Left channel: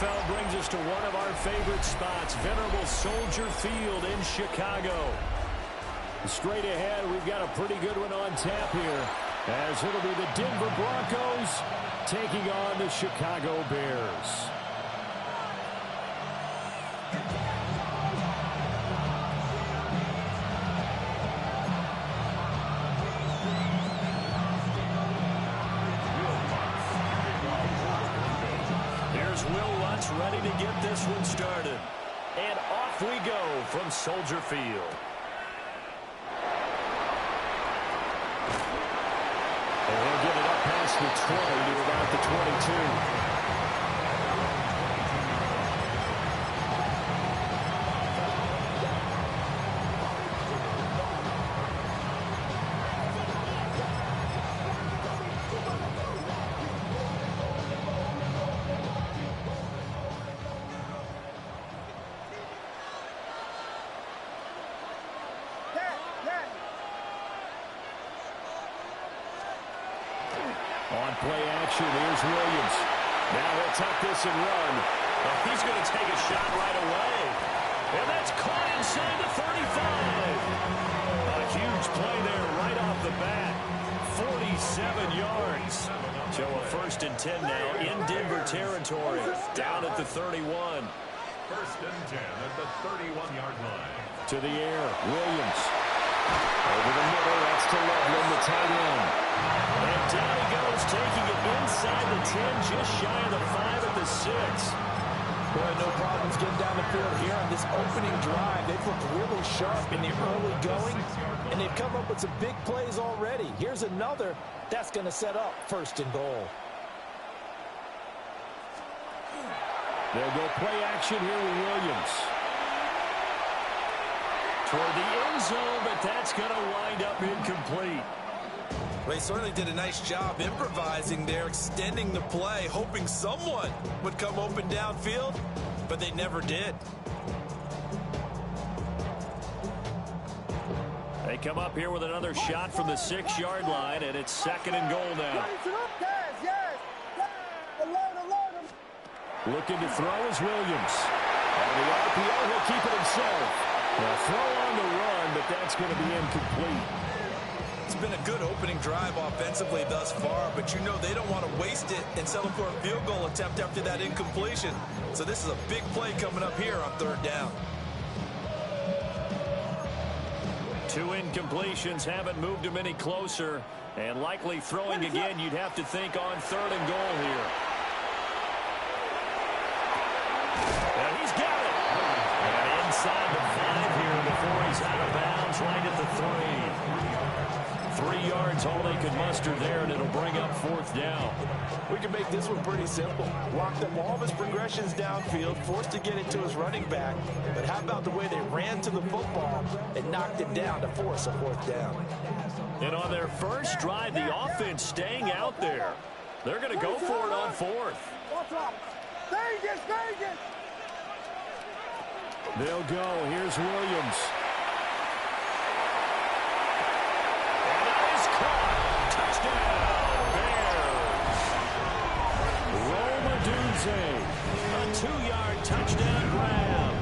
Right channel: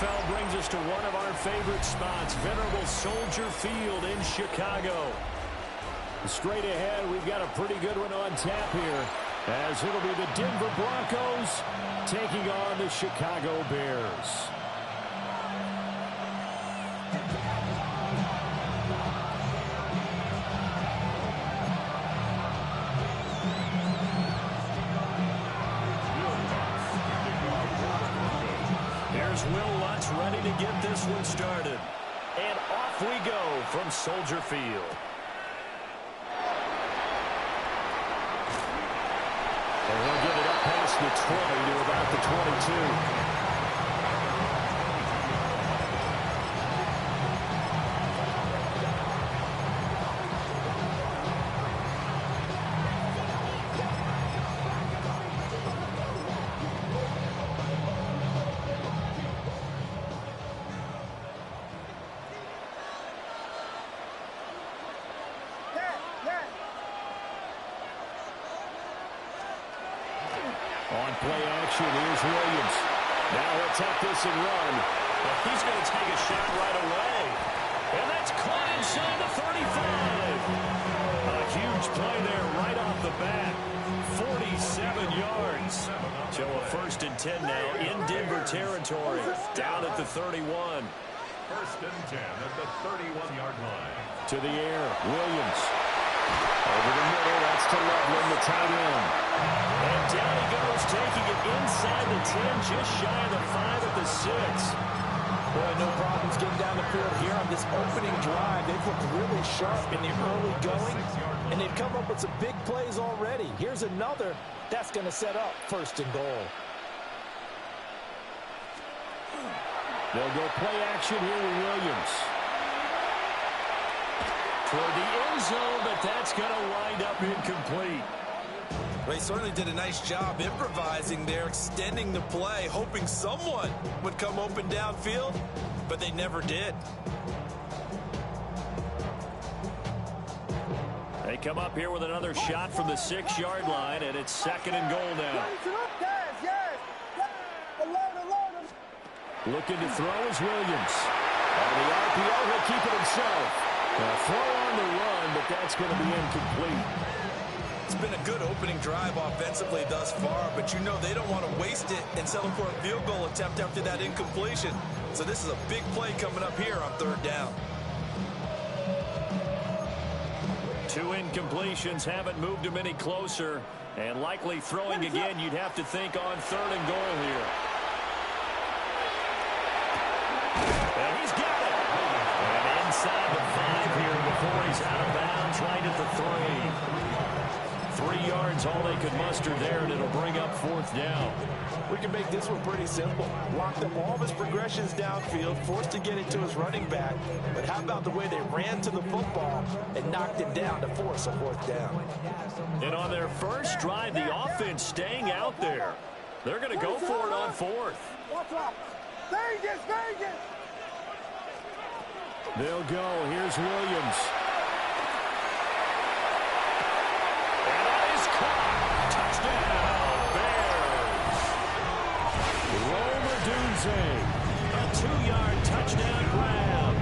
NFL brings us to one of our favorite spots, venerable Soldier Field in Chicago. Straight ahead, we've got a pretty good one on tap here, as it'll be the Denver Broncos taking on the Chicago Bears. Here's Will Lutz ready to get this one started. And off we go from Soldier Field. And he'll get it up past the 20 to about the 22. On play action, here's Williams. Now he'll tuck this and run. He's going to take a shot right away. And that's caught inside the 35. A huge play there right off the bat. 47 yards. So a 1st and 10 now in Denver territory. Down at the 31. 1st and 10 at the 31-yard line. To the air, Williams. Over the middle, that's to Loveland, the tight end. And down he goes, taking it inside the 10, just shy of the 5 at the 6. Boy, no problems getting down the field here on this opening drive. They've looked really sharp in the early going, and they've come up with some big plays already. Here's another that's going to set up 1st and goal. They'll go play action here with Williams. Toward the end zone, but that's going to wind up incomplete. Well, he certainly did a nice job improvising there, extending the play, hoping someone would come open downfield, but they never did. They come up here with another shot from the 6-yard line, and it's 2nd and goal now. Looking to throw is Williams. On the RPO, he'll keep it himself. A throw on the run, but that's going to be incomplete. It's been a good opening drive offensively thus far, but you know they don't want to waste it and settle for a field goal attempt after that incompletion. So this is a big play coming up here on 3rd down. 2 incompletions haven't moved him any closer, and likely throwing again, you'd have to think on 3rd and goal here. And he's got it. And inside the 5 here before he's out of bounds, right at the 3. 3 yards, all they could muster there, and it'll bring up 4th down. We can make this one pretty simple. Locked up all of his progressions downfield, forced to get it to his running back. But how about the way they ran to the football and knocked him down to force a 4th down? And on their first drive, the offense staying out there. They're going to go for it on 4th. Vegas, Vegas! They'll go. Here's Williams. And that is caught. Touchdown, Bears. Rome Odunze. A 2-yard touchdown grab.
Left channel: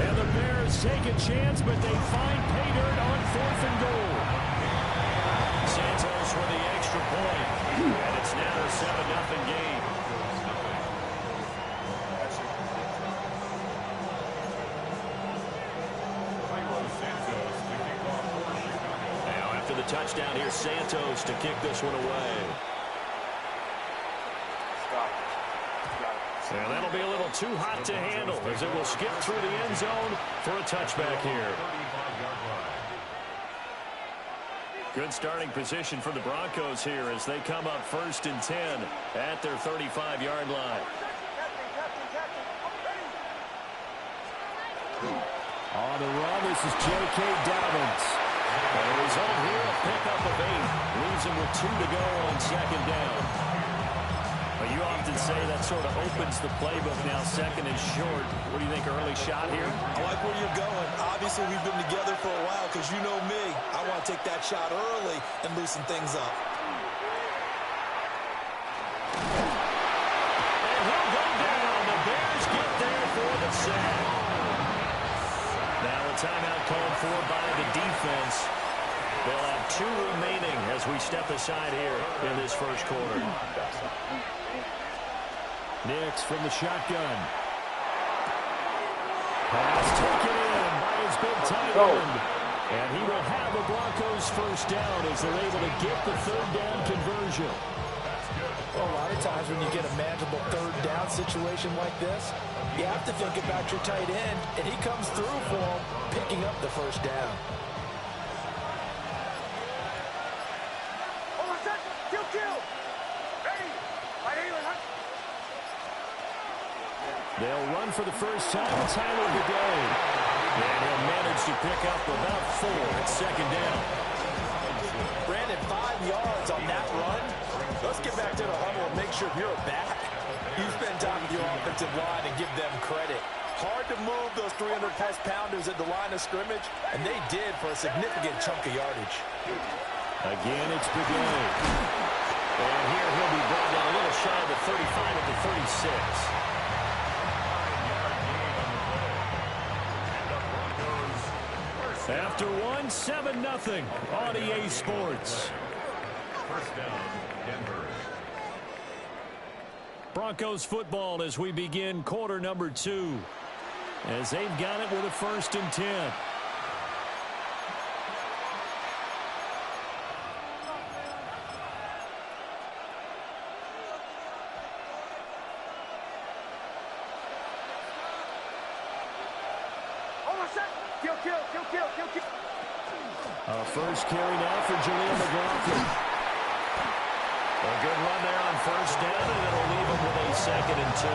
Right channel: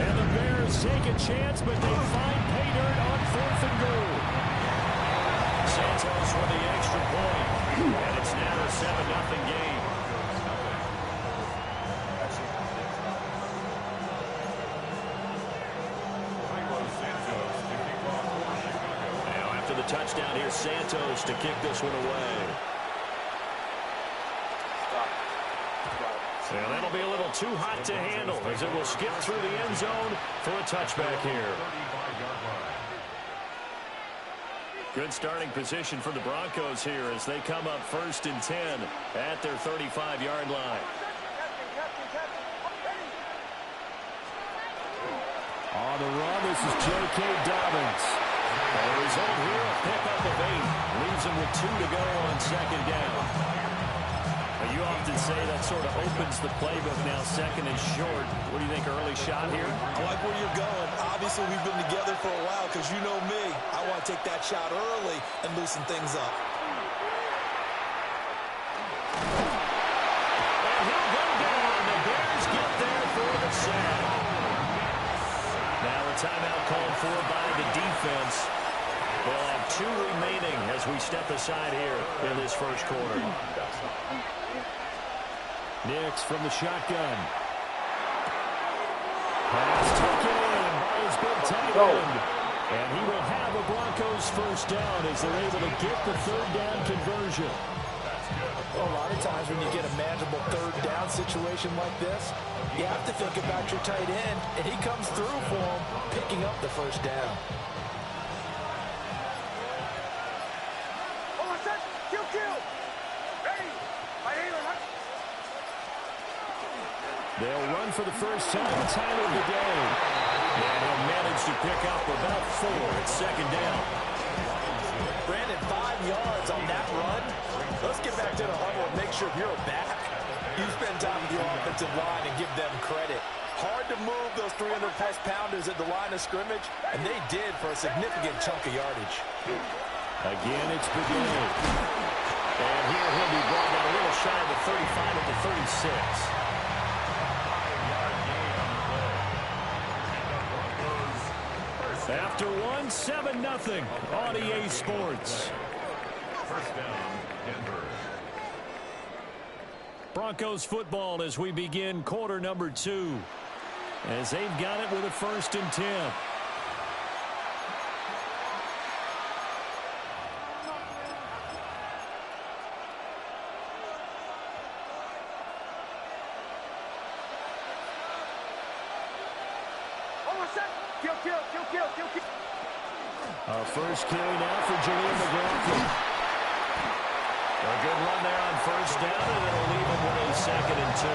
And the Bears take a chance, but they find pay dirt on 4th and goal. Santos with the extra point. And it's now a 7-0 game. The touchdown here, Santos to kick this one away. And that'll be a little too hot to handle as it will skip through the end zone for a touchback here. Good starting position for the Broncos here as they come up 1st and 10 at their 35-yard line. On the run, this is J.K. Dobbins. The result here, a pickup of 8. Leaves him with 2 to go on 2nd down. Well, you often say that sort of opens the playbook now. 2nd is short. What do you think, early shot here? I like where you're going. Obviously, we've been together for a while because you know me. I want to take that shot early and loosen things up. And he'll go down. The Bears Now a timeout called for by the defense. They'll have 2 remaining as we step aside here in this first quarter. Nix from the shotgun. Pass taken in by his big tight end. And he will have a Broncos first down as they're able to get the third down conversion. Well, a lot of times when you get a manageable third down situation like this, you have to think about your tight end, and he comes through for him, picking up the first down. They'll run for the first time. Tyler Bidet. And he'll manage to pick up about 4 at second down. Brandon, 5 yards on that run. Let's get back to the huddle and make sure you're back. You spend time with your offensive line and give them credit. Hard to move those 300-plus pounders at the line of scrimmage, and they did for a significant chunk of yardage. Again, it's Bidet. And here he'll be brought down a little shy of the 35 at the 36. After 1, 7-0 on EA Sports. First down, Denver. Broncos football as we begin quarter number 2. As they've got it with a 1st and 10. First carry now for Jaleel McLaughlin. A good run there on first down, and it'll leave him with a 2nd and 2.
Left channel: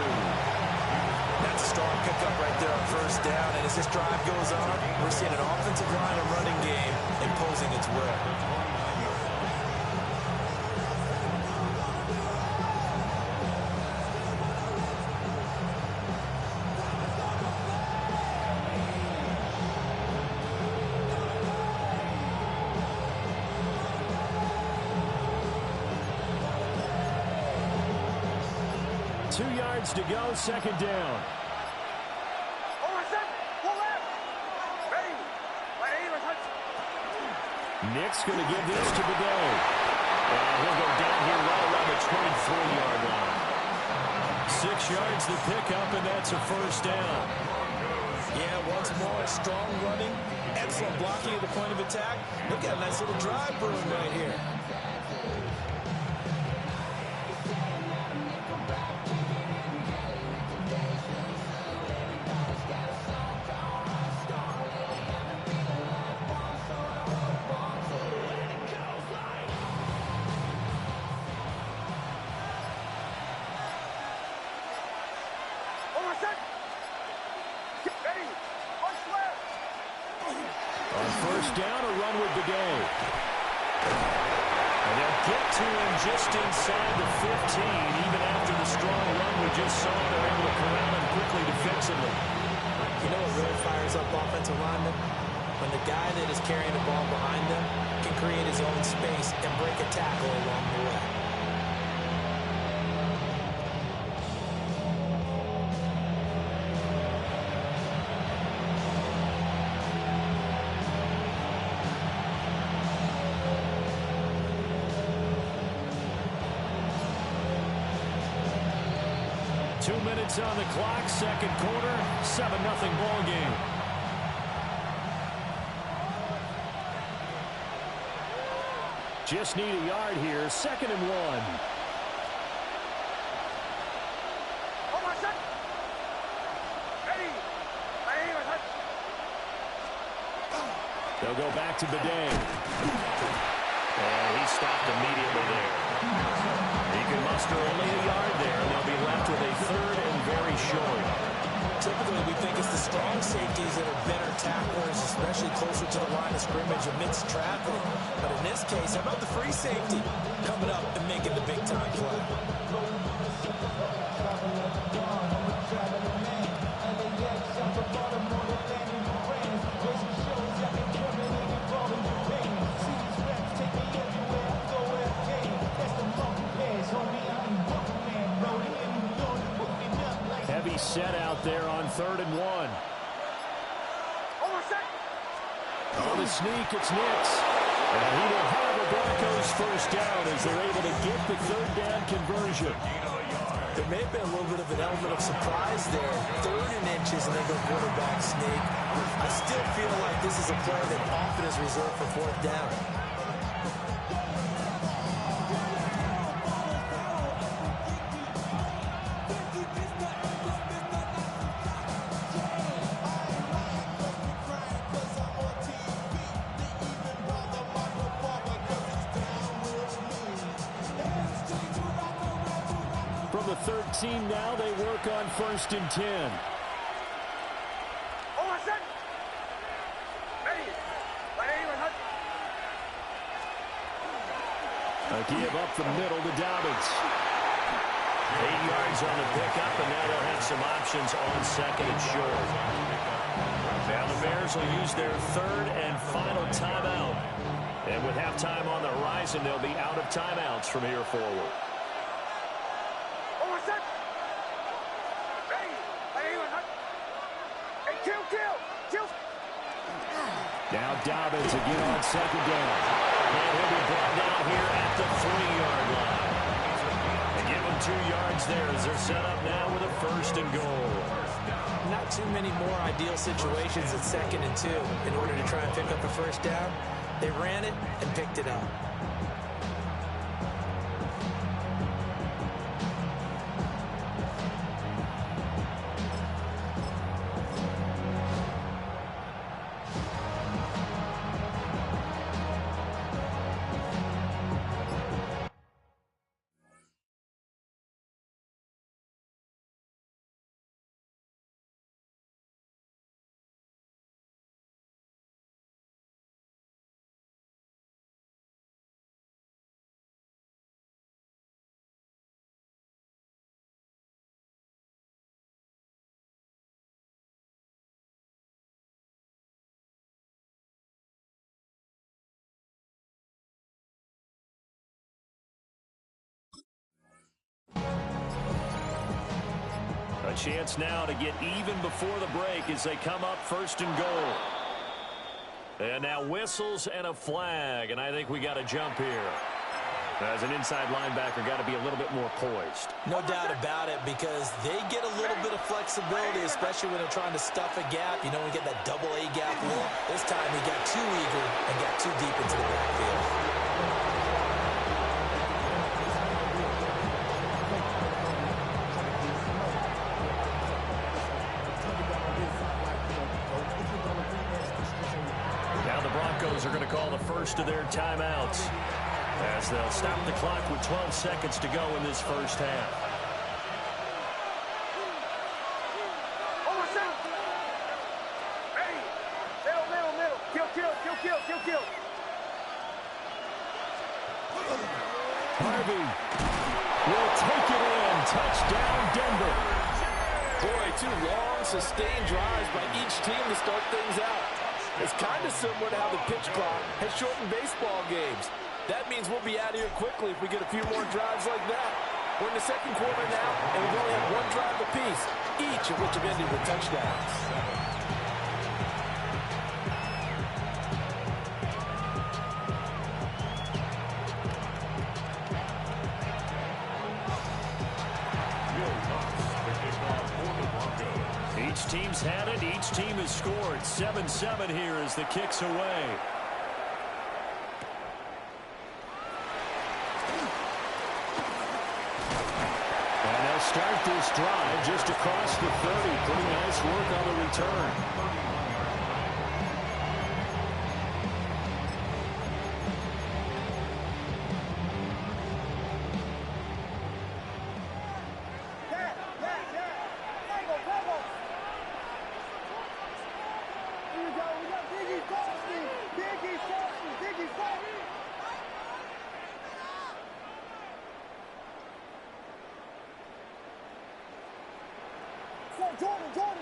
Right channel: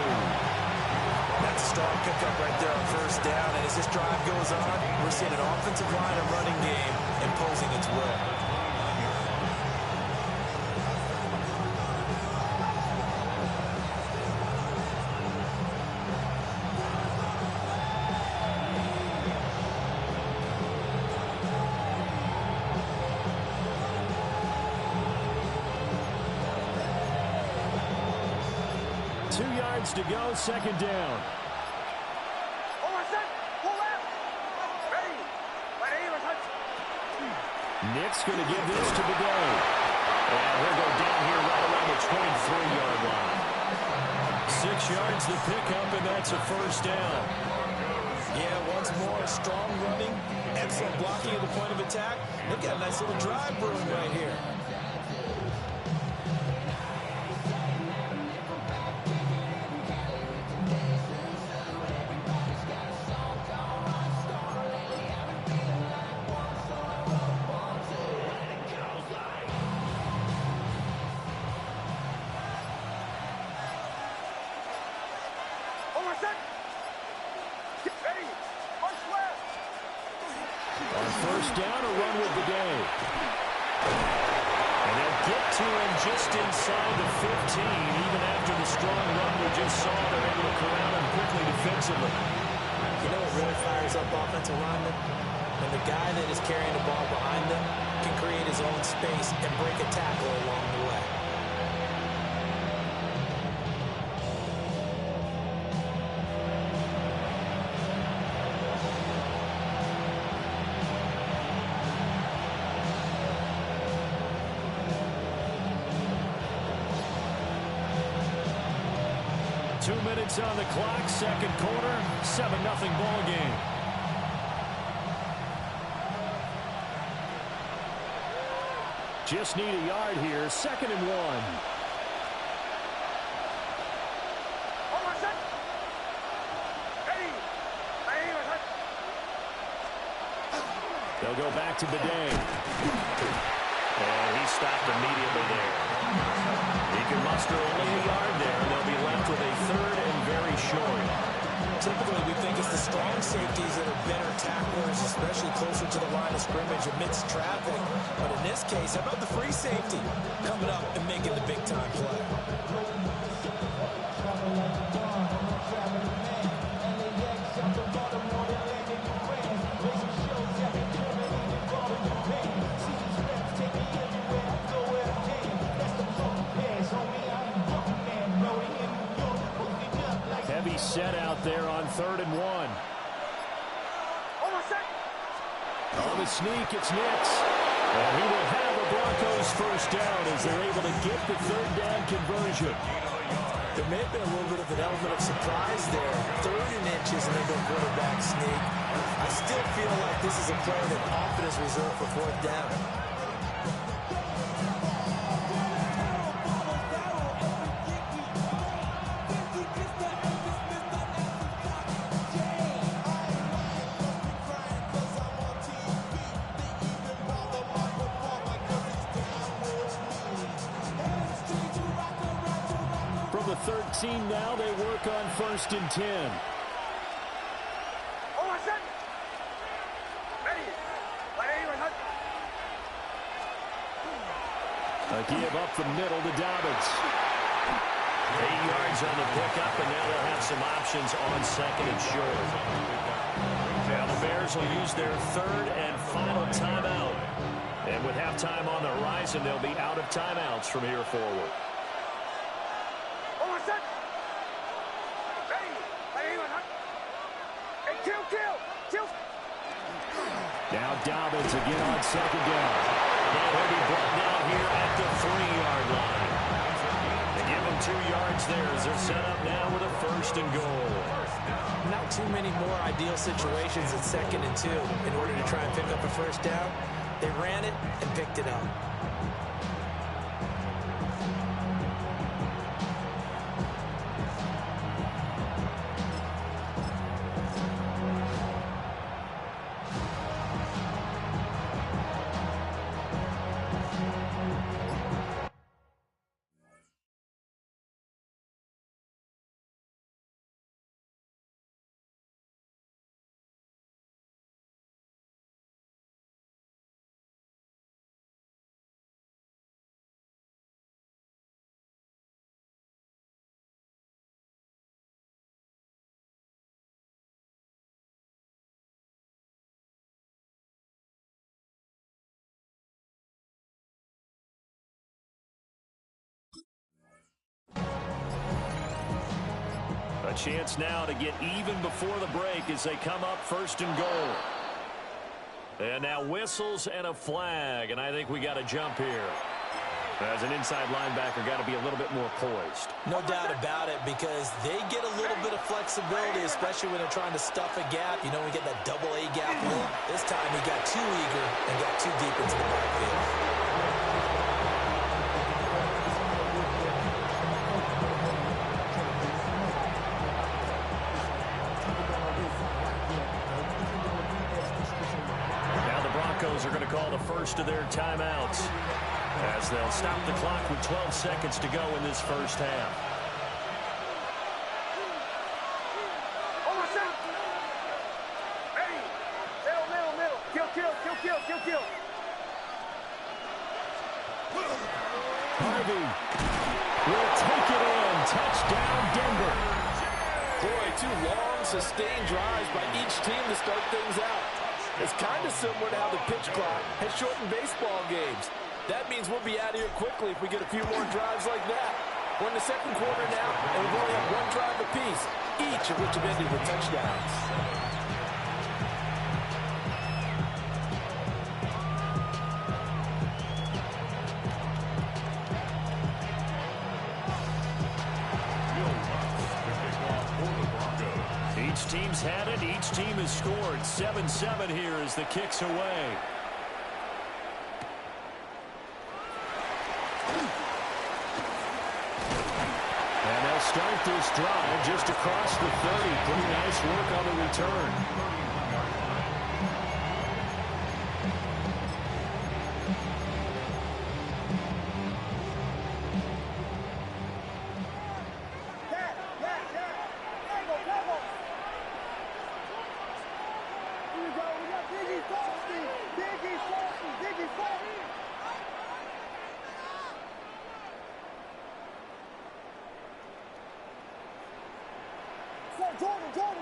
That's a strong pickup right there on first down, and as this drive goes on, we're seeing an offensive line and running game imposing its will. To go, second down. Nick's going to give this to Bidet. And he'll go down here right around the 23-yard line. 6 yards the pickup, and that's a first down. Yeah, once more, strong running, excellent blocking at the point of attack. They've got a nice little drive brewing right here. Down, a run with Bidet. And they'll get to him just inside the 15. Even after the strong run we just saw, they're able to corral him quickly defensively. You know what really fires up offensive linemen? When the guy that is carrying the ball behind them can create his own space and break a tackle along the way. On the clock, second quarter, 7-0 ball game. Just need a yard here, 2nd and 1. They'll go back to Bidet. And he stopped immediately there. He can muster only a yard there, and they'll be left with a 3rd and very short. Typically, we think it's the strong safeties that are better tacklers, especially closer to the line of scrimmage amidst traffic. But in this case, how about the free safety coming up and making the big-time play? Heavy set out there on 3rd and 1. On the sneak, it's Nix. And he will have a Broncos first down as they're able to get the third down conversion. There may have been a little bit of an element of surprise there. 3rd and inches and they go quarterback sneak. I still feel like this is a play that often is reserved for 4th down. From the 13 now, they work on 1st and 10. A give up the middle to Dobbins. 8 yards on the pickup, and now they'll have some options on 2nd and short. Now the Bears will use their 3rd and final timeout. And with halftime on the horizon, they'll be out of timeouts from here forward. Now Dobbins again on 2nd down. And he'll be brought down here at the 3-yard line. They give him 2 yards there as they're set up now with a 1st and goal. Not too many more ideal situations at 2nd and 2 in order to try and pick up a 1st down. They ran it and picked it up. A chance now to get even before the break as they come up 1st and goal. And now whistles and a flag, and I think we got a jump here. As an inside linebacker, got to be a little bit more poised. No doubt about it, because they get a little bit of flexibility, especially when they're trying to stuff a gap. You know, we get that double A gap look. This time he got too eager and got too deep into the backfield. Now the Broncos are going to call the first of their timeouts as they'll stop the clock with 12 seconds to go in this first half. Harvey will take it in. Touchdown, Denver. Boy, 2 long, sustained drives by each team to start things out. It's kind of similar to how the pitch clock has shortened baseball games. That means we'll be out of here quickly if we get a few more drives like that. We're in the 2nd quarter now, and we've only had 1 drive apiece, each of which have ended with touchdowns. Each team's had it. Each team has scored. 7-7 here as the kick's away. And they'll start this drive just across the 30. Pretty nice work on the return.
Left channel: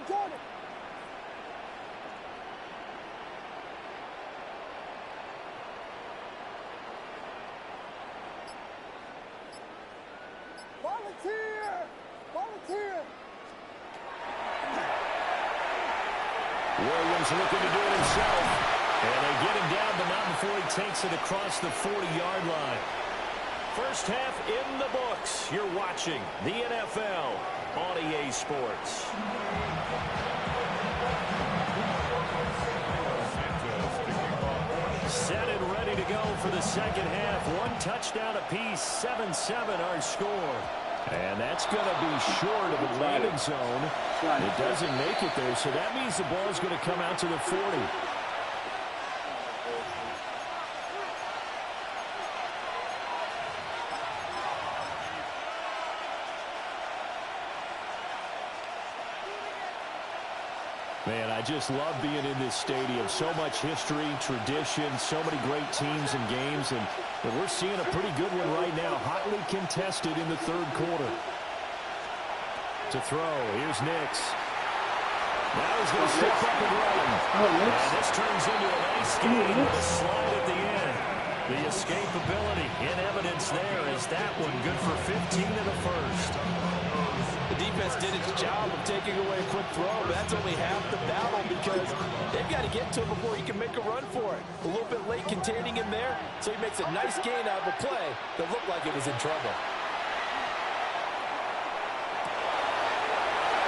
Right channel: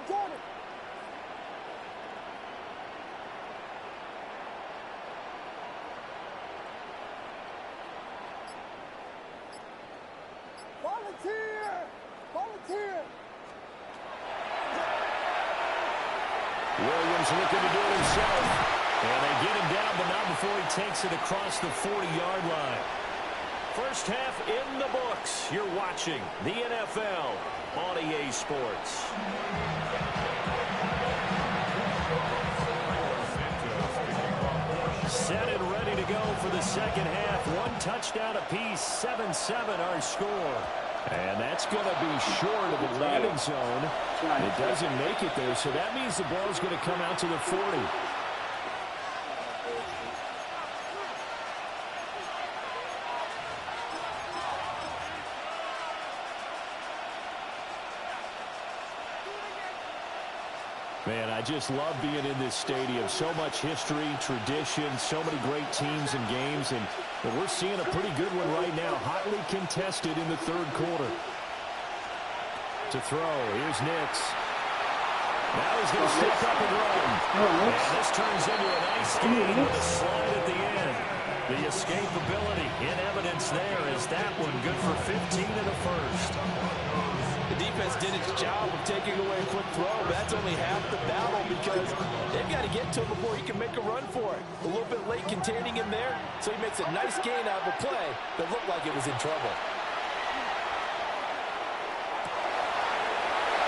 Jordan. Volunteer. Williams looking to do it himself. And they get him down, but not before he takes it across the 40-yard line. First half in the books. You're watching the NFL on EA Sports. Set and ready to go for the second half. One touchdown apiece, 7-7 our score. And that's going to be short of the landing zone. It doesn't make it there, so that means the ball is going to come out to the 40. Man, I just love being in this stadium. So much history, tradition, so many great teams and games, and we're seeing a pretty good one right now. Hotly contested in the third quarter. To throw, here's Nix. Now he's going to step up and run. And this turns into a nice game with a slide at the end. The escapability in evidence there is that one good for 15 in the first. The defense did its job of taking away a quick throw, but that's only half the battle because they've got to get to him before he can make a run for it. A little bit late containing him there, so he makes a nice gain out of a play that looked like it was in trouble.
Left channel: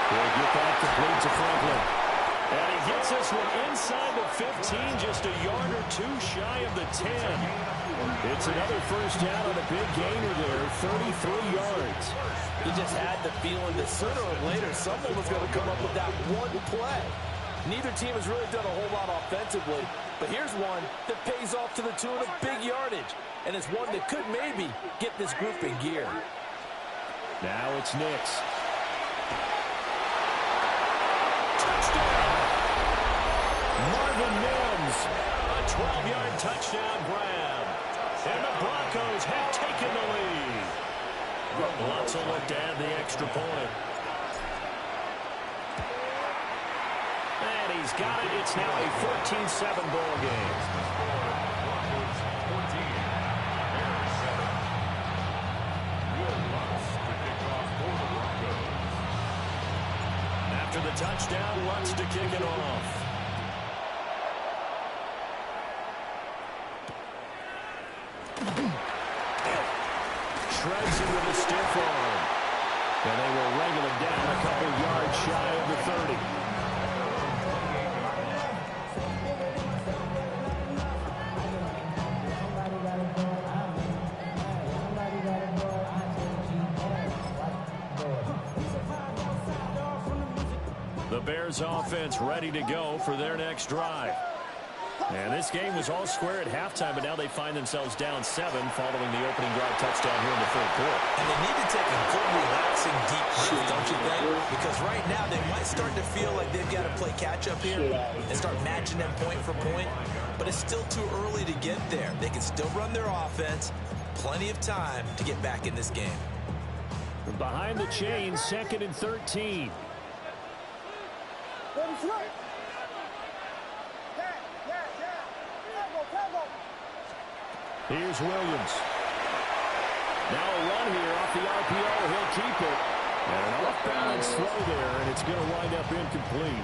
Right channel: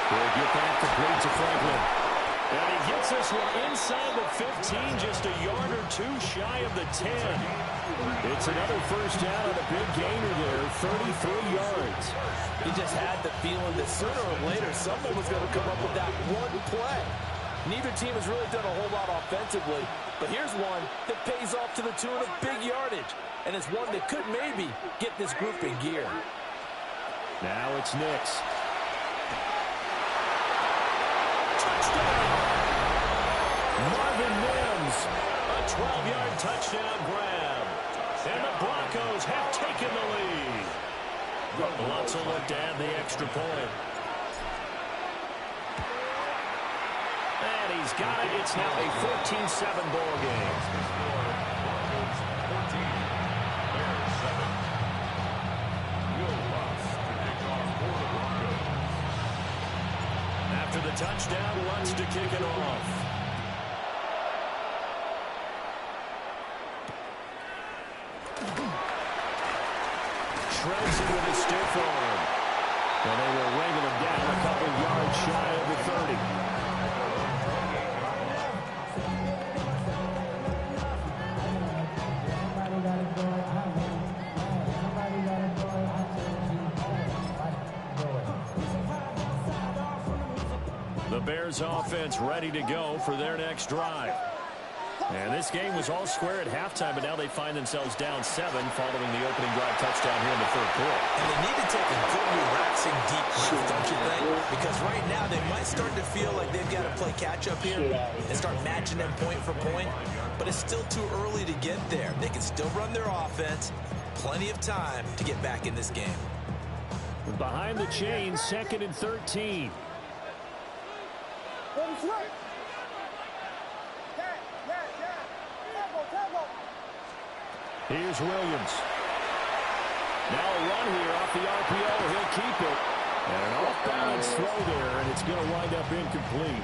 He'll get that complete to Franklin. And he gets this one inside the 15, just a yard or two shy of the 10. It's another first down on a big gainer there, 33 yards. He just had the feeling that sooner or later someone was going to come up with that one play. Neither team has really done a whole lot offensively, but here's one that pays off to the tune of big yardage, and it's one that could maybe get this group in gear. Now it's Nix. Touchdown! Marvin Mims, a 12-yard touchdown grab. And the Broncos have taken the lead. Lots of look to add the extra point. And he's got it. It's now a 14-7 ball game. Broncos 14, Bears 7. Will Lutz to kick off for the Broncos. After the touchdown, Lutz to kick it off. Shreds it with a stiff arm. And they will wrangle him down a couple yards shy of the 30. The Bears offense ready to go for their next drive. And this game was all square at halftime, but now they find themselves down 7 following the opening drive touchdown here in the third quarter. And they need to take a good, relaxing, deep breath, don't you think? Because right now they might start to feel like they've got to play catch-up here and start matching them point for point. But it's still too early to get there. They can still run their offense. Plenty of time to get back in this game. Behind the chains, 2nd and 13. Here's Williams. Now a run here off the RPO. He'll keep it. And an off-balance throw there, and it's going to wind up incomplete.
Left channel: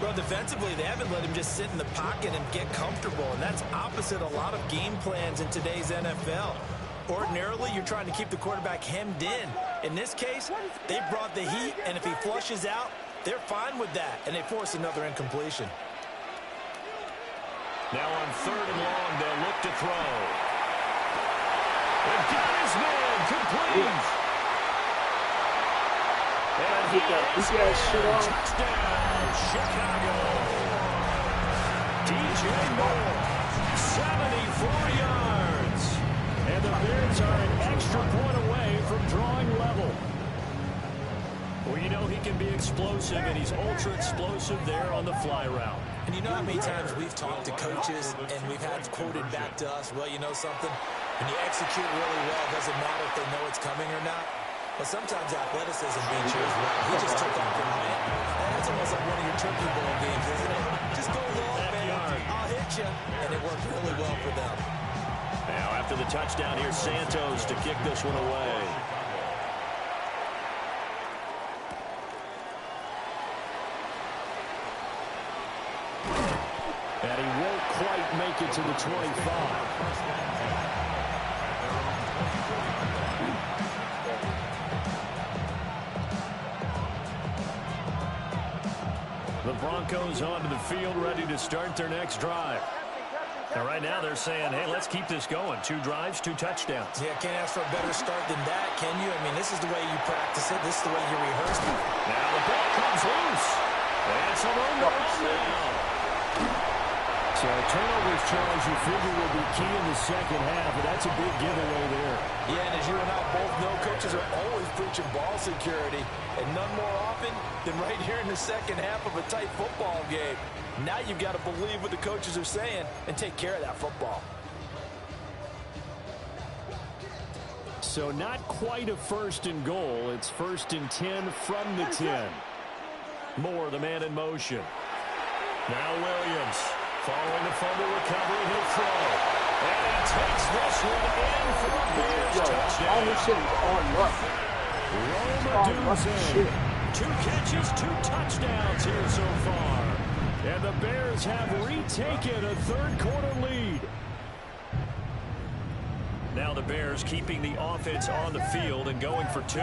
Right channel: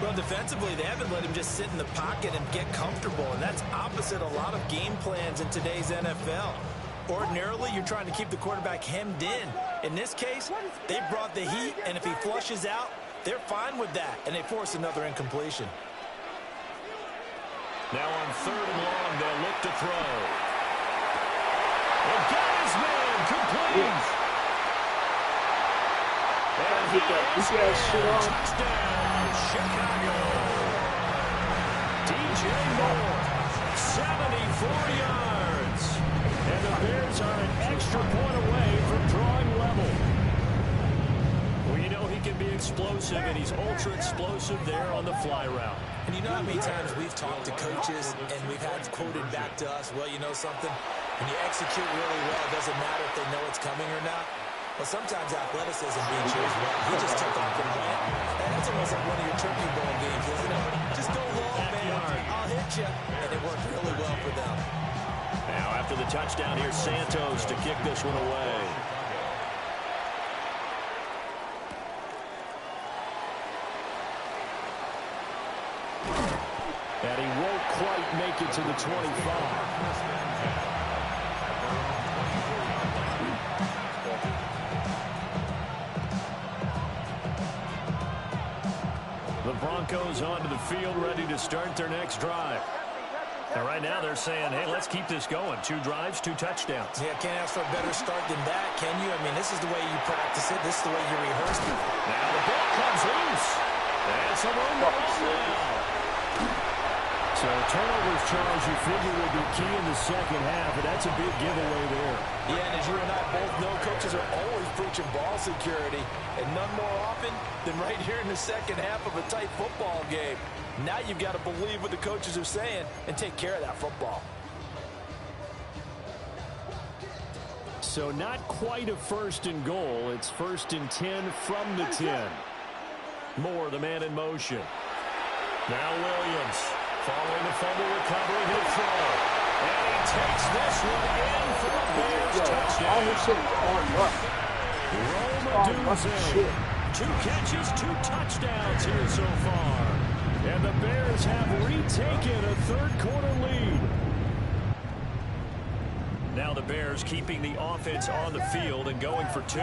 Well, defensively, they haven't let him just sit in the pocket and get comfortable, and that's opposite a lot of game plans in today's NFL. Ordinarily, you're trying to keep the quarterback hemmed in. In this case, they brought the heat, and if he flushes out, they're fine with that, and they force another incompletion. Now on 3rd and long, they'll look to throw. And got his man, complete. And he is in. Touchdown, Chicago. DJ Moore, 74 yards. And the Bears are an extra point away from drawing level. Well, you know he can be explosive, and he's ultra-explosive there on the fly route. And you know how many times we've talked to coaches and we've had quoted back to us, well, you know something? When you execute really well, it doesn't matter if they know it's coming or not. Well, sometimes athleticism beats you as well. He just took off and went. And that's almost like one of your Turkey Bowl games, isn't it? Just go long, man. I'll hit you. And it worked really well for them. Now, after the touchdown, here's Santos to kick this one away. And he won't quite make it to the 25. The Broncos onto the field, ready to start their next drive. And right now they're saying, hey, let's keep this going. 2 drives, 2 touchdowns. Yeah, can't ask for a better start than that, can you? I mean, this is the way you practice it. This is the way you rehearse it. Now the ball comes loose. And some room to run now. So turnovers, Charles, you figure will be key in the second half, and that's a big giveaway there. Yeah, and as you and I both know, coaches are always preaching ball security, and none more often than right here in the second half of a tight football game. Now you've got to believe what the coaches are saying and take care of that football. So not quite a 1st and goal. It's 1st and 10 from the 10. Moore, the man in motion. Now Williams. Following the fumble recovery, he'll throw. And he takes this one in for a Bears touchdown. All this shit is on Roma 2 catches, 2 touchdowns here so far. And the Bears have retaken a 3rd quarter lead. Now the Bears keeping the offense on the field and going for 2. The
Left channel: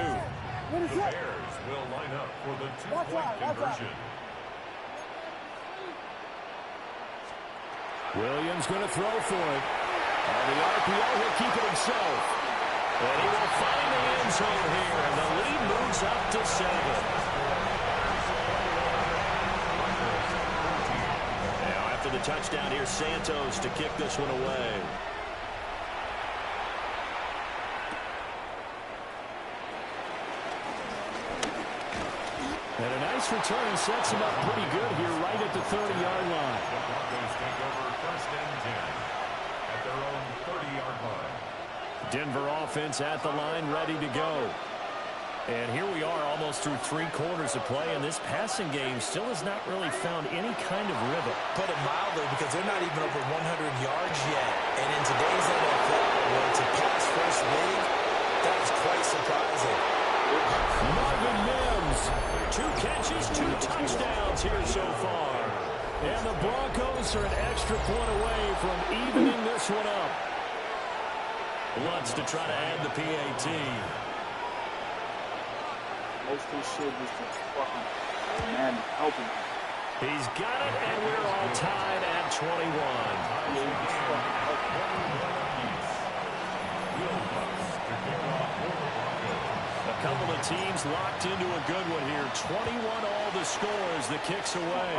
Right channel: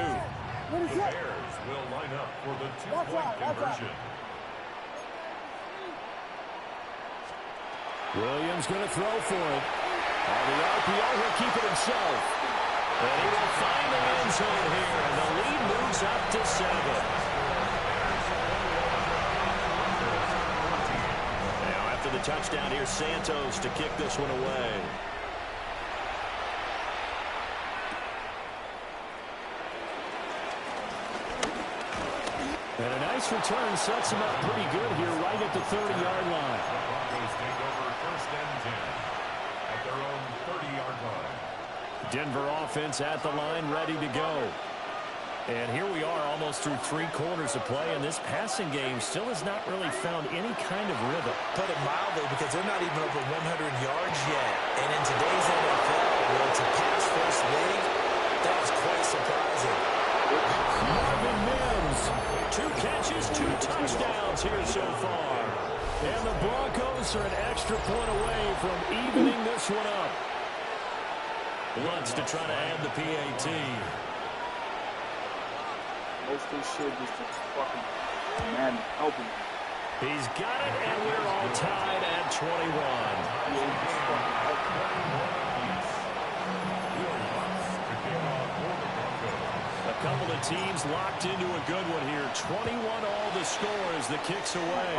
Bears will line up for the 2-point conversion. Williams going to throw for it. On the RPO, he'll keep it himself. And he will find the end zone here, and the lead moves up to 7. Now after the touchdown, here's Santos to kick this one away. And a nice return sets him up pretty good here right at the 30-yard line. The Broncos take over 1st and 10 at their own 30-yard line. Denver offense at the line, ready to go. And here we are almost through 3 quarters of play, and this passing game still has not really found any kind of rhythm. Put it mildly, because they're not even over 100 yards yet. And in today's NFL, where it's a pass-first league, that is quite surprising. Marvin Mims, 2 catches, 2 touchdowns here so far. And the Broncos are an extra point away from evening this one up. Lutz to try to add the PAT. Most of this shit is just fucking Madden helping. He's got it, and we're all tied at 21. A couple of teams locked into a good one here. 21 all the score as the kick's away.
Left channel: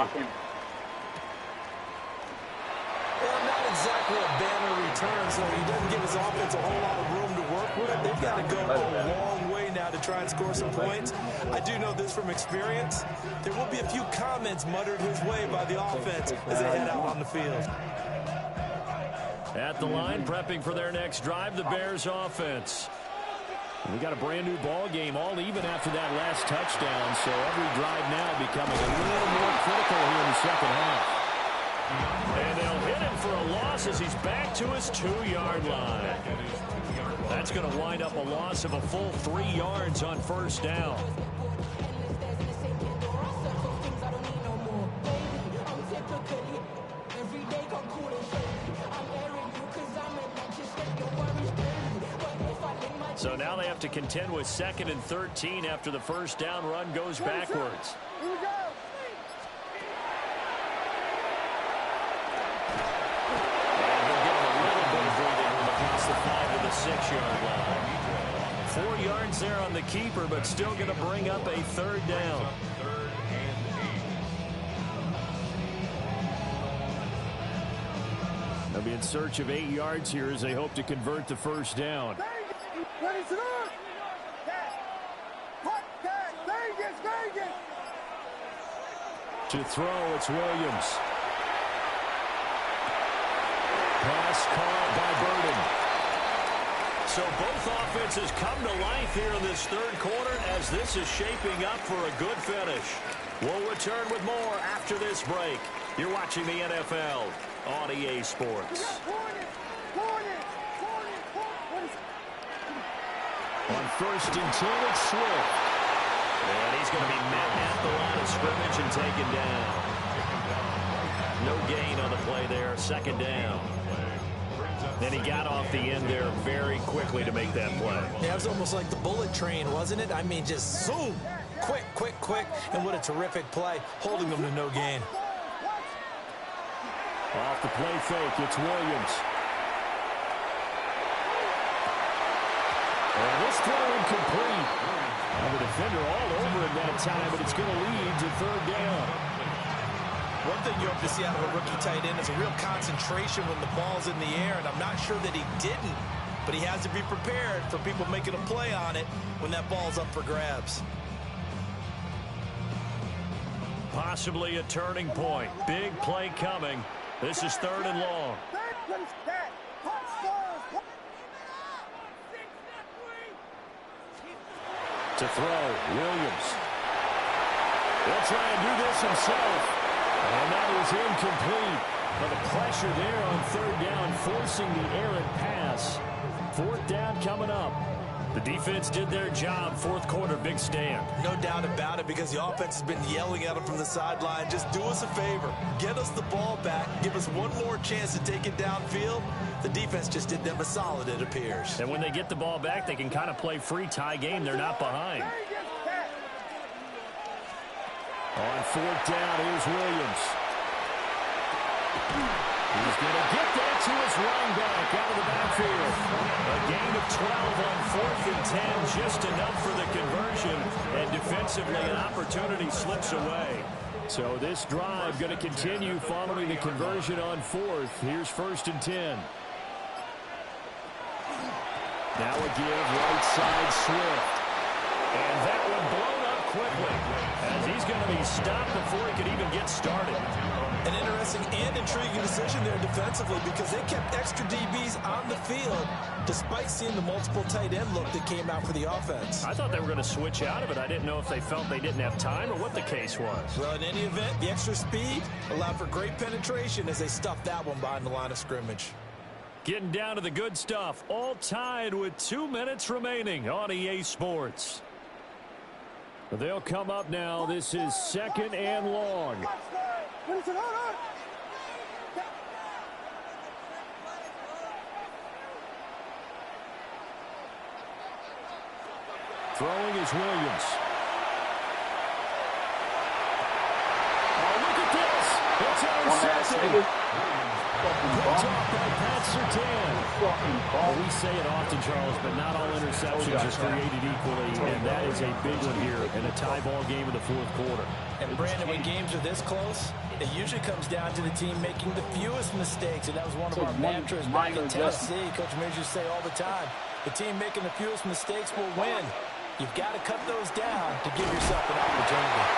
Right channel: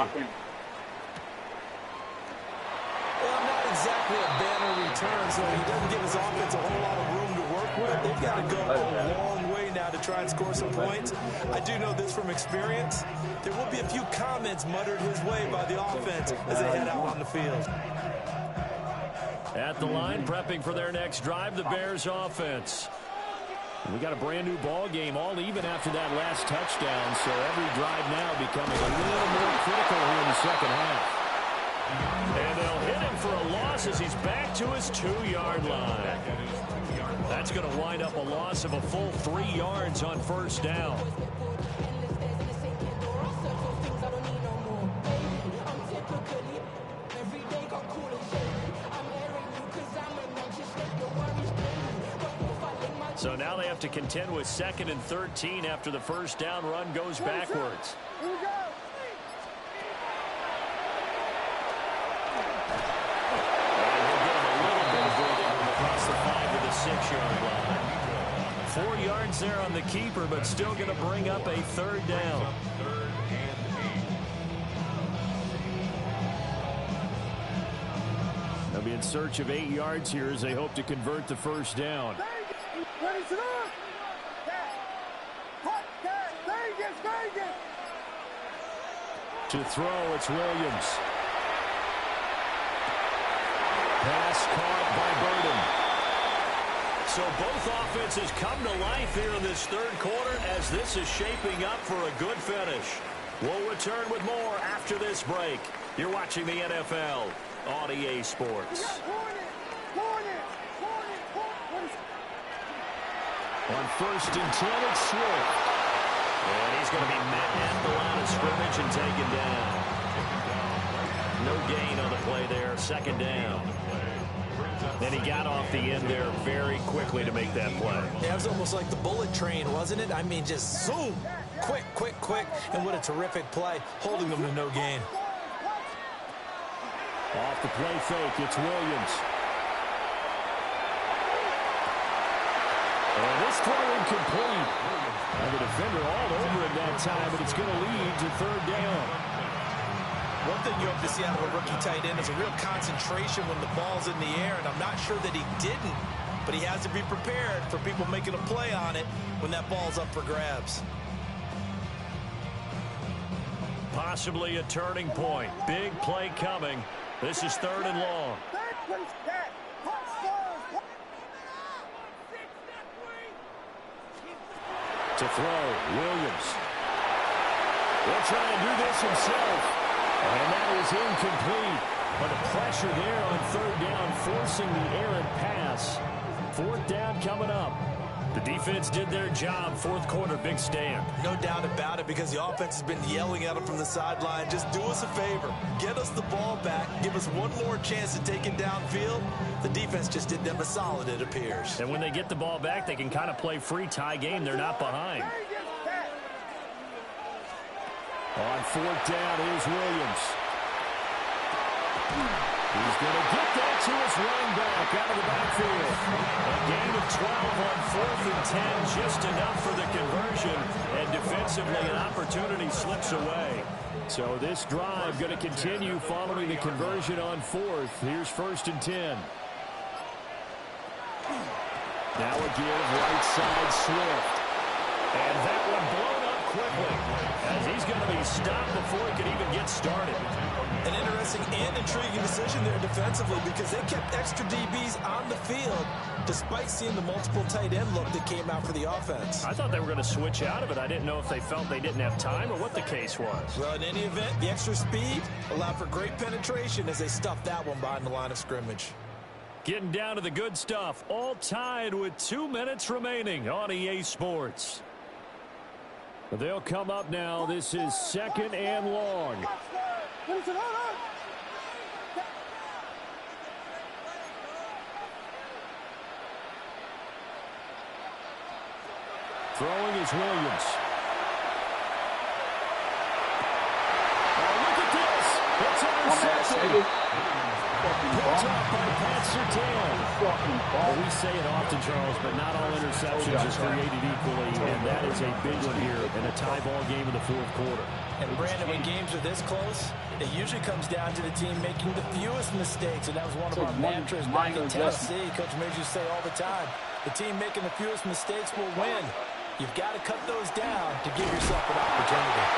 Well, not exactly a banner return, so he doesn't give his offense a whole lot of room to work with. They've got to go a long way now to try and score some points. I do know this from experience. There will be a few comments muttered his way by the offense as they head out on the field. At the line, prepping for their next drive, the Bears offense. We got a brand new ball game, all even after that last touchdown, so every drive now becoming a little more critical here in the second half. And they'll hit him for a loss as he's back to his 2-yard line. That's going to wind up a loss of a full 3 yards on 1st down. So now they have to contend with 2nd and 13 after the 1st down run goes backwards. Here we go. And he'll give him a little bit of breathing room across the 5 to the 6-yard line. 4 yards there on the keeper, but still going to bring up a 3rd down. They'll be in search of 8 yards here as they hope to convert the 1st down. Ready to look. Vegas. To throw, it's Williams. Pass caught by Burden. So both offenses come to life here in this 3rd quarter as this is shaping up for a good finish. We'll return with more after this break. You're watching the NFL on EA Sports. On 1st and 10, it's Swift. And he's going to be met at the line of scrimmage and taken down. No gain on the play there, second down. And he got off the end there very quickly to make that play. Yeah, it was almost like the bullet train, wasn't it? I mean, just zoom. Quick, quick, quick. And what a terrific play, holding them to no gain. Off the play fake, it's Williams. And this throw incomplete. And the defender all over it that time, but it's going to lead to third down. One thing you hope to see out of a rookie tight end is a real concentration when the ball's in the air, and I'm not sure that he didn't, but he has to be prepared for people making a play on it when that ball's up for grabs. Possibly a turning point. Big play coming. This is third and long. To throw, Williams. He'll try and do this himself. And that is incomplete. But the pressure there on third down, forcing the errant pass. Fourth down coming up. The defense did their job. Fourth quarter, big stand. No doubt about it, because the offense has been yelling at him from the sideline. Just do us a favor. Get us the ball back. Give us one more chance to take it downfield. The defense just did them a solid, it appears. And when they get the ball back, they can kind of play free tie game. They're not behind. On fourth down, here's Williams. He's going to get that to his running back out of the backfield. A gain of 12 on fourth and 10, just enough for the conversion. And defensively, an opportunity slips away. So this drive going to continue following the conversion on fourth. Here's first and 10. Now a give, right side, Swift. And that one blown up quickly, as he's going to be stopped before he could even get started. An interesting and intriguing decision there defensively, because they kept extra DBs on the field despite seeing the multiple tight end look that came out for the offense. I thought they were going to switch out of it. I didn't know if they felt they didn't have time or what the case was. Well, in any event, the extra speed allowed for great penetration as they stuffed that one behind the line of scrimmage. Getting down to the good stuff, all tied with 2 minutes remaining on EA Sports. They'll come up now. This is second and long. Throwing is Williams. Oh, look at this. It's intercepted. Picked off by Pat Surtain. Well, we say it often, Charles, but not all interceptions are created equally, and that is a big one here in a tie ball game in the fourth quarter. And, Brandon, when games are this close, it usually comes down to the team making the fewest mistakes, and that was one of our mantras back in Tennessee. Coach Mears used to say all the time, the team making the fewest mistakes will win. You've got to cut those down to give yourself an opportunity.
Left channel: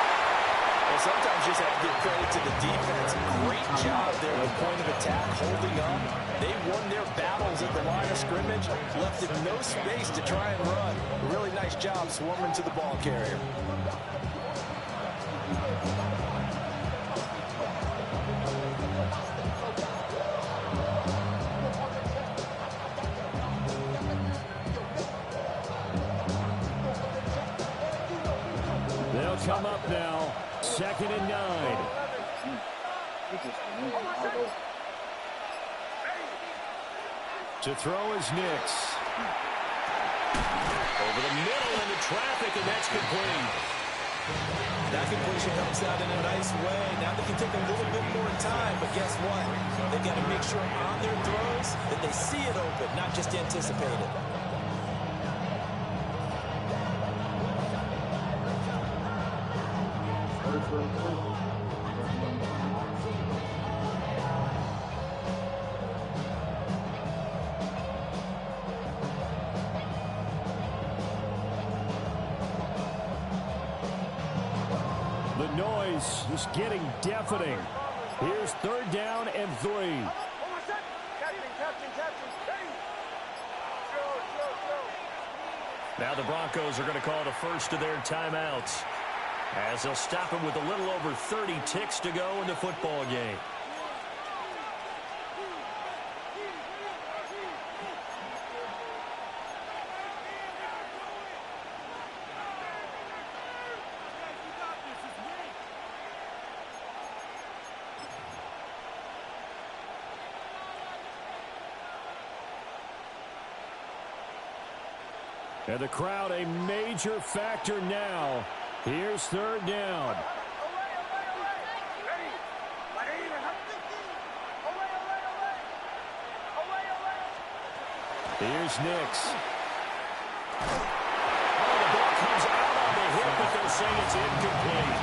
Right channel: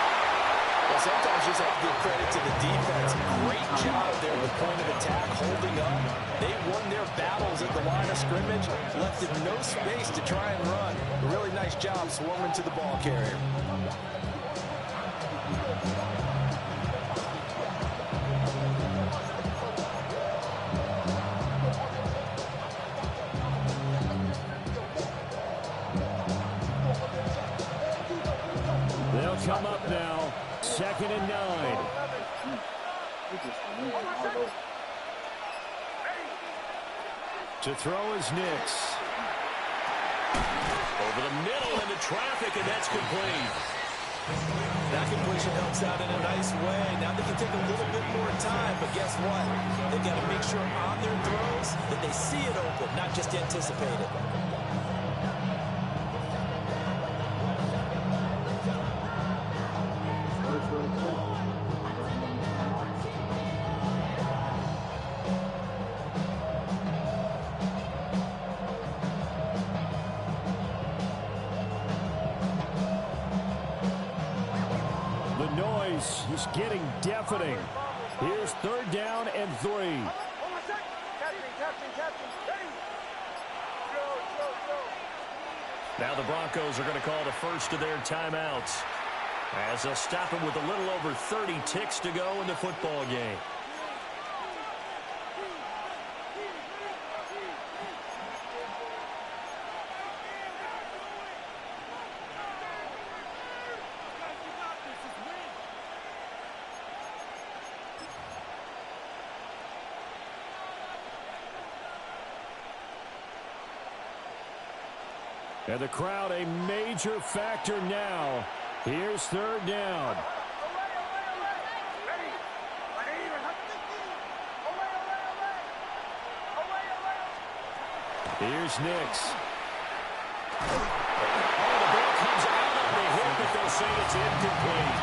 Well, sometimes you just have to give credit to the defense. Great job there at the point of attack, holding up. They won their battles at the line of scrimmage, left them no space to try and run. A really nice job swarming to the ball carrier. They'll come up now. Second and 9. To throw is Nix. Over the middle into traffic, and that's complete. That completion helps out in a nice way. Now they can take a little bit more time, but guess what? They've got to make sure on their throws that they see it open, not just anticipate it. The noise is getting deafening. Here's third down and 3. Now the Broncos are going to call the first of their timeouts, as they'll stop him with a little over 30 ticks to go in the football game. And the crowd a major factor now. Here's third down. Here's Nix. Oh, the ball comes out on the hit, but they'll say it's incomplete.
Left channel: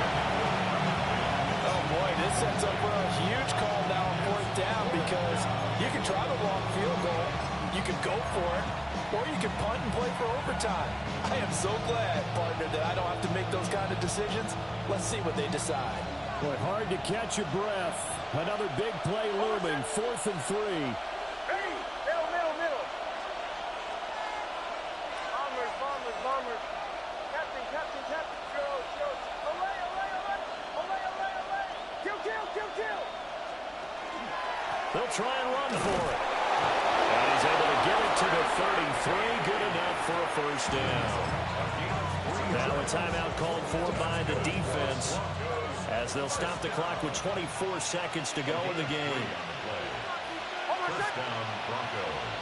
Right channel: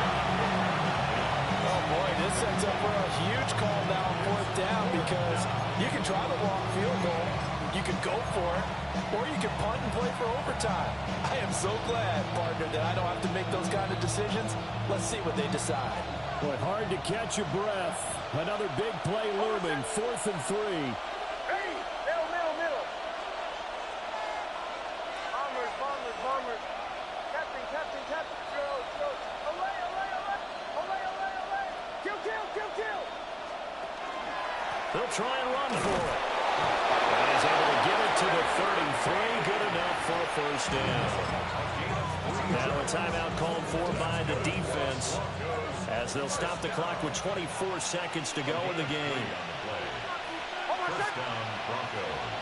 Oh, boy, this sets up for a huge call now on fourth down because you can try the long field goal, you can go for it, or you can punt and play for overtime. I am so glad, partner, that I don't have to make those kind of decisions. Let's see what they decide. Boy, hard to catch your breath. Another big play looming, 4th and 3. Bombers. Captain. Olay. Kill. They'll try and run for it. And he's able to get it to the 33. Good enough for a first down. Now a timeout called for by the defense as they'll stop the clock with 24 seconds to go in the game. First down, Broncos.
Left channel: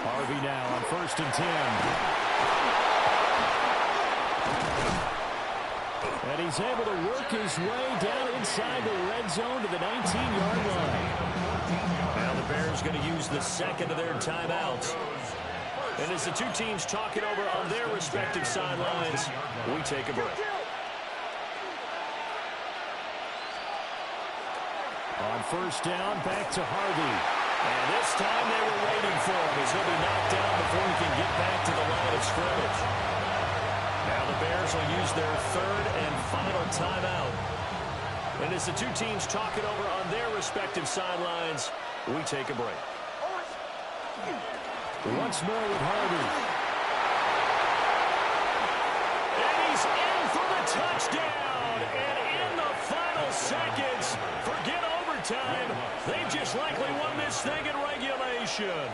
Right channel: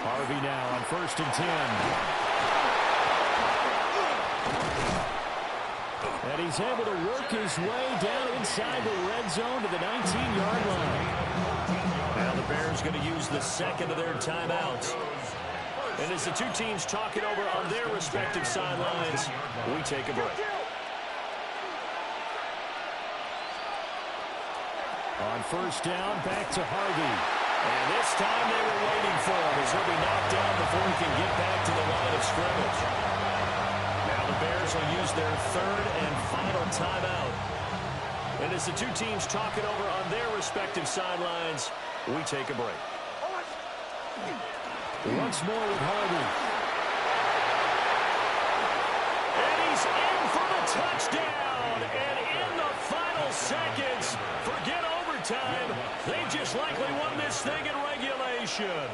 Harvey now on 1st and 10. And he's able to work his way down inside the red zone to the 19-yard line. Now the Bears going to use the second of their timeouts. And as the two teams talk it over on their respective sidelines, we take a break. On 1st down, back to Harvey. And this time they were waiting for him as he'll be knocked down before he can get back to the line of scrimmage. Now the Bears will use their third and final timeout. And as the two teams talk it over on their respective sidelines, we take a break. Once more with Harvey. And he's in for the touchdown. And in the final seconds, forget overtime, they just likely won this thing in regulation.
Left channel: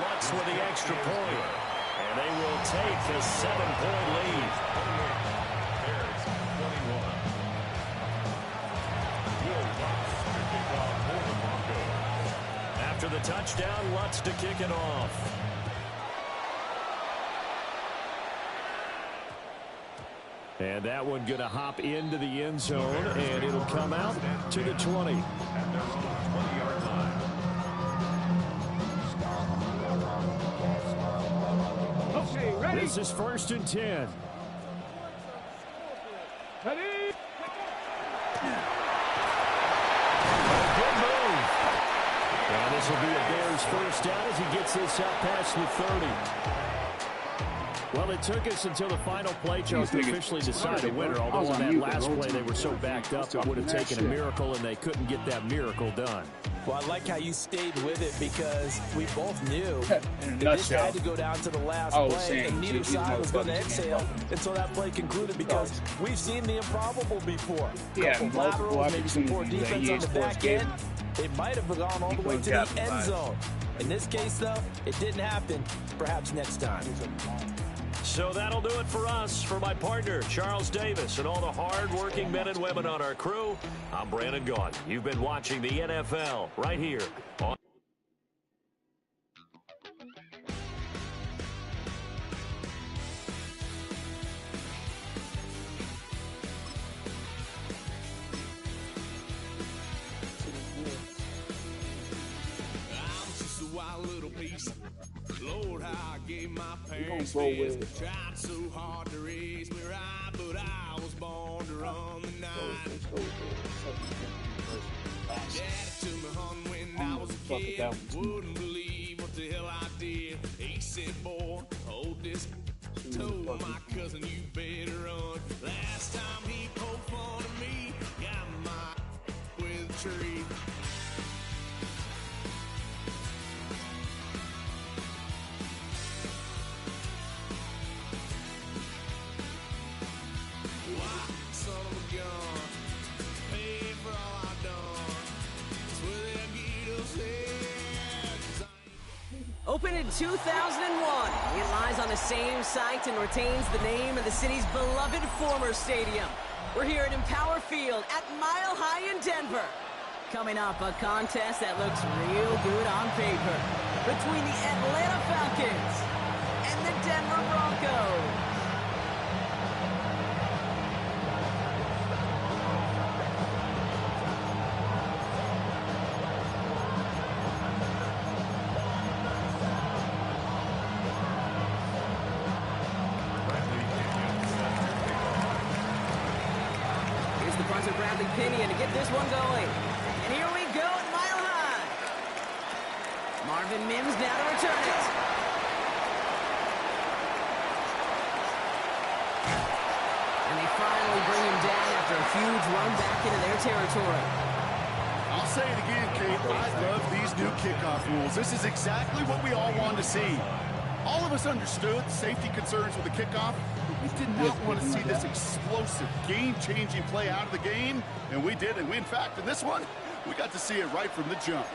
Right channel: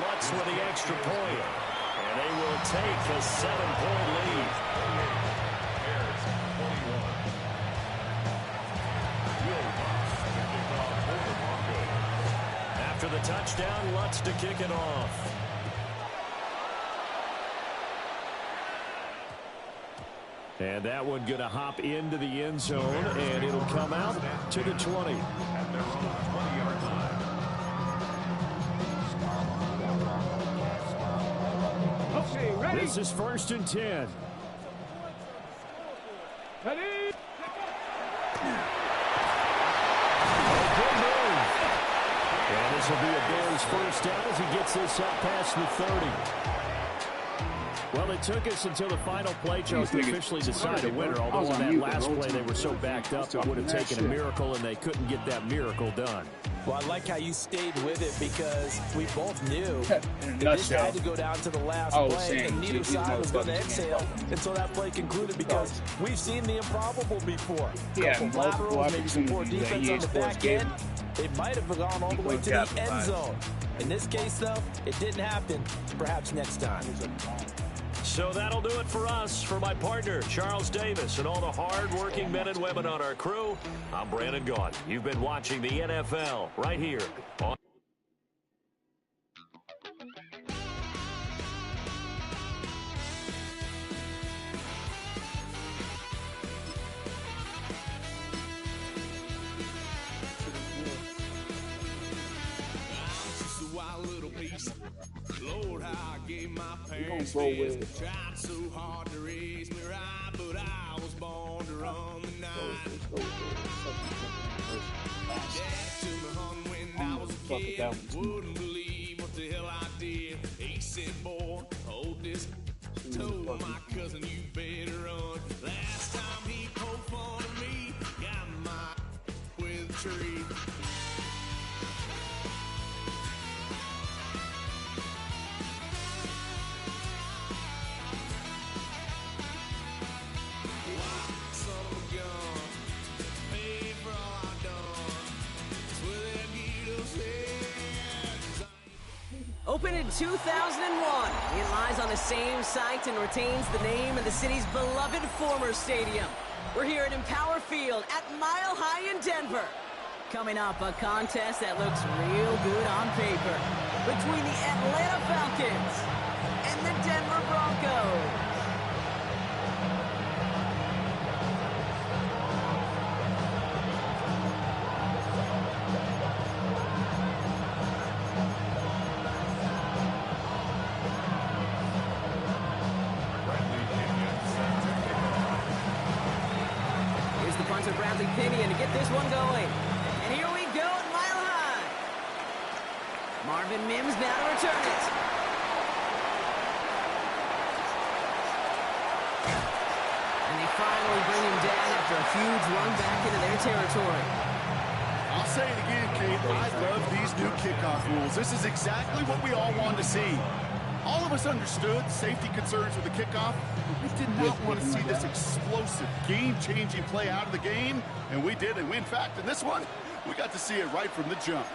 Lutz with the extra point. And they will take a 7-point lead. Bears 21. Will Lutz to kick off for the Broncos. After the touchdown, Lutz to kick it off. And that one going to hop into the end zone, and it'll come out to the 20. At their own 20-yard line. Okay, ready? This is 1st and 10. Ready? Good move. And this will be a Bears first down as he gets this up past the 30. Well, it took us until the final play, Charles, to officially decide a winner, although on that last play they were so backed up it would have taken a miracle, and they couldn't get that miracle done. Well, I like how you stayed with it because we both knew that this had to go down to the last play, and neither side was going to exhale until that play concluded because we've seen the improbable before. Couple laterals, maybe some poor defense on the back end. They might have gone all the way to the end zone. In this case, though, it didn't happen. Perhaps next time. So that'll do it for us. For my partner, Charles Davis, and all the hard-working men and women on our crew, I'm Brandon Gaudin. You've been watching the NFL right here on Lord, how I gave my parents fist. Tried so hard to raise me right, but I was born to run the night. Dad took me home when I was a kid. Wouldn't believe what the hell I did. He said, boy, hold this. Told my cousin, you better run. Last time he poked fun of me, got my with a tree. Opened in 2001, it lies on the same site and retains the name of the city's beloved former stadium. We're here at Empower Field at Mile High in Denver. Coming up, a contest that looks real good on paper between the Atlanta Falcons and the Denver Broncos. Here's the punter, Bradley Pinion, to get this one going. And here we go at Mile High. Marvin Mims now to return it. And they finally bring him down after a huge run back into their territory. I'll say it again, Kate. I love these new kickoff rules. This is exactly what we all wanted to see. All of us understood safety concerns with the kickoff, but we did not want to see this explosive, game-changing play out of the game, and we did. And in fact, in this one, we got to see it right from the jump.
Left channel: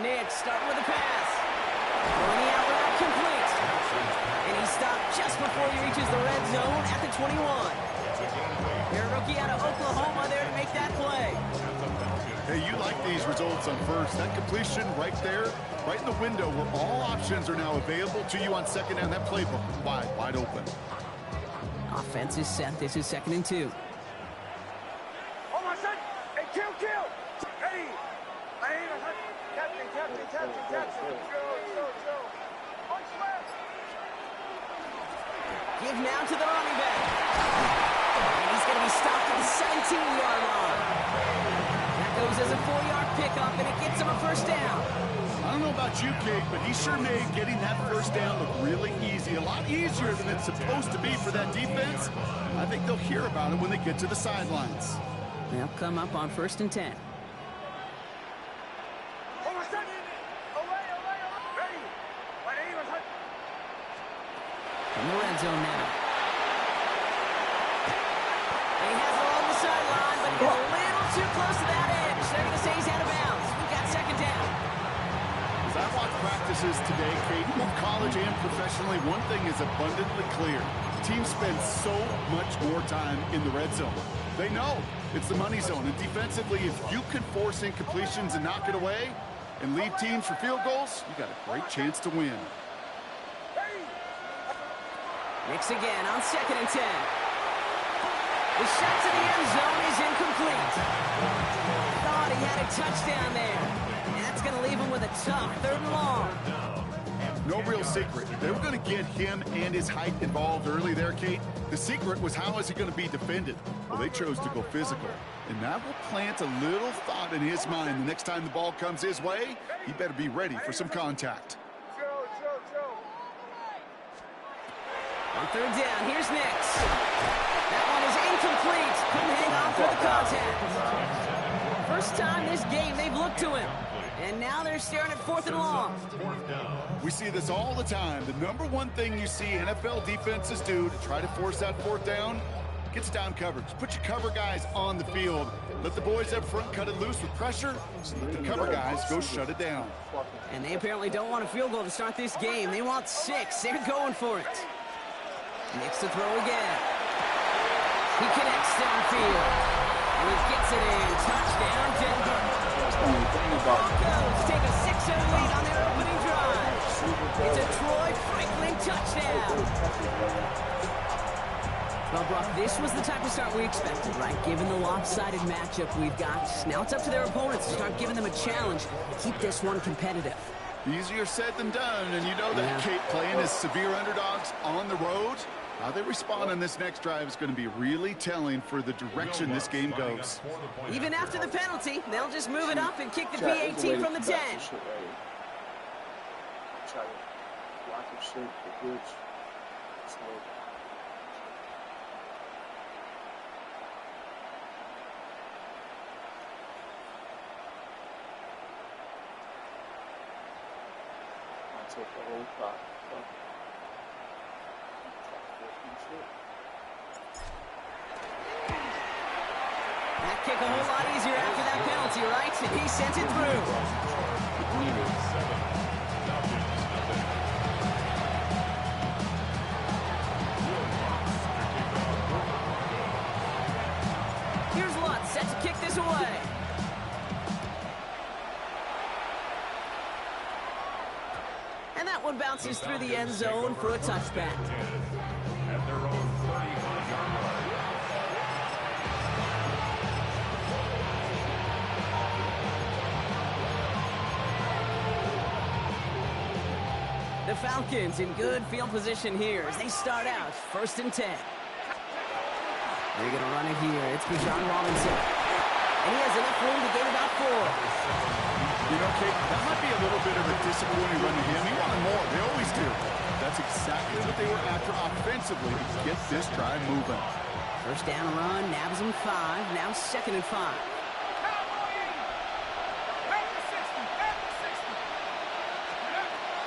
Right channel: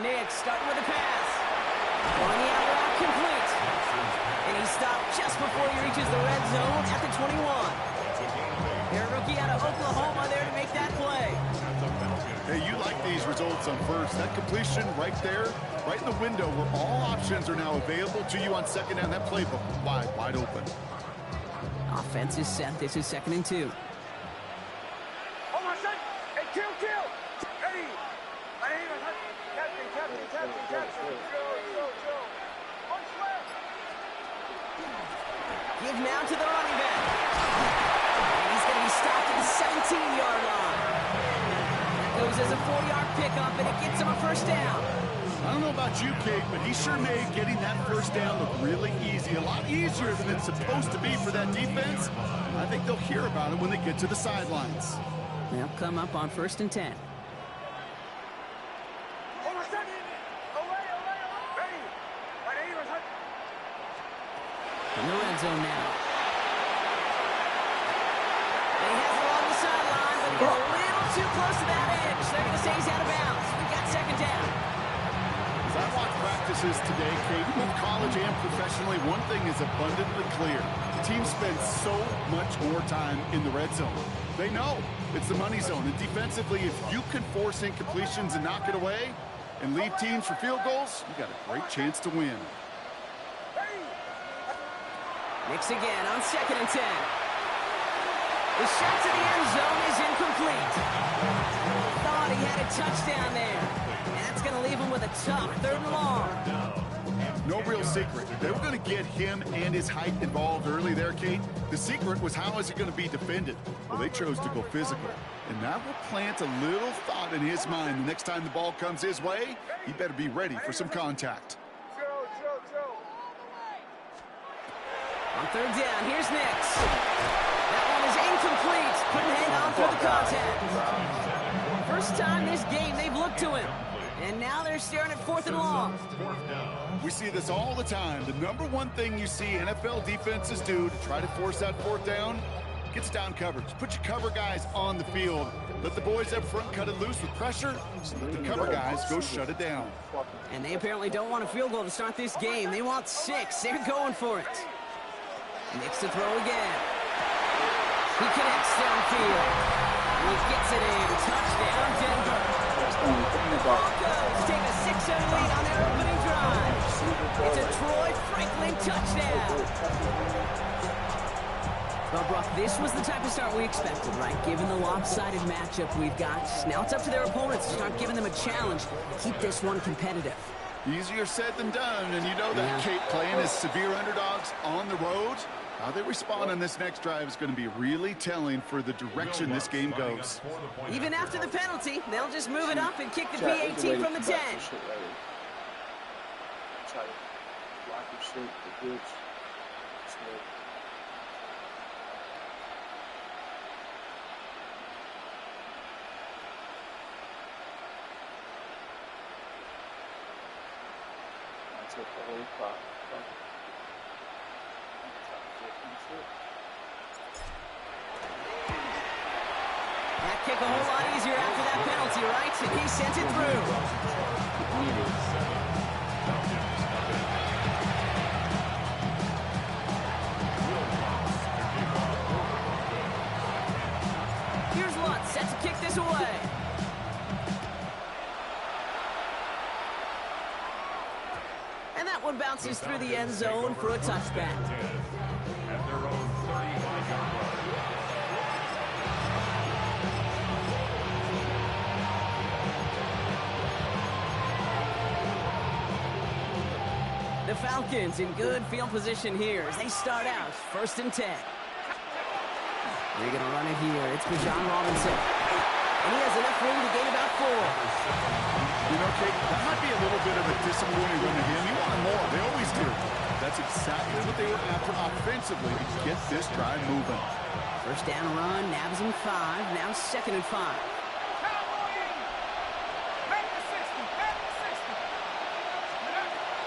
Nick starting with a pass. Throwing the out route complete. And he stopped just before he reaches the red zone at the 21. Their rookie out of Oklahoma there to make that play. Hey, you like these results on first. That completion right there, right in the window where all options are now available to you on second down. That playbook wide open. Offense is set. This is 2nd and 2. Oh, my son! Hey, kill! Ready! Captain! Joe! Punch left! Give now to the running back. And he's going to be stopped at the 17-yard line. That goes as a 4-yard pickup, and it gets him a first down. I don't know about you, Kate, but he sure made getting that first down look really easy. A lot easier than it's supposed to be for that defense. I think they'll hear about it when they get to the sidelines. They'll come up on 1st and 10. Oh, my son! Away! Ready! From the red zone now. And he has it along the sideline, but he got a little too close to that edge. They're going to say he's out of bounds. We've got 2nd down. As I watch practices today, Kate, both college and professionally, one thing is abundantly clear. Teams spend so much more time in the red zone. They know it's the money zone. And defensively, if you can force incompletions and knock it away and leave teams for field goals, you got a great chance to win. Nix again on 2nd and 10. The shot to the end zone is incomplete. Thought he had a touchdown there. And that's going to leave him with a tough 3rd and long. No real secret. They were going to get him and his height involved early there, Kate. The secret was how is he going to be defended? Well, they chose to go physical. And that will plant a little thought in his mind. The next time the ball comes his way, he better be ready for some contact. Joe! On 3rd down, here's Nix. That one is incomplete. Couldn't hang on through the contact. First time this game they've looked to him. And now they're staring at 4th and long. We see this all the time. The number one thing you see NFL defenses do to try to force that 4th down, gets down coverage. Put your cover guys on the field. Let the boys up front cut it loose with pressure. Let the cover guys go shut it down. And they apparently don't want a field goal to start this game. They want 6. They're going for it. Nix to throw again. He connects downfield. And he gets it in. Touchdown, Denver. Broncos take a 6-0 lead on their opening drive. It's a Troy Franklin touchdown. Well, Brock, this was the type of start we expected, right? Given the lopsided matchup we've got. Now it's up to their opponents to start giving them a challenge. Keep this one competitive. Easier said than done, and you know that, Kate, playing as severe underdogs on the road. How they respond on this next drive is going to be really telling for the direction this game goes. Even after the penalty, they'll just move it up and kick the PAT from the 10. Try to block your shit, the goods. I took the whole pot. That kick a whole lot easier after that penalty, right? And he sent it through. Here's Lutz set to kick this away. And that one bounces through the end zone for a touchback. At their own 35-yard line. The Falcons in good field position here as they start out 1st and 10. They're going to run it here. It's Bijan Robinson. And he has enough room to gain about 4. You know, Kate, that might be a little bit of a disappointing run to him. He wanted more. They always do. That's exactly what they were after offensively to get this drive moving. First down run, nabs him 5. Now 2nd and 5.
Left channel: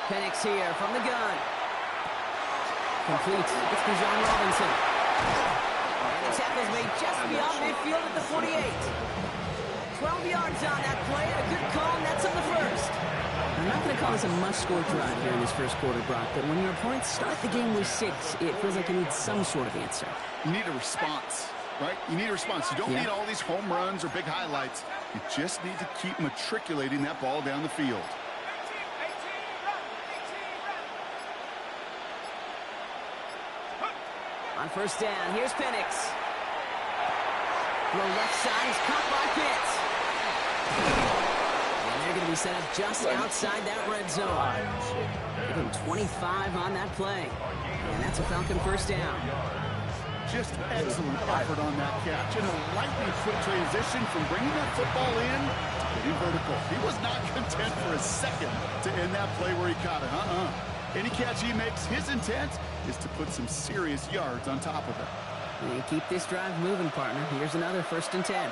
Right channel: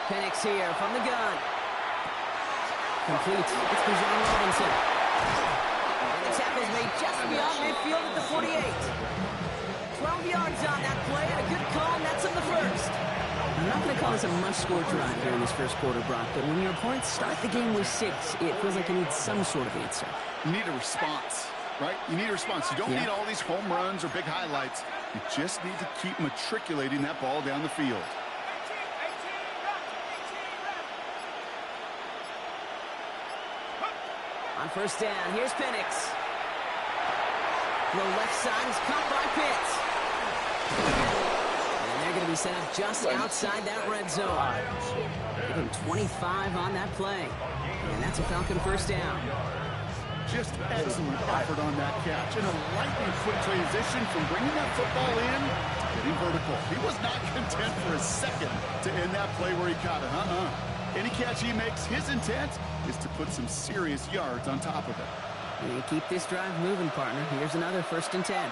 Penix here from the gun. Complete. It's Bijan Robinson. And the tackle's made just beyond midfield at the 48. 12 yards on that play, and a good call, and that's on the first. I'm not going to call this a must-score drive here in this first quarter, Brock, but when your opponents start the game with 6, it feels like you need some sort of answer. You need a response, right? You need a response. You don't need all these home runs or big highlights. You just need to keep matriculating that ball down the field. On first down, here's Penix. Throw left side, he's caught by Pitts. And they're going to be set up just outside that red zone. Give him 25 on that play. And that's a Falcon first down. Just excellent effort on that catch. And a lightning quick transition from bringing that football in to getting vertical. He was not content for a second to end that play where he caught it. Any catch he makes, his intent is to put some serious yards on top of it. And keep this drive moving, partner. Here's another 1st and 10.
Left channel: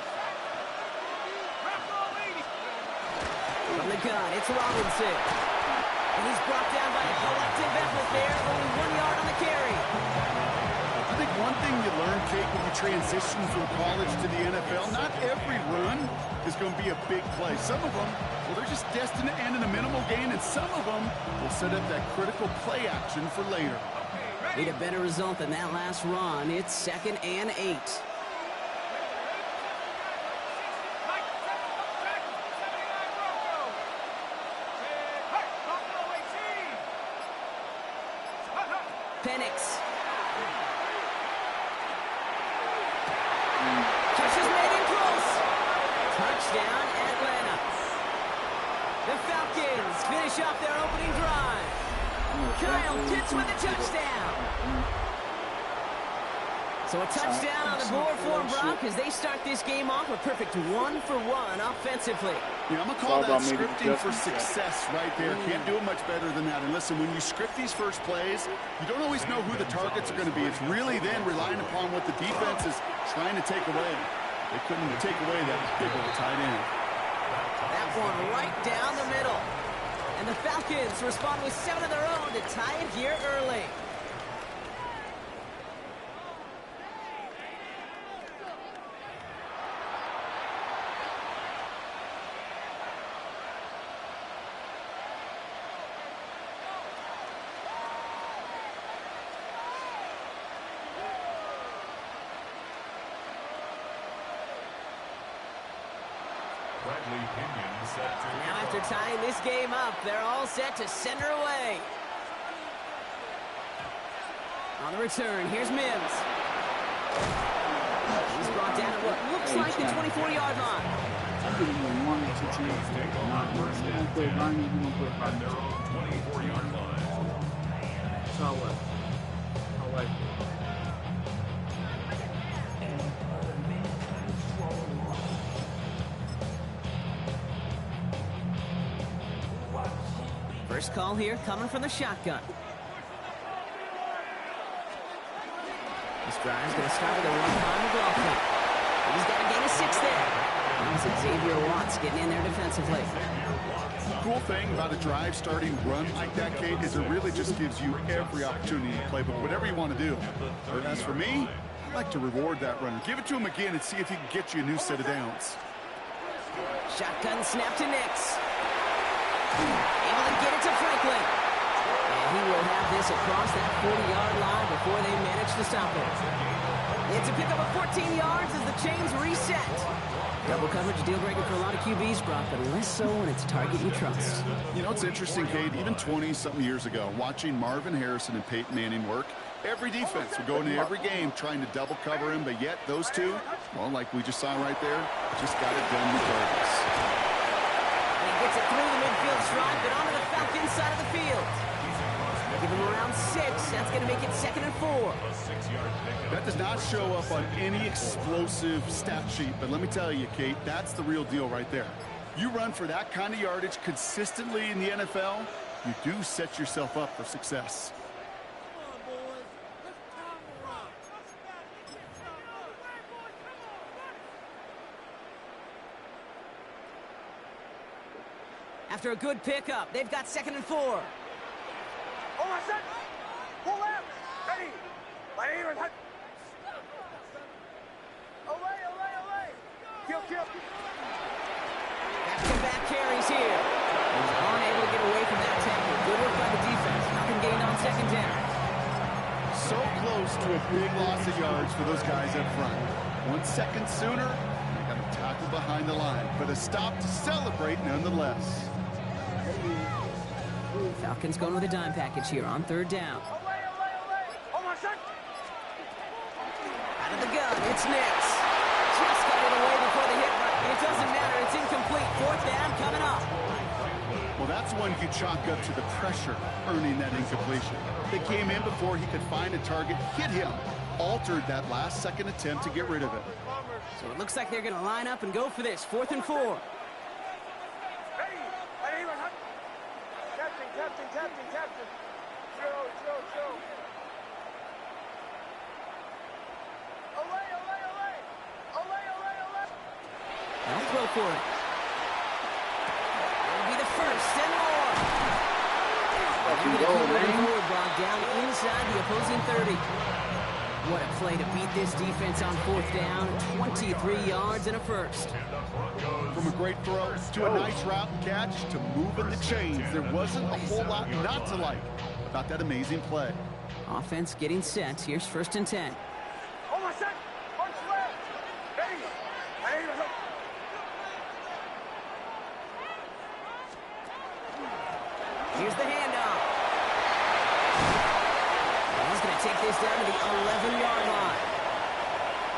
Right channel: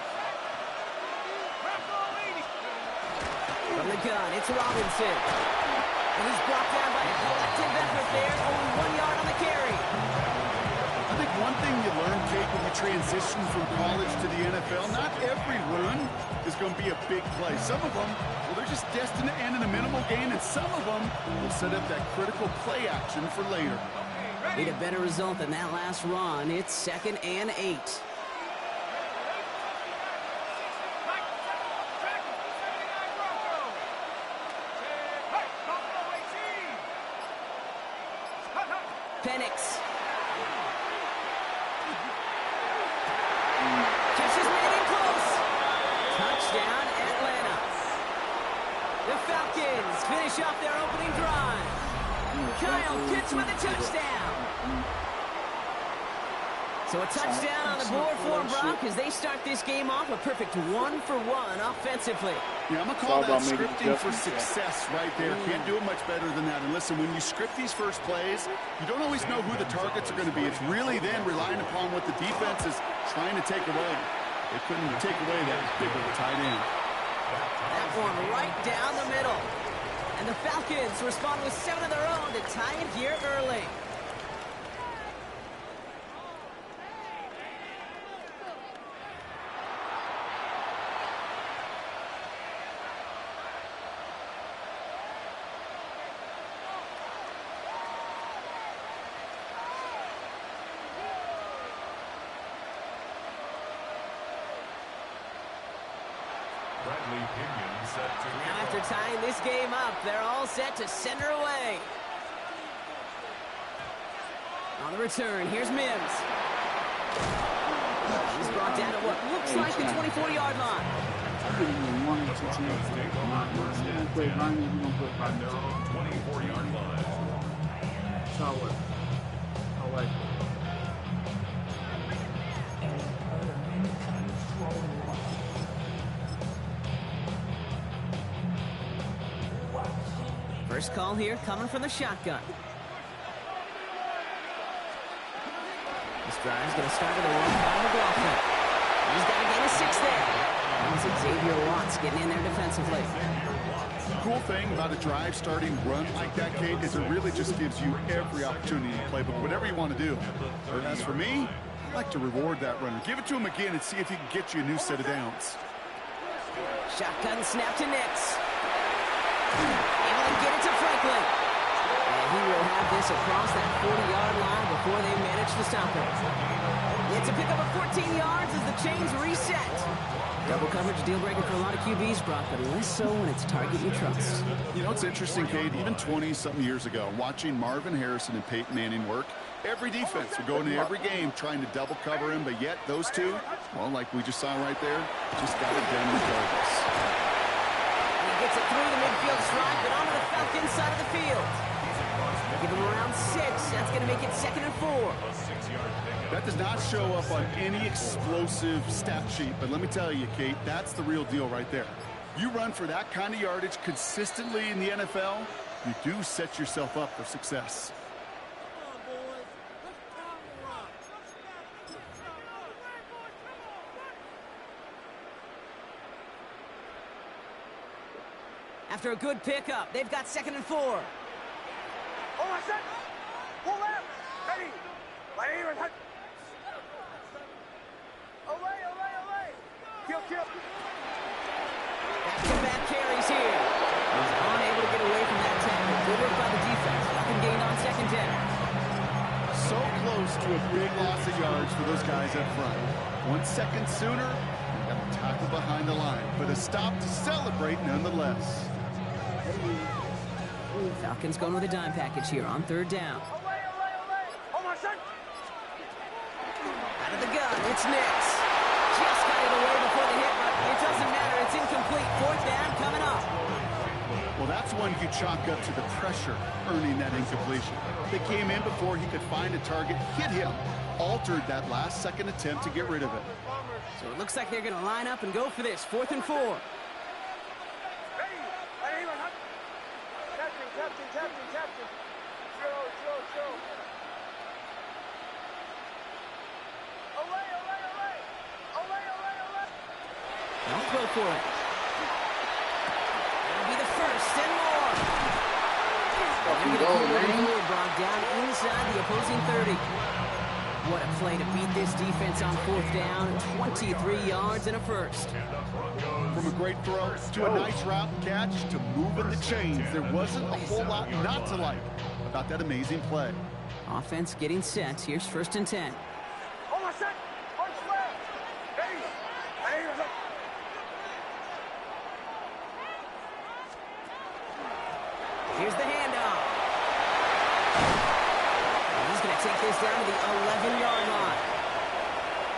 From the gun, it's Robinson. And he's brought down by a collective effort there. Only 1 yard on the carry. I think one thing you learn, Kate, when you transition from college to the NFL, not every run is going to be a big play. Some of them, well, they're just destined to end in a minimal gain, and some of them will set up that critical play action for later. Need a better result than that last run. It's 2nd and 8. Penix. Catch is made in close. Touchdown, Atlanta. The Falcons finish off their opening drive. Kyle Pitts with a touchdown. So a touchdown on the board for Brock as they start this game off a perfect 1-for-1 offensively. Yeah, I'm going to call that scripting for success right there. Can't do it much better than that. And listen, when you script these first plays, you don't always know who the targets are going to be. It's really then relying upon what the defense is trying to take away. They couldn't take away that big old tight end. That one right down the middle. And the Falcons respond with 7 of their own to tie it here early. Now after tying this game up, they're all set to send her away. On the return, here's Mims. He's brought down at what looks like the 24-yard line. I didn't even want to take it. On their own 24-yard line. So what? I like it. First call here coming from the shotgun. This drive's going to start with a run by McLaughlin. He's got a gain of 6 there. Now it's Xavier Watts getting in there defensively. Cool thing about a drive starting run like that, Kate, is it really just gives you every opportunity to play, but whatever you want to do. But as for me, I like to reward that runner. Give it to him again and see if he can get you a new set of downs. Shotgun snap to Nix. Able to get it to Franklin. And he will have this across that 40-yard line before they manage to stop it. It's a pickup of 14 yards as the chains reset. Double coverage deal breaker for a lot of QBs, Brock, but less so when it's a target you trust. You know, it's interesting, Cade, even 20-something years ago, watching Marvin Harrison and Peyton Manning work, every defense would go into every game trying to double cover him, but yet those two, well, like we just saw right there, just got it done regardless. And he gets it through the midfield stripe and onto the Falcons side of the field. Give him around 6. That's going to make it 2nd and 4. That does not show up on any explosive stat sheet, but let me tell you, Kate, that's the real deal right there. You run for that kind of yardage consistently in the NFL, you do set yourself up for success. After a good pickup, they've got 2nd and 4. Oh, my son! Pull left! Ready! My name is... Away, away, away! Kill, kill! Back-to-back carries here. He's unable to get away from that tackle. Good work by the defense. Nothing gained on 2nd down. So close to a big loss of yards for those guys up front. 1 second sooner, they got a tackle behind the line, but a stop to celebrate nonetheless. Falcons going with a dime package here on 3rd down. Away, away, away! Oh, my son! Out of the gun, it's Nix. Just got it away before the hit, but it doesn't matter. It's incomplete. 4th down coming up. Well, that's one you chalk up to the pressure earning that incompletion. They came in before he could find a target, hit him, altered that last-second attempt to get rid of it. So it looks like they're going to line up and go for this. 4th and 4. Ready! My name is... Captain, captain, captain, captain! Joe! Away, away, away! Away, away, away! They'll throw for it. It'll be the 1st and more. They're going to keep moving forward, Brock, down inside the opposing 30. What a play to beat this defense on 4th down. 23 yards and a 1st. From a great throw to a nice route catch to moving the chains, there wasn't a whole lot not to like about that amazing play. Offense getting set. Here's 1st and 10. Oh, my son! Punch left! Ready! My name is... Here's the handoff. And he's going to take this down to the 11-yard line.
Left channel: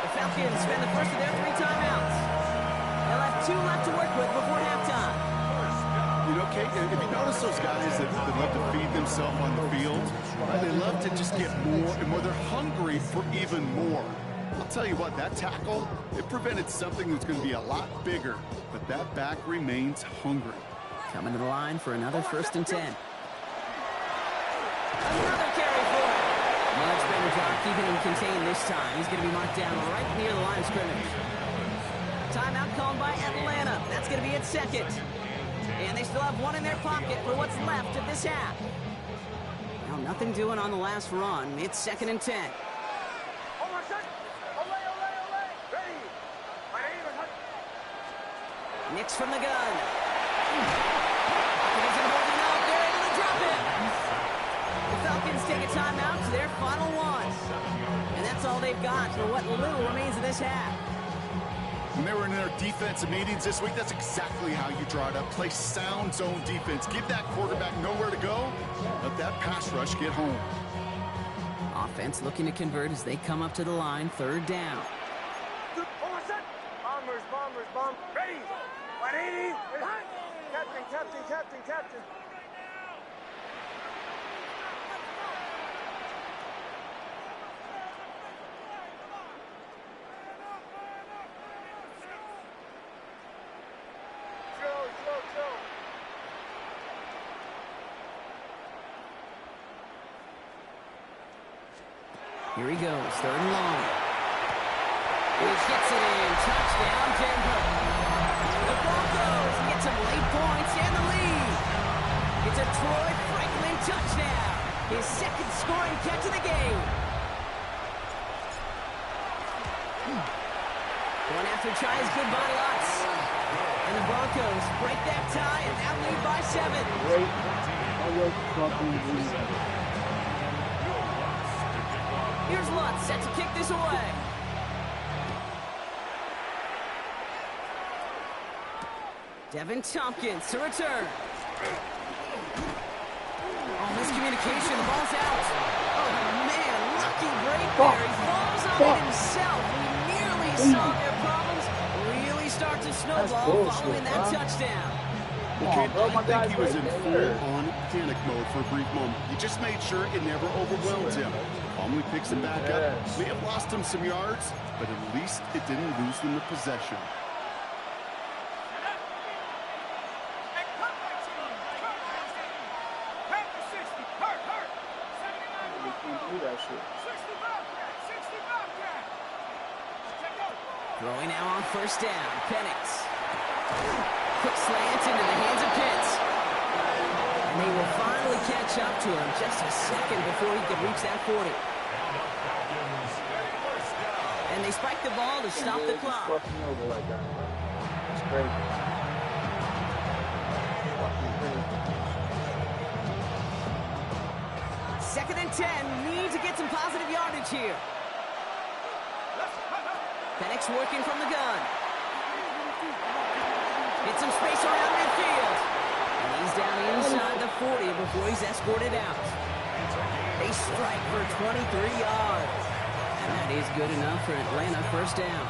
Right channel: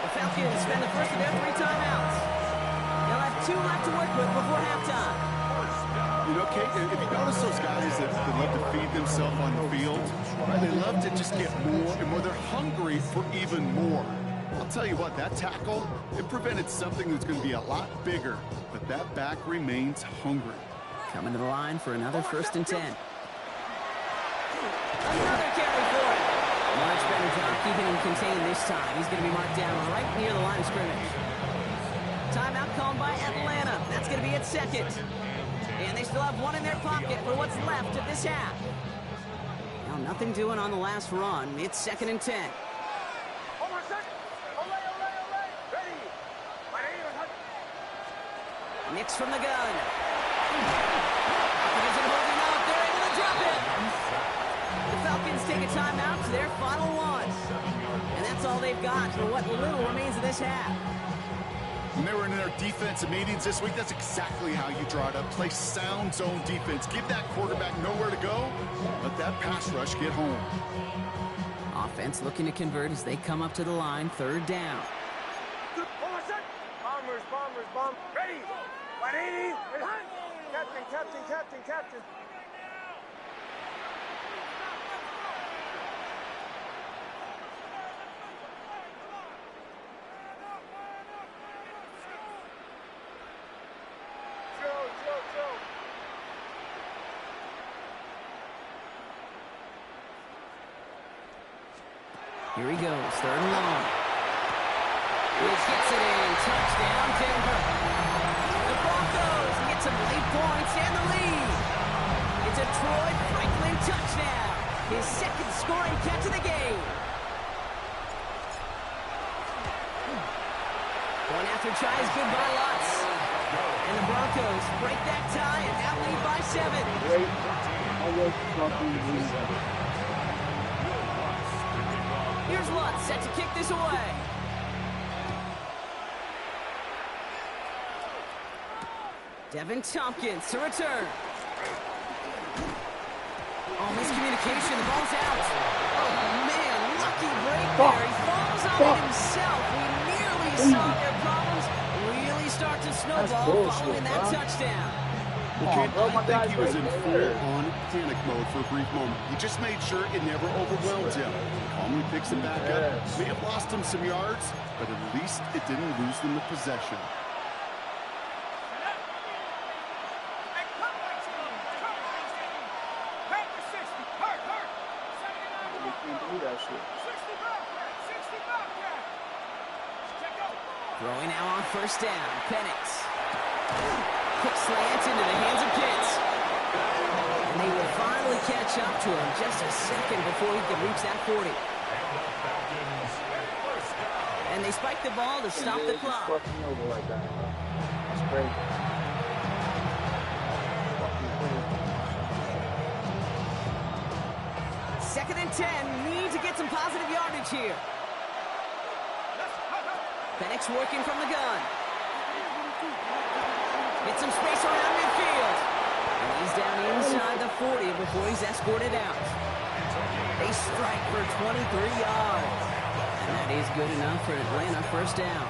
The Falcons spend the first of their 3 timeouts. They'll have 2 left to work with before halftime. You know, Kate, if you notice those guys that love to feed themselves on the field, right? They love to just get more and more. They're hungry for even more. I'll tell you what, that tackle, it prevented something that's going to be a lot bigger, but that back remains hungry. Coming to the line for another 1st and 10. Another carry for him. Much better job keeping him contained this time. He's going to be marked down right near the line of scrimmage. Timeout called by Atlanta. That's going to be its 2nd. And they still have 1 in their pocket for what's left of this half. Now nothing doing on the last run. It's 2nd and 10. Oh, my son! Away, away, away! Ready! My name is... Nix from the gun. It isn't holding up. They're able to drop it. The Falcons take a timeout to their final 1. And that's all they've got for what little remains of this half. When they were in their defensive meetings this week, that's exactly how you draw it up. Play sound zone defense. Give that quarterback nowhere to go. Let that pass rush get home. Offense looking to convert as they come up to the line. 3rd down. Oh, my son! Bombers, bombers, bombers! Ready! 180! Captain, captain, captain, captain! Joe! Here he goes, 3rd and long. He gets it in. Touchdown, Denver. The Broncos get some late points and the lead. It's a Troy Franklin touchdown. His 2nd scoring catch of the game. One after try is good by Lutz. And the Broncos break that tie and now lead by 7. Great. I was fucking losing. Here's Lutz set to kick this away. Devin Tompkins to return. Oh, miscommunication. The ball's out. Oh, man. Lucky break there. He falls on it himself. We nearly saw their problems really start to snowball following that touchdown. Okay, I think he was in full-on panic mode for a brief moment. He just made sure it never overwhelmed him. Calmly picks it back up. May have lost him some yards, but at least it didn't lose them the possession. Throwing now on first down. Penix. Quick slant into the hands of Pitts. And they will finally catch up to him just a second before he could reach that 40. And they spike the ball to stop the clock. Fucking over like that, bro. That's crazy. Second and 10. Need to get some positive yardage here. Penix working from the gun. Get some space around midfield. And he's down inside the 40 before he's escorted out. They strike for 23 yards. And that is good enough for Atlanta first down.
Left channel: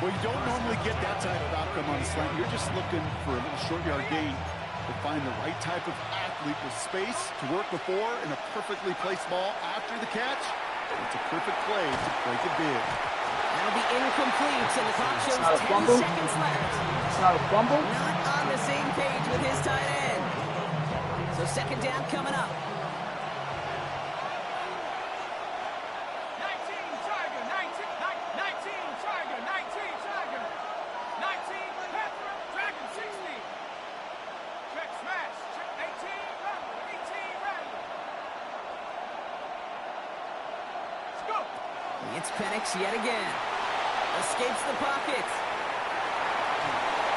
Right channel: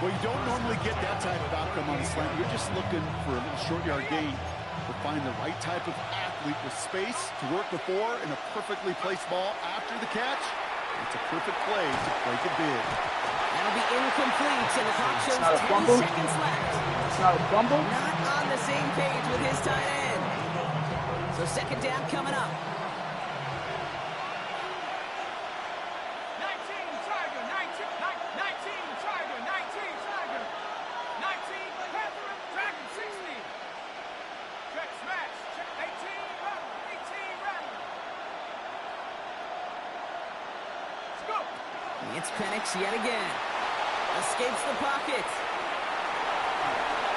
Well, you don't normally get that type of outcome on a slant. You're just looking for a little short yard gain. To find the right type of athlete with space to work before and a perfectly placed ball after the catch. It's a perfect play to break it big. That'll be incomplete, and the clock shows 10 seconds left. It's not a fumble? Not on the same page with his tight end. So second down coming up. 19 Tiger, 19 Tiger, 19 Tiger, 19 Panther, Dragon 60. Check smash, check 18 Rattler, 18 Rattler. Let's go. It's Penix yet again. Escapes the pocket.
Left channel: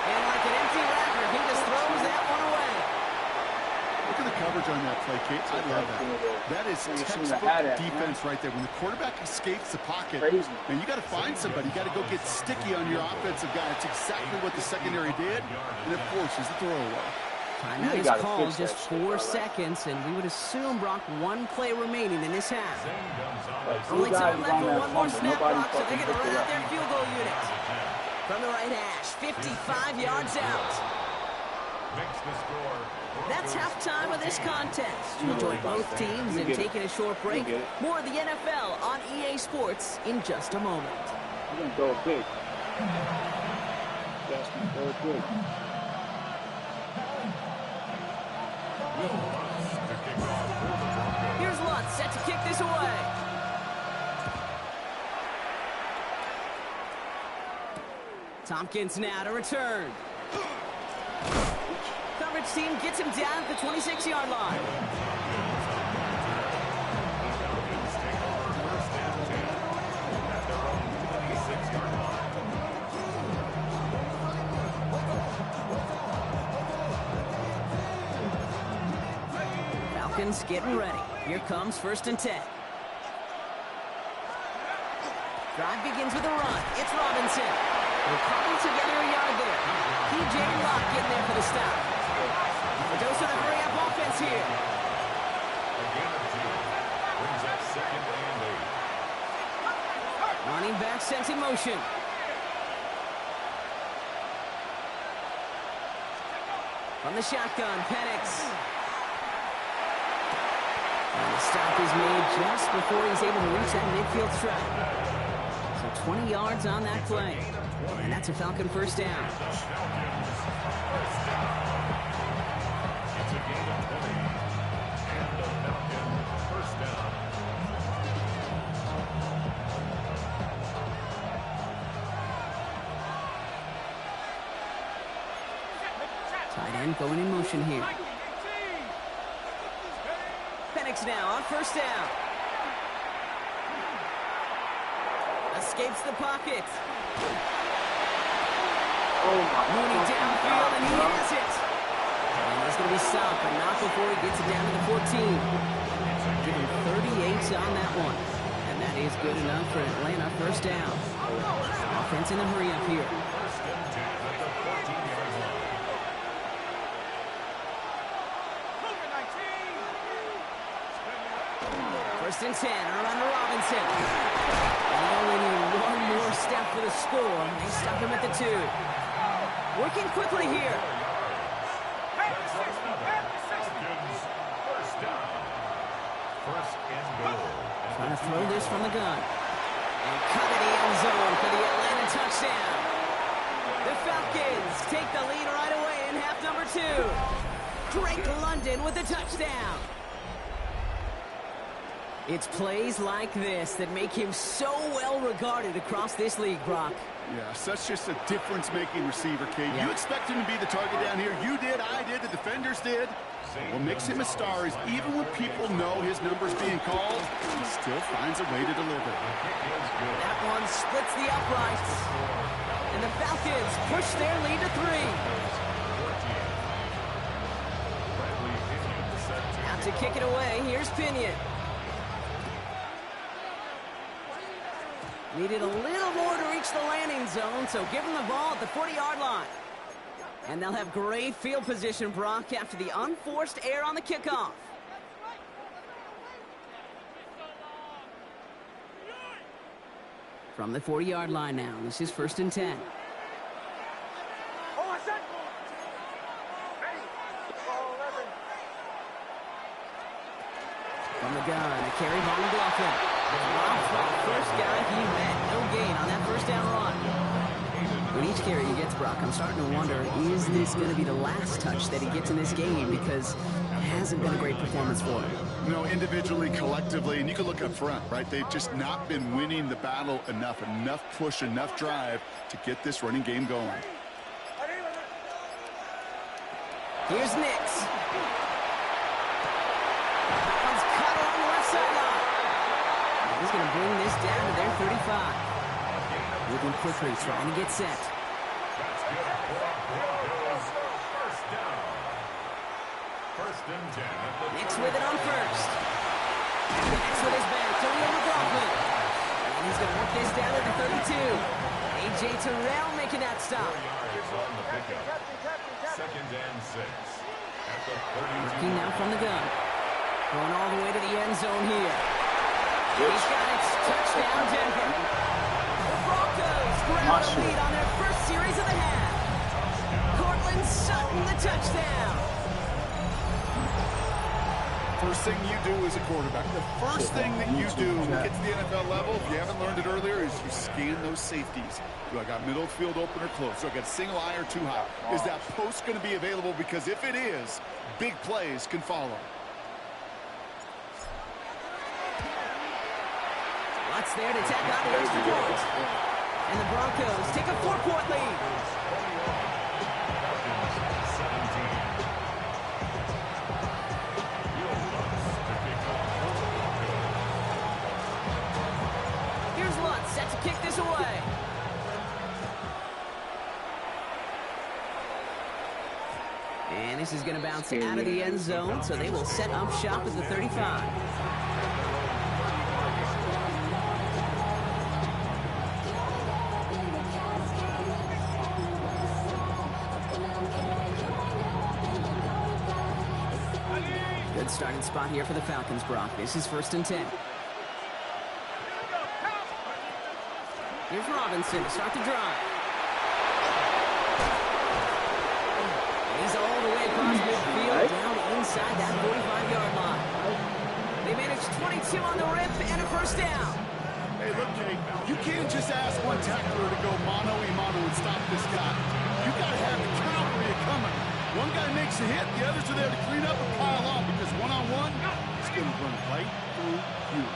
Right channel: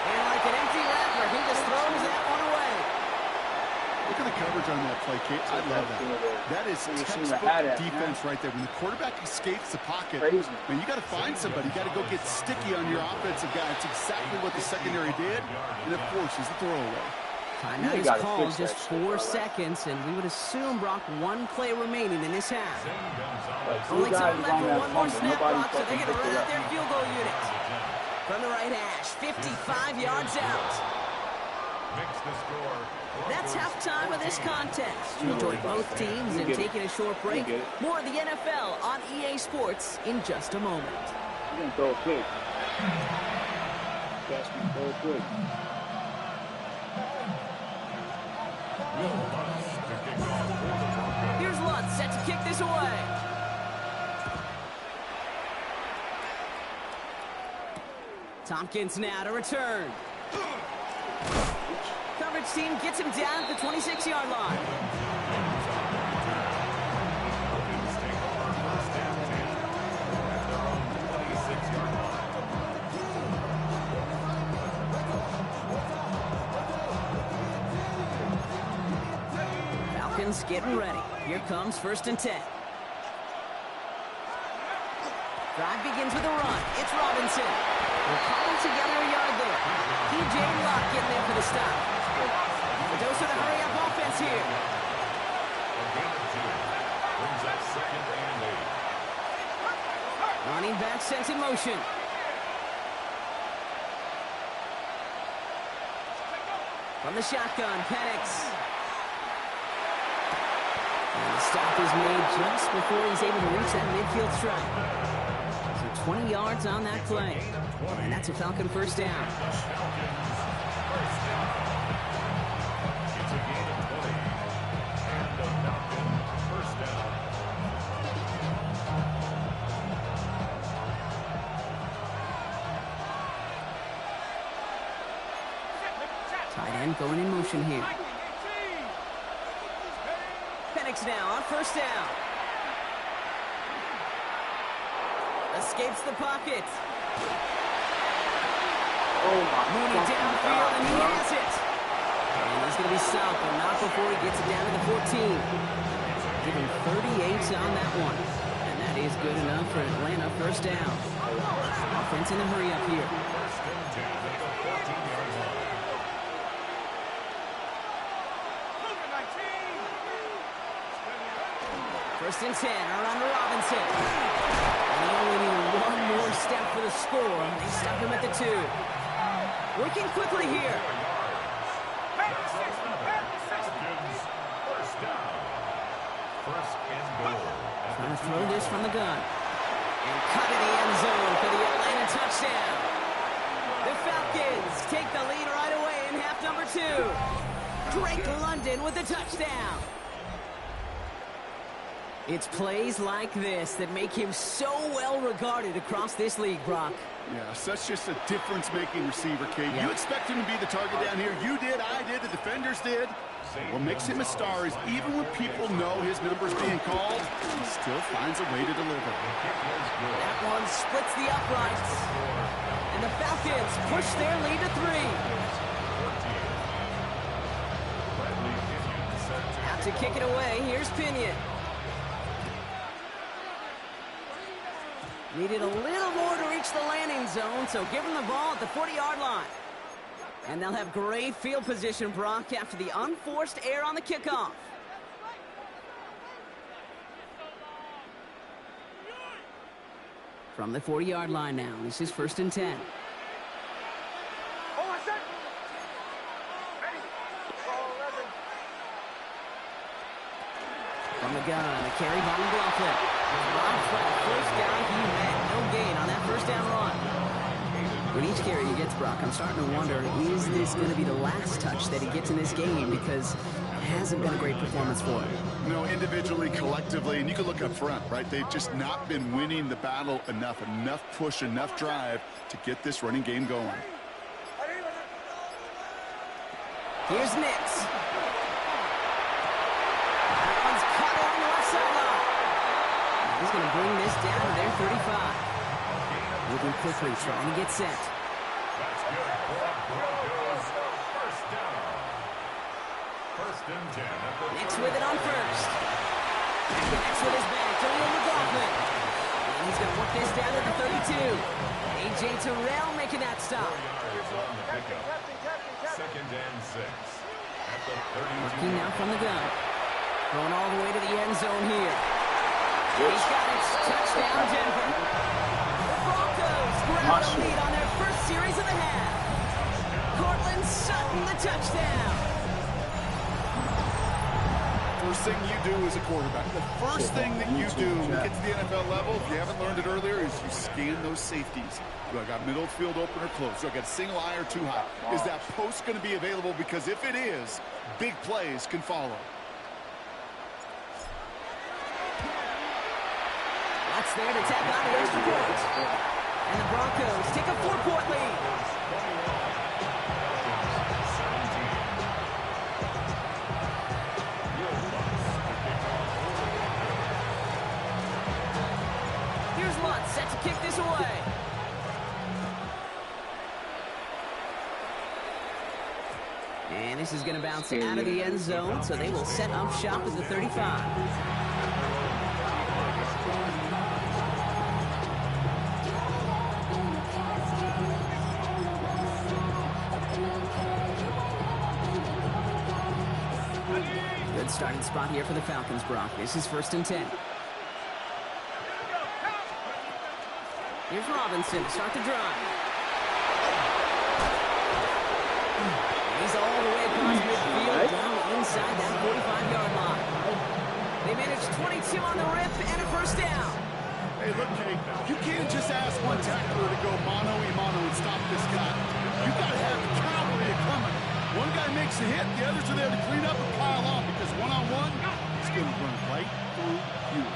And like an empty wrapper, he just throws that one away. Look at the coverage on that play, Kate. I love that. That is textbook defense right there. When the quarterback escapes the pocket, man, you got to find somebody. You got to go get sticky on your offensive guy. It's exactly what the secondary did. And, of course, is the throwaway. Timeout is called, just 4 seconds, and we would assume, Brock, 1 play remaining in this half. Only time left for one more snap, Brock, so they're going to run out their field goal unit. From the right hash, 55 yards out. That's halftime of this contest. We'll join both teams in taking a short break. More of the NFL on EA Sports in just a moment. You're going to throw a pick. That's going to throw a pick. Here's Lutz set to kick this away. Tompkins now to return. Coverage team gets him down at the 26-yard line. Falcons getting ready. Here comes first and 10. Drive begins with a run. It's Robinson. We'll cobble together a yard there. T.J. Watt getting there for the stop. A dose of the hurry-up offense here. Brings up second and 8. Running back sent in motion. From the shotgun, Penix. And the stop is made just before he's able to reach that midfield strike. So 20 yards on that play. And that's a Falcon first down. It's a gain of 20. And a Falcon first down. Tight end going in motion here. Penix now on first down. A escapes the pocket. Oh my Mooney fucking downfield, God, and he bro. has it. And he's going to be stopped, but not before he gets it down to the 14. Give him 38 on that one. And that is good enough for Atlanta first down. Offense in a hurry up here. First and 10 at the 14-yard line. Cougar 19. First and 10, around to Robinson. And he only needed one more step for the score. They stop him at the 2. Working quickly here. That's another. Falcons first down. First and goal. Trying to throw this from the gun. And cut in the end zone for the Atlanta touchdown. The Falcons take the lead right away in half number 2. Drake London with the touchdown. It's plays like this that make him so well regarded across this league, Brock. Yeah, such just a difference-making receiver, Kate. Yeah. You expect him to be the target down here. You did, I did, the defenders did. What makes him a star is even when people know his number's being called, he still finds a way to deliver. That one splits the uprights. And the Falcons push their lead to 3. Out to kick it away, here's Pinion. Needed a little more to reach the landing zone, so give him the ball at the 40-yard line. And they'll have great field position, Brock, after the unforced error on the kickoff. From the 40-yard line now, this is first and 10. Oh, I said. Hey. Oh, 11. From the gun, a carry by McLaughlin. Dropped by the first guy he met. No gain on that first down run. With each carry he gets, Brock, I'm starting to wonder, is this going to be the last touch that he gets in this game? Because it hasn't been a great performance for him. No, individually, collectively, and you can look up front, right? They've just not been winning the battle enough push, enough drive to get this running game going. Here's Nix. That one's cut along the left sideline. He's going to bring this down to their 35. Moving quickly, trying to get set. That's good for Broncos. First down. First and 10 at the Nix with it on first. Connects with his back, Jaleel McLaughlin. And he's going to work this down to the 32. A.J. Terrell making that stop. 4 yards on the pickup. Second and 6 at the 32. Working now from the gun. Going all the way to the end zone here. He's got it. Touchdown, Denver. The Broncos grab the lead on their first series of the half. Cortland Sutton, the touchdown. First thing you do as a quarterback, the first thing that you do when you get to the NFL level, if you haven't learned it earlier, is you scan those safeties. Do I got middle field open or close? Do I got a single high or 2 high? Is that post going to be available? Because if it is, big plays can follow. Watts there to tack on the extra point. And the Broncos take a 4-point lead. 21. Falcons 17. Here's Lutz set to kick this away. And this is going to bounce out of the end zone, so they will set up shop at the 35. Good starting spot here for the Falcons, Brock. This is first and 10. Here's Robinson to start the drive. He's all the way across midfield, down inside that 45-yard line. They managed 22 on the rip and a first down. Hey, look, Kate, you can't just ask one tackler to go mano-a-mano and stop this guy. You got to have the cavalry coming. One guy makes a hit, the others are there to clean up and pile on, because one-on-one, it's going to run right through you.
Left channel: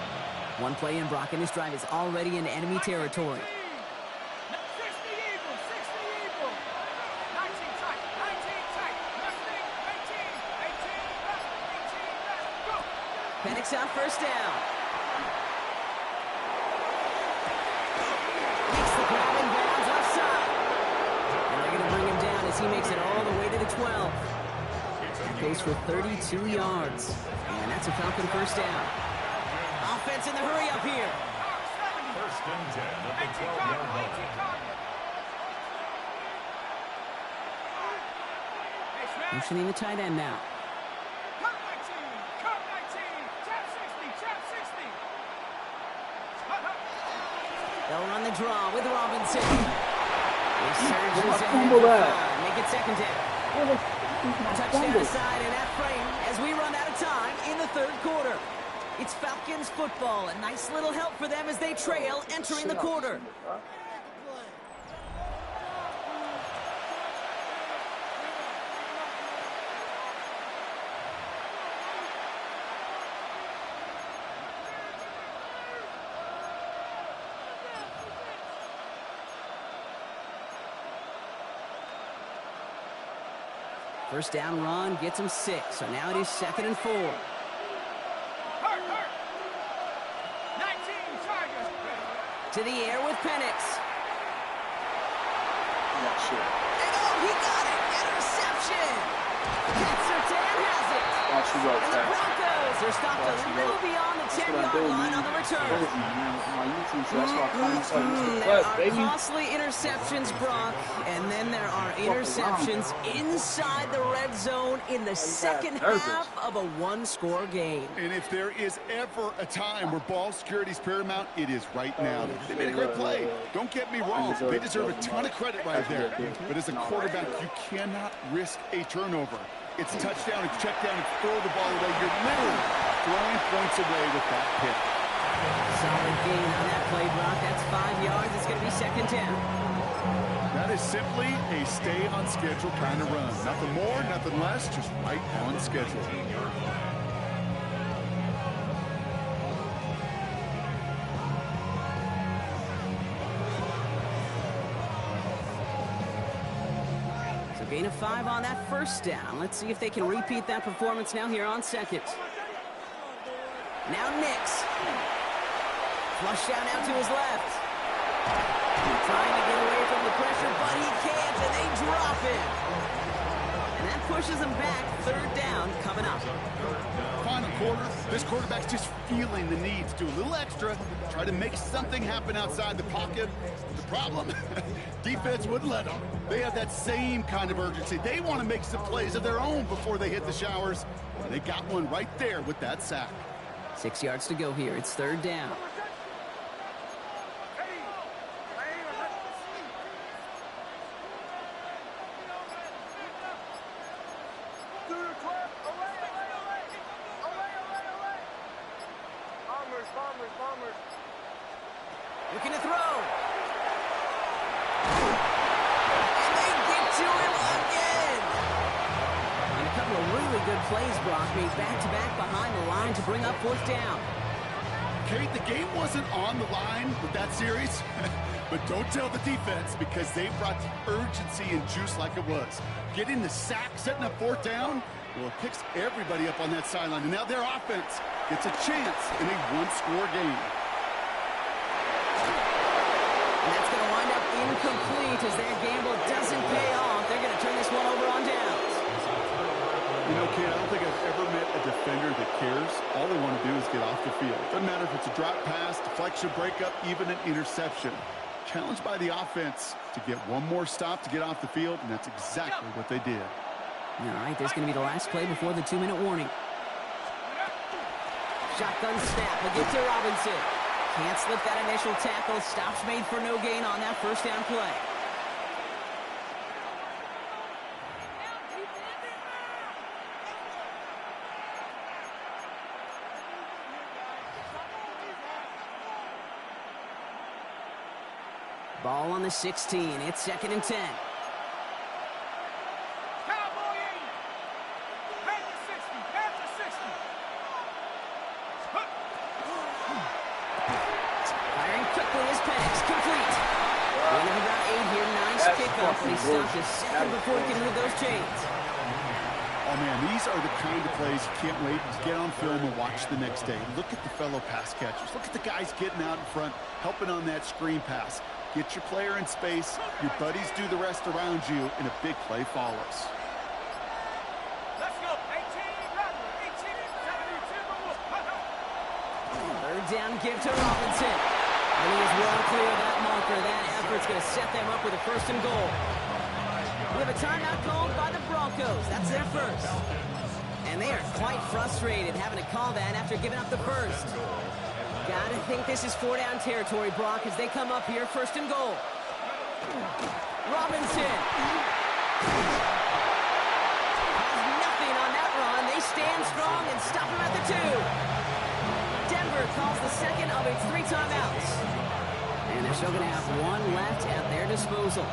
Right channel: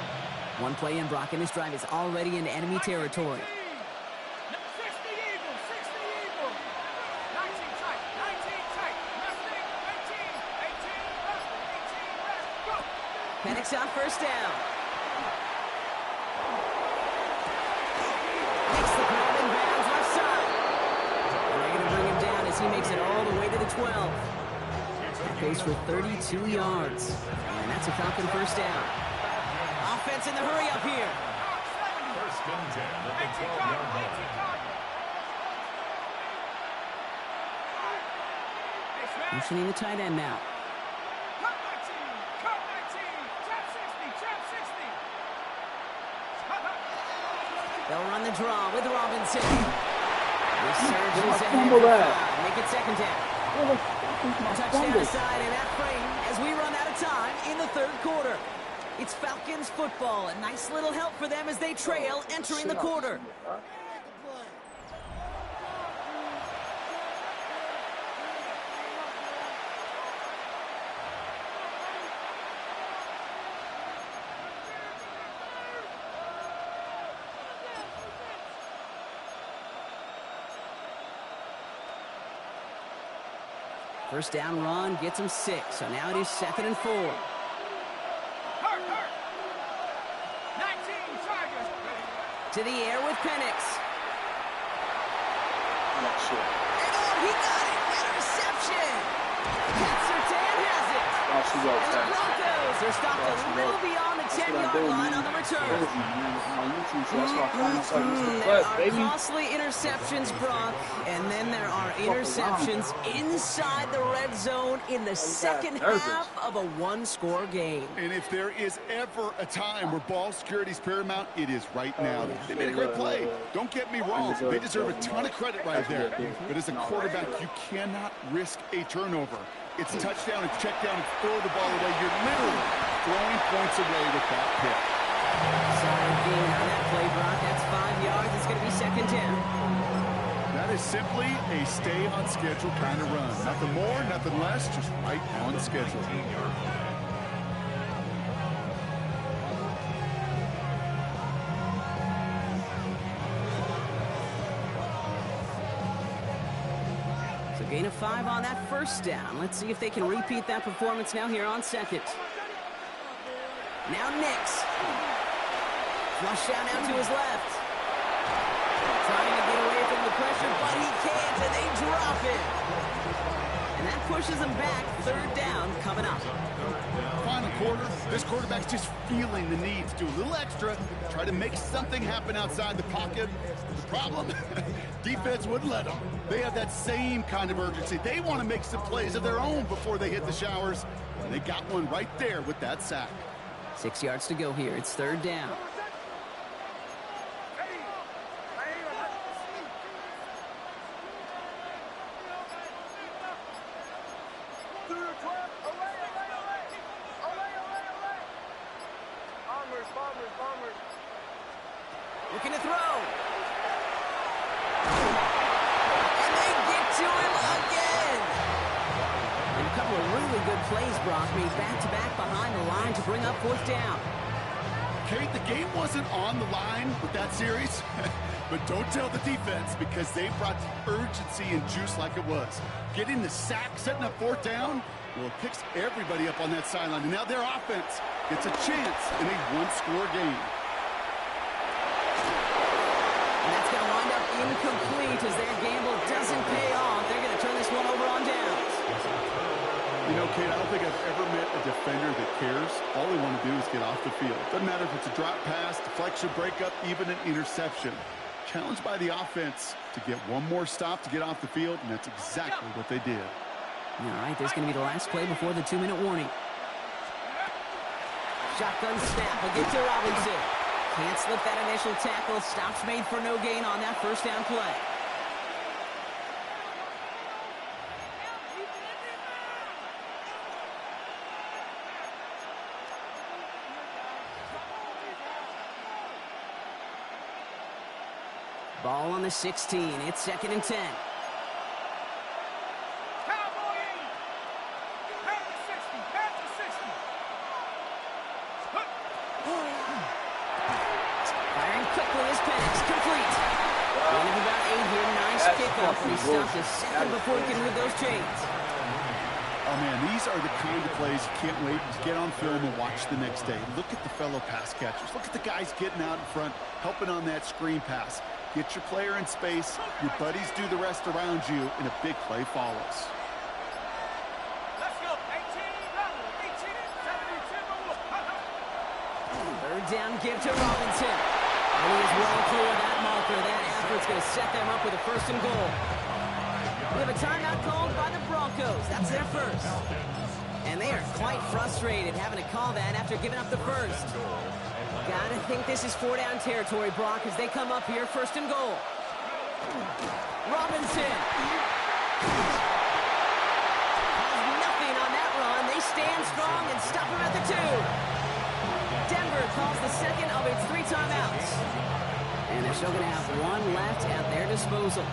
One play in, Brock, and this drive is already in enemy territory. 60 Eagles, 60 Eagles. 19 tight, 19 tight. Nothing, 18 left, 18 left. Go. Penix on first down. makes it all the way to the 12. That goes for 32 yards. And that's a Falcon first down. Offense in the hurry up here. First and 10 at the 12-yard line. Motioning the tight end now. Cut 19, cut 19, trap 60, trap 60. They'll run the draw with Robinson. Resurgence Where's my ahead fumble for at? 5. Make it second down. Where's my Touchdown fumble? aside in that frame as we run out of time in the third quarter. It's Falcons football. A nice little help for them as they trail entering the quarter. First down run gets him 6. So now it is 2nd and 4. Hurt. 19, Tigers. To the air with Penix. Yeah, shit. And oh, he got it! Interception! Pat Surtain has it! Oh, she goes And the fast. Broncos are stopped Oh, a she little goes. beyond the That's what I 10-yard do, line man. on the return. Crazy, man. My YouTube show. That's why I call myself Mr. There Clutch, are baby. costly interceptions, Brock, and then there are interceptions inside the red zone in the second nervous. half of a one-score game. And if there is ever a time where ball security is paramount, it is right now. They made a great play. Don't get me wrong. They deserve a ton of credit right there. But as a quarterback, you cannot risk a turnover. It's touchdown and check down and throw the ball away. You're literally throwing points away with that pick. Solid gain on that play, Brock. That's 5 yards. It's going to be second down. That is simply a stay on schedule kind of run. Nothing more, nothing less, just right on schedule. So gain of 5 on that first down. Let's see if they can repeat that performance now here on second. Now Nix. Flush down out to his left. Trying to get away from the pressure, but he can't, and they drop him. And that pushes him back. Third down coming up. Final quarter, this quarterback's just feeling the need to do a little extra, try to make something happen outside the pocket. The problem, defense wouldn't let them. They have that same kind of urgency. They want to make some plays of their own before they hit the showers. And they got one right there with that sack. 6 yards to go here. It's third down. Bombers. Looking to throw. And they get to him again. And a couple of really good plays, Brock, made back-to-back behind the line to bring up fourth down. Kate, the game wasn't on the line with that series, but don't tell the defense because they brought the urgency and juice like it was. Getting the sack, setting up fourth down, well, it picks everybody up on that sideline. And now their offense gets a chance in a one-score game. And that's going to wind up incomplete as their gamble doesn't pay off. They're going to turn this one over on downs. You know, Kate, I don't think I've ever met a defender that cares. All they want to do is get off the field. Doesn't matter if it's a drop pass, deflection, breakup, even an interception. Challenged by the offense to get one more stop to get off the field, and that's exactly what they did. All right, there's going to be the last play before the 2-minute warning. Shotgun snap. We'll get to Robinson. Can't slip that initial tackle. Stops made for no gain on that first down play. Ball on the 16. It's 2nd and 10. Cowboy 80. Panther 60. Panther 60. Firing quickly is Penix. Complete. Gain of about 8 here. Nice That's kickoff. But he fucking stopped a bullshit. second before he can move those chains. Oh, man, these are the kind of plays you can't wait to get on film and watch the next day. Look at the fellow pass catchers. Look at the guys getting out in front, helping on that screen pass. Get your player in space, your buddies do the rest around you, and a big play follows. Let's go. 18, Rattler. 18, 72. Third down, give to Robinson. And he is well clear of that marker. That effort's going to set them up with a 1st and goal. We have a timeout called by the Broncos. That's their first. And they are quite frustrated having to call that after giving up the first. Gotta think this is 4-down territory, Brock, as they come up here, 1st and goal. Robinson has nothing on that run. They stand strong and stop him at the 2. Denver calls the second of its 3 timeouts. And they're still going to have 1 left at their disposal.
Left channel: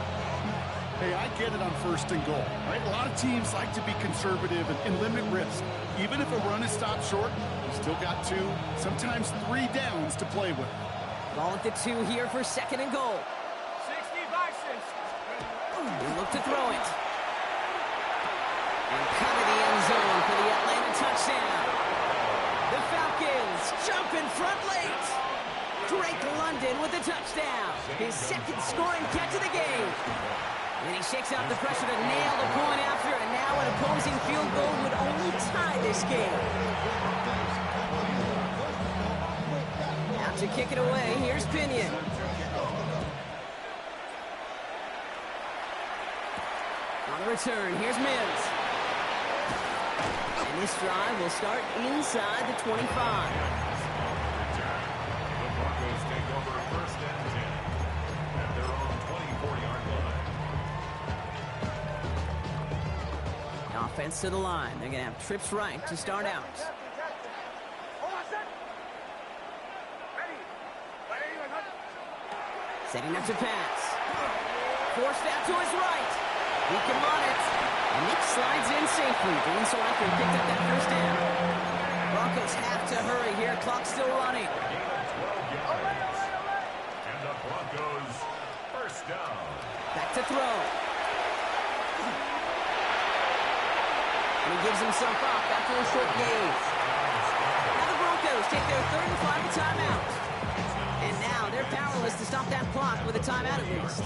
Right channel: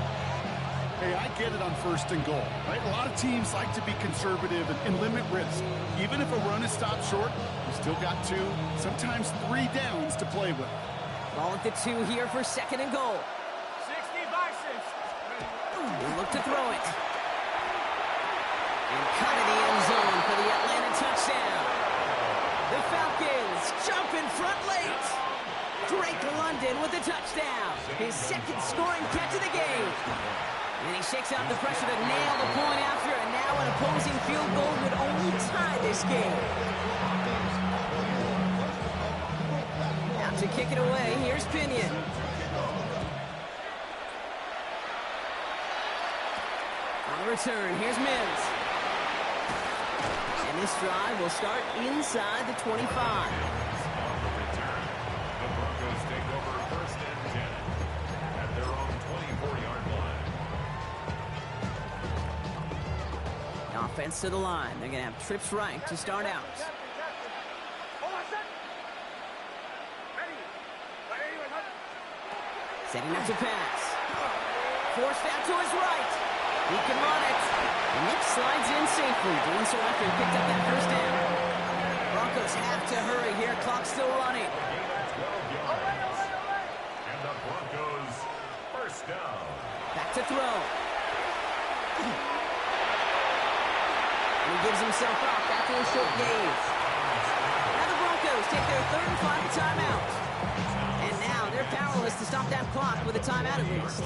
Hey, I get it on 1st and goal, right? A lot of teams like to be conservative and limit risk. Even if a run is stopped short, you still got 2, sometimes 3 downs to play with. Ball at the 2 here for 2nd and goal. 60 Bisons. They look to throw it. And cut in the end zone for the Atlanta touchdown. The Falcons jump in front late. Drake London with the touchdown. His 2nd scoring catch of the game. And he shakes out the pressure to nail the point after, and now an opposing field goal would only tie this game. Out to kick it away, here's Pinion. On the return, here's Mims. And this drive will start inside the 25. On the return, the Broncos take over 1st and 10 at their own 24-yard line. Offense to the line. They're going to have trips right to start out. Setting up to pass. Forced out to his right. He can run it. And Nick slides in safely. Doing so after he picked up that 1st down. Broncos have to hurry here. Clock's still running. A gain of 12 yards. And the Broncos 1st down. Back to throw. And he gives himself up after a short gain. Now the Broncos take their 3rd and final timeout. And now they're powerless to stop that clock with a timeout at least.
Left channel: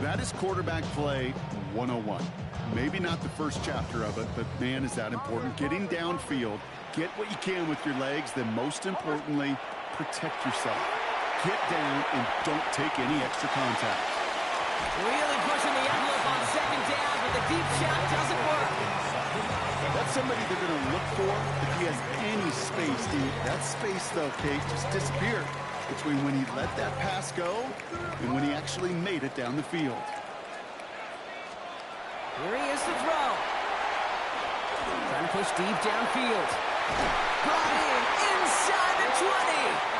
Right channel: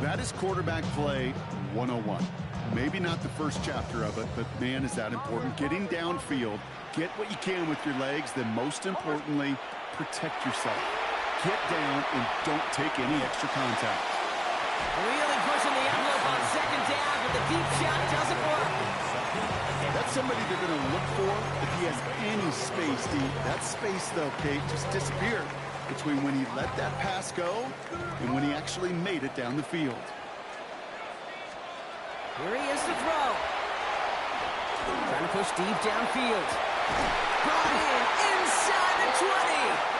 That is quarterback play 101. Maybe not the first chapter of it, but man, is that important. Getting downfield, get what you can with your legs, then most importantly, protect yourself. Get down and don't take any extra contact. Really pushing the envelope on 2nd down, but the deep shot doesn't work. That's somebody they're going to look for if he has any space deep. That space, though, Kate, just disappeared between when he let that pass go and when he actually made it down the field. Here he is to throw. Trying to push deep downfield. Brought in inside the 20.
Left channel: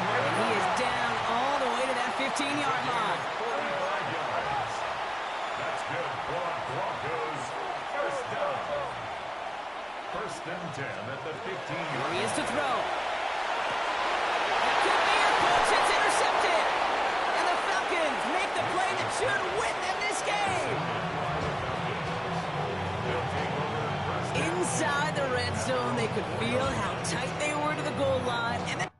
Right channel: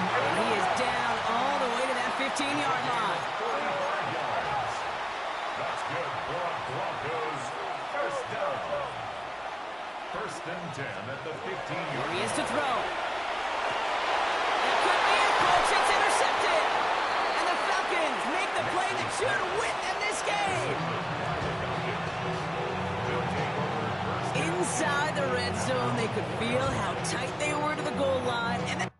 And he is down all the way to that 15-yard line. 45 yards. That's good for a Broncos 1st down. 1st and 10 at the 15-yard Here he is to throw. That could be it, folks. It's intercepted. And the Falcons make the play that should win them this game. Inside the red zone, they could feel how tight they were to the goal line. And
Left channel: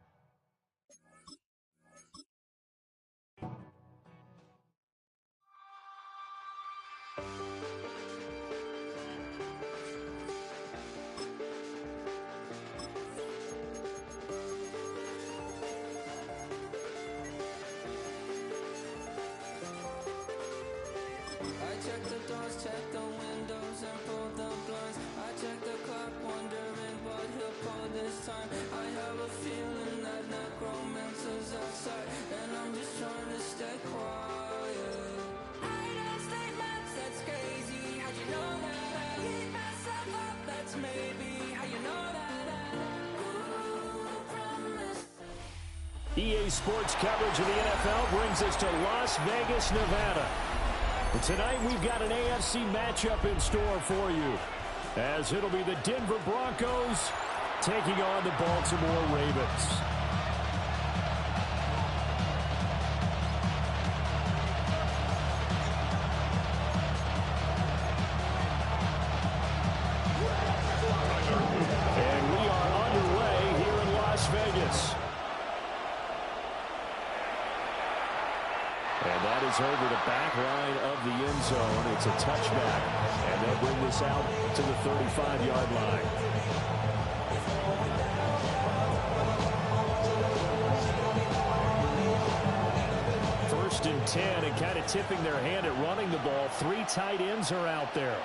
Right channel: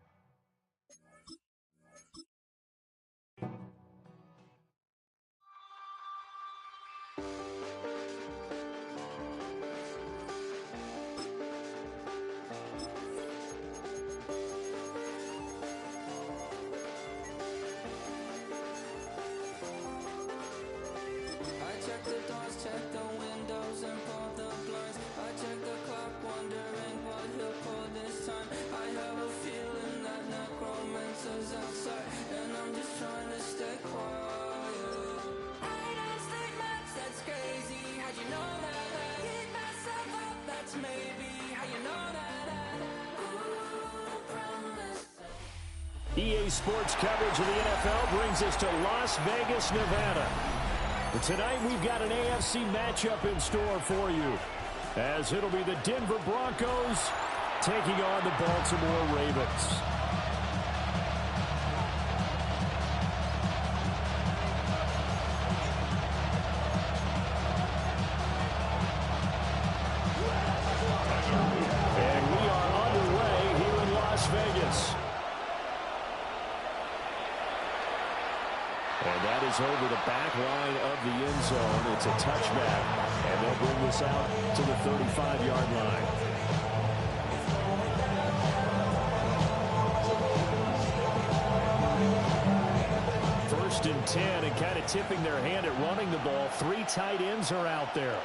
check the doors, check the windows, and pull the blinds. I check the clock, wondering what he'll pull this time. I have a feeling that necromancer's outside, and I'm just trying to stay quiet. I don't state much, that's crazy. How'd you know that? Keep myself up, that's maybe how you know that. EA Sports coverage of the NFL brings us to Las Vegas, Nevada. But tonight we've got an AFC matchup in store for you, as it'll be the Denver Broncos taking on the Baltimore Ravens. And we are underway here in Las Vegas. is over the back line of the end zone. It's a touchback, and they'll bring this out to the 35-yard line. First and 10, and kind of tipping their hand at running the ball. 3 tight ends are out there.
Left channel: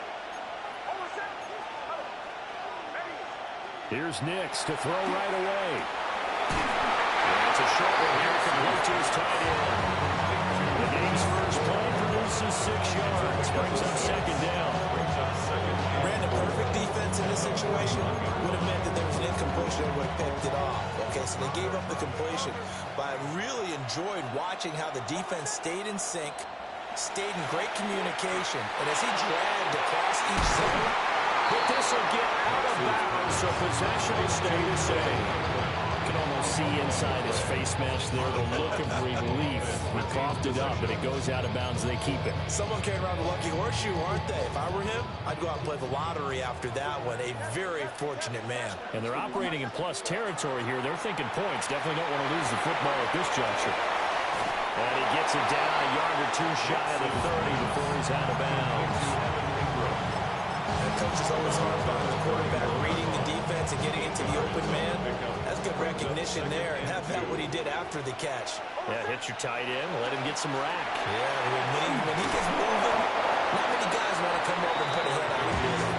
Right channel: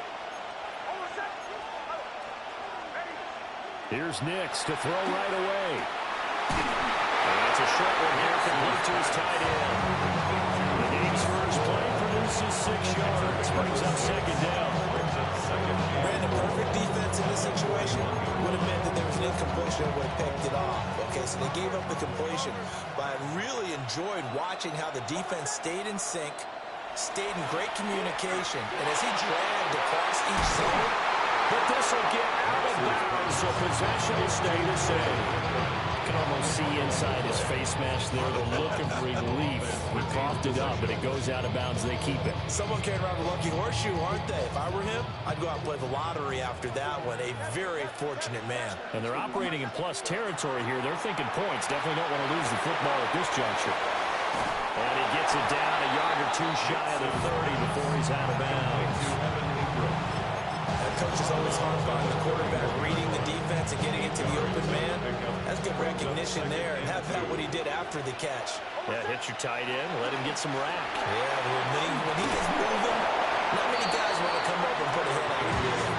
Here's Nix to throw right away. And it's a short one here, complete to his tight end. The game's first play produces 6 yards, brings up second down. Brandon, perfect defense in this situation would have meant that there was an incompletion that would have picked it off. Okay, so they gave up the completion. But I really enjoyed watching how the defense stayed in sync, stayed in great communication, and as he dragged across each zone. But this will get out of bounds, so possession will stay the same. You can almost see inside his face mask there the look of relief. He coughed it up, but it goes out of bounds. They keep it. Someone carried around the lucky horseshoe, aren't they? If I were him, I'd go out and play the lottery after that one. A very fortunate man. And they're operating in plus territory here. They're thinking points. Definitely don't want to lose the football at this juncture. And he gets it down a yard or two shy of the 30 before he's out of bounds. Coach is always harped on the quarterback reading the defense and getting it to the open man. That's good recognition there, and how about what he did after the catch? Yeah, hit your tight end, let him get some rack. Yeah, when he gets moving, not many guys want to come over and put a hit on him, do they?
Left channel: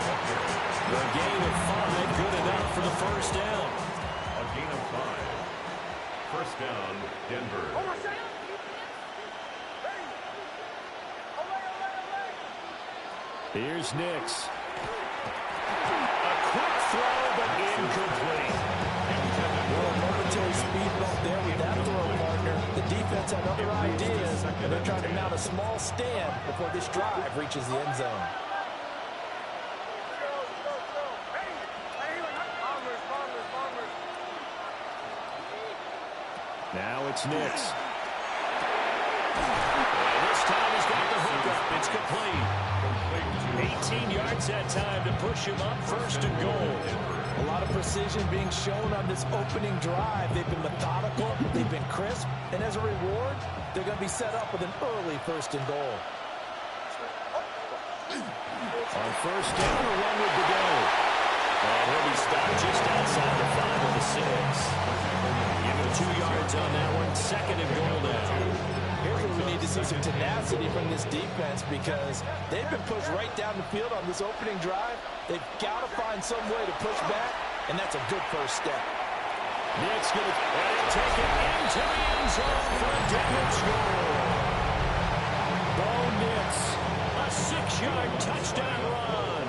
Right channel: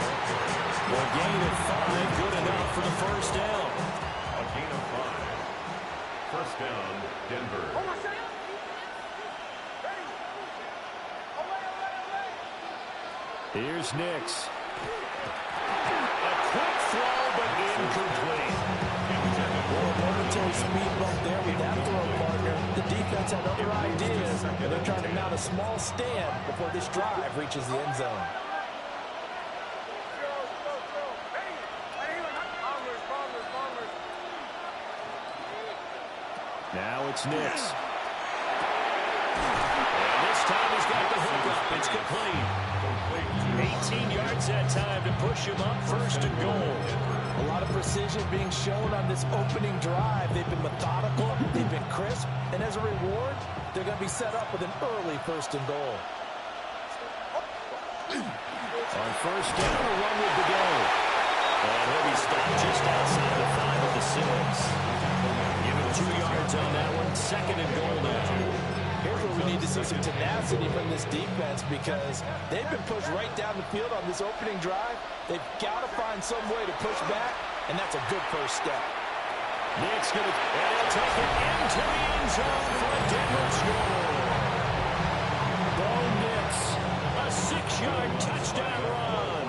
A gain of 5, good enough for the first down. A gain of 5. First down, Denver. Here's Nix. A quick throw, but incomplete. Well, a momentary speed bump there with that throw, partner. The defense had other ideas, and they're trying to mount a small stand before this drive reaches the end zone. Now it's Nix. And this time he's got the hook up. It's complete. 18 yards that time to push him up, first and goal. A lot of precision being shown on this opening drive. They've been methodical, they've been crisp, and as a reward, they're going to be set up with an early first and goal. On first down, a run with the go. And he'll be stopped just outside the 5 at the 6. Give him 2 yards on that one, second and goal now. Here's where we need to see some tenacity from this defense because they've been pushed right down the field on this opening drive. They've got to find some way to push back, and that's a good first step. Nick's going to, and he'll take it into the end zone for a Denver score. Bo Nix, a 6-yard touchdown run.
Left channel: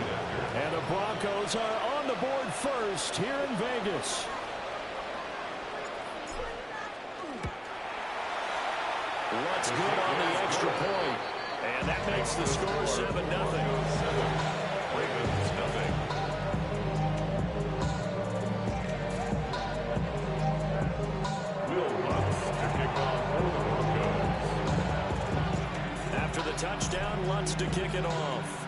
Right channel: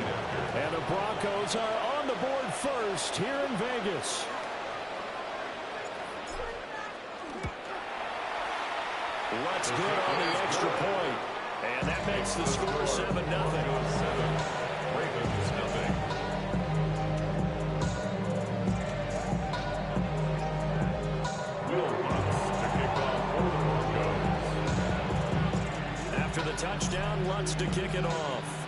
And the Broncos are on the board first here in Vegas. Lutz good on the extra point. And that makes the score 7-0. Ravens, nothing. Will Lutz to kick off for the Broncos. After the touchdown, Lutz to kick it off.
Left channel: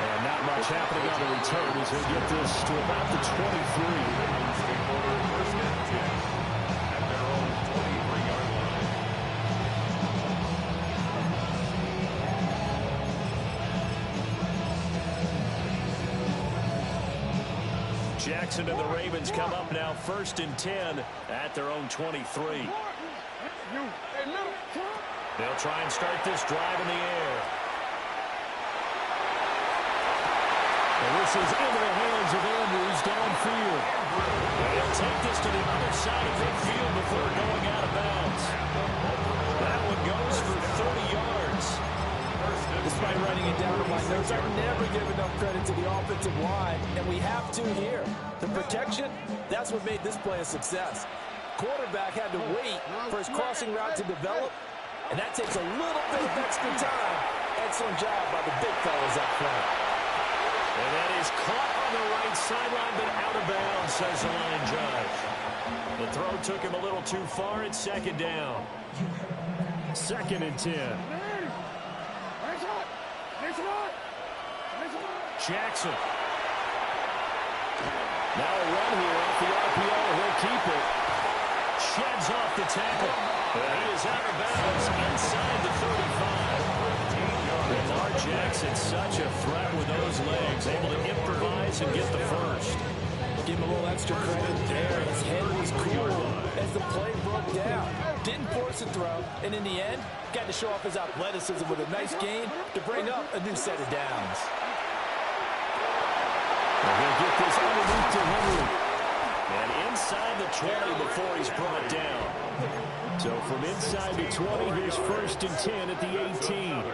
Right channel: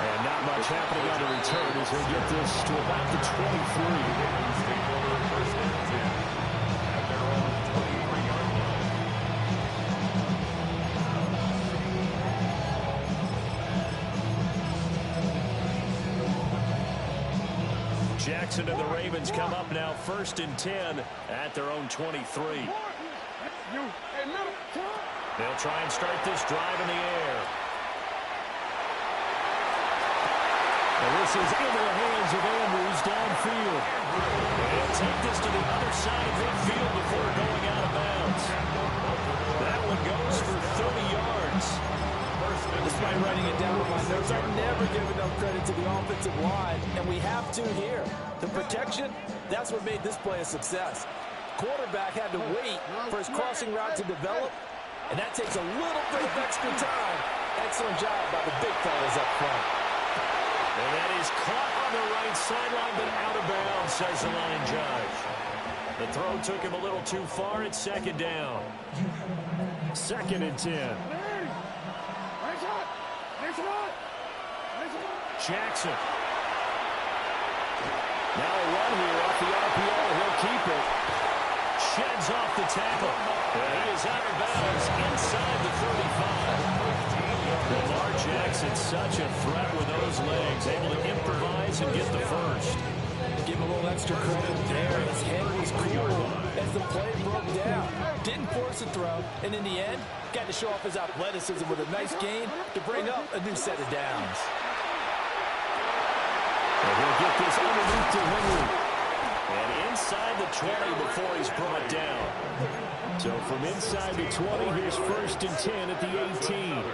And not much happening on the return as he'll get this to about the 23. Ravens take over first and 10 at their own 23-yard line. Jackson and the Ravens come up now first and 10 at their own 23. They'll try and start this drive in the air. And this is into the hands of Andrews downfield. They'll take this to the other side of midfield before going out of bounds. That one goes for 30 yards. Despite writing it down on my notes, I never give enough credit to the offensive line, and we have to here. The protection, that's what made this play a success. Quarterback had to wait for his crossing route to develop, and that takes a little bit of extra time. Excellent job by the big fellas up front. And that is caught on the right sideline, but out of bounds, says the line judge. The throw took him a little too far. It's second down. Second and 10. Jackson. Now a run here off the RPO. He'll keep it. Sheds off the tackle. And he is out of bounds inside the 35. Lamar Jackson, such a threat with those legs, able to improvise and get the first. Give him a little extra credit there. His head was cool as the play broke down. Didn't force a throw, and in the end, got to show off his athleticism with a nice gain to bring up a new set of downs. And he'll get this underneath to Henry. And inside the 20 before he's brought down. So from inside the 20, here's 1st and 10 at the 18.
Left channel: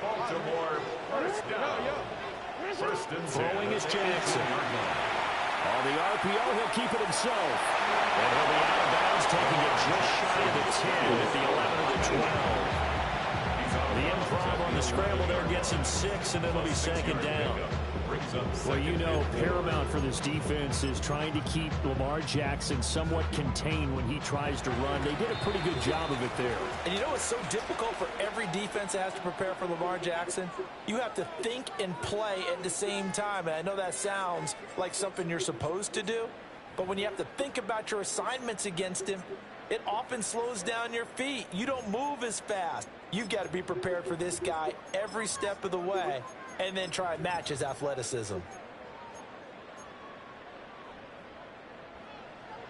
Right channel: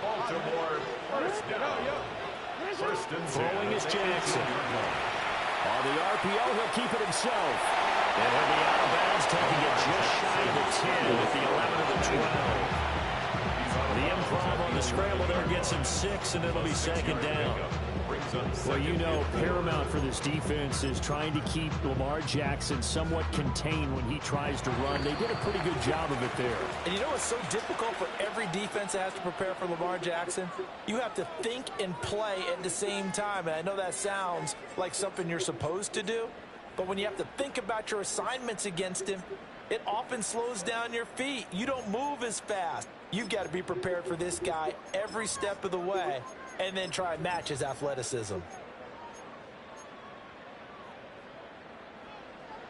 Baltimore, first down. First and 10. Throwing is Jackson. On the RPO, he'll keep it himself. And he'll be out of bounds, taking it just shy of the 10 at the 11 of the 12. The improv on the scramble there gets him 6, and it'll be 2nd down. Well, you know, paramount for this defense is trying to keep Lamar Jackson somewhat contained when he tries to run. They did a pretty good job of it there. And you know what's so difficult for every defense that has to prepare for Lamar Jackson? You have to think and play at the same time. And I know that sounds like something you're supposed to do, but when you have to think about your assignments against him, it often slows down your feet. You don't move as fast. You've got to be prepared for this guy every step of the way, and then try and match his athleticism.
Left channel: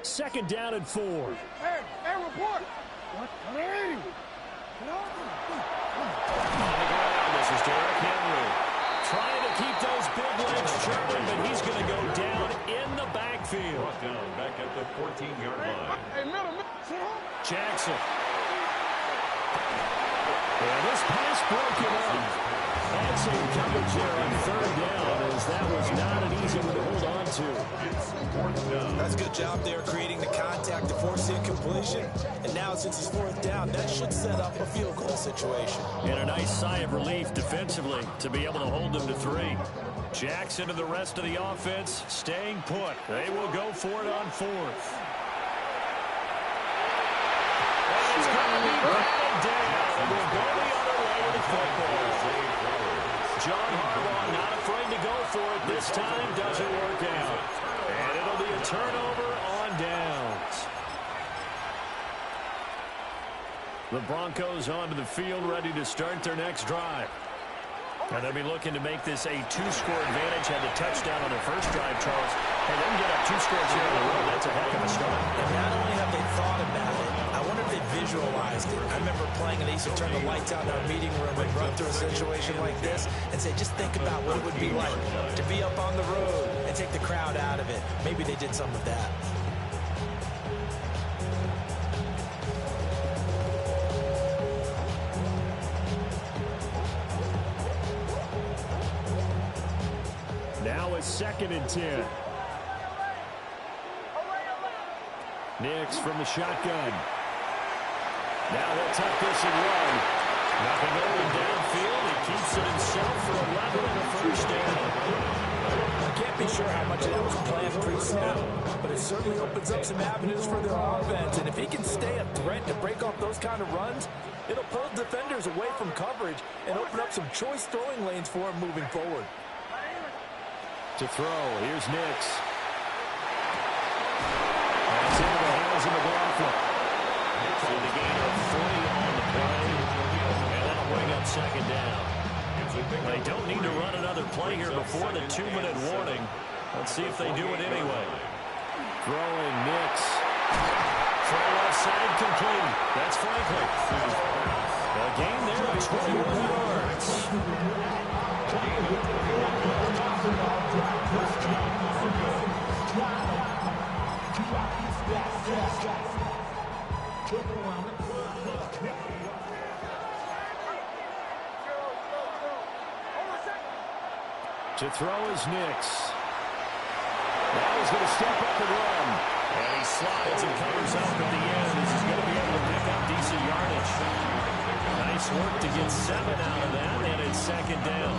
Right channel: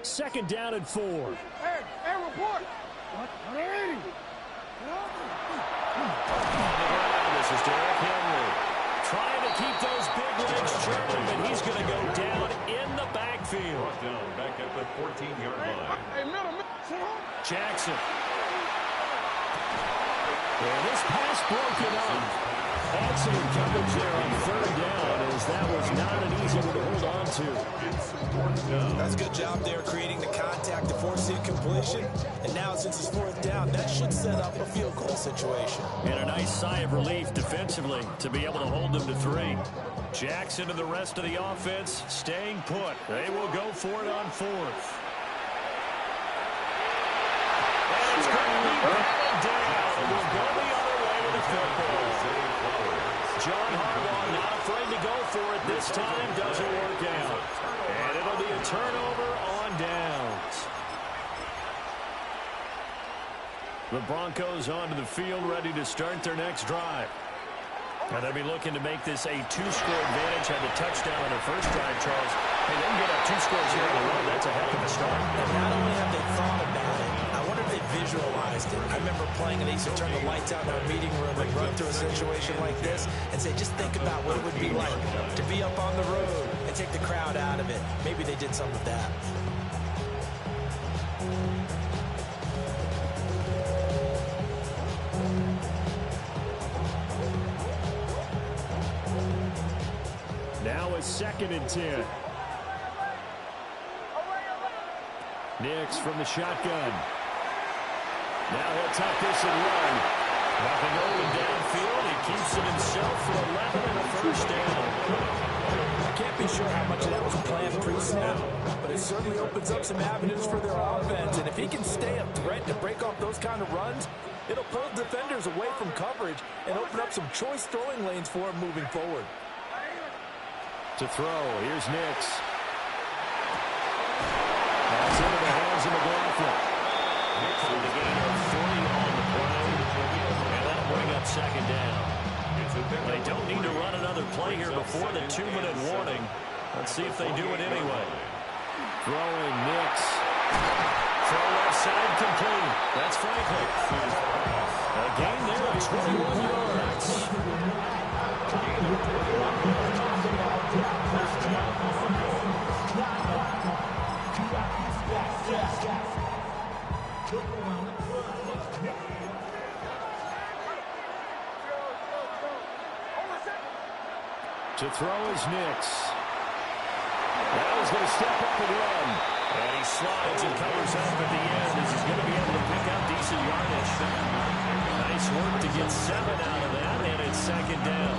2nd down and 4. Hey, report. What? On the ground, this is Derrick Henry. Trying to keep those big legs churning, but he's going to go down in the backfield. Brought down back at the 14-yard line. Hey, middle. Jackson. And this pass broken up. Excellent coverage there on 3rd down, as that was not an easy one to hold on to. That's a good job there, creating the contact to force the incompletion. And now, since it's 4th down, that should set up a field goal situation. And a nice sigh of relief defensively to be able to hold them to 3. Jackson and the rest of the offense staying put. They will go for it on 4th. And it's going to be batted down. It will go the other way with the football. John Harbaugh not afraid to go for it this time. Doesn't work out. And it'll be a turnover on downs. The Broncos onto the field, ready to start their next drive. And they'll be looking to make this a 2-score advantage. Had the touchdown on their first drive, Charles. Hey, they can get up 2 scores here on the road. That's a heck of a start. And not only have they thought about it, I wonder if they visualized it. I remember playing, and they used to turn the lights out in our meeting room and run through a situation like this and say, just think about what it would be like to be up on the road and take the crowd out of it. Maybe they did some of that. Now it's 2nd and 10. Nix from the shotgun. Now he'll tuck this and run. Nothing open downfield. He keeps it himself for 11 and a 1st down. I can't be sure how much of that was planned pre-snap, but it certainly opens up some avenues for their offense. And if he can stay a threat to break off those kind of runs, it'll pull defenders away from coverage and open up some choice throwing lanes for him moving forward. To throw, here's Nix. That's into the hands of McLaughlin. Nix with a gain of 3 on the play, and that'll bring up 2nd down. They don't need to run another play here before the 2-minute warning. Let's see if they do it anyway. Throwing Nix. Throw left side complete. That's Franklin. A gain there of 21 yards. To throw is Nix. Now he's going to step up and run. And he slides and covers up at the end as he's going to be able to pick up decent yardage. Nice work to get 7 out of that, and it's 2nd down.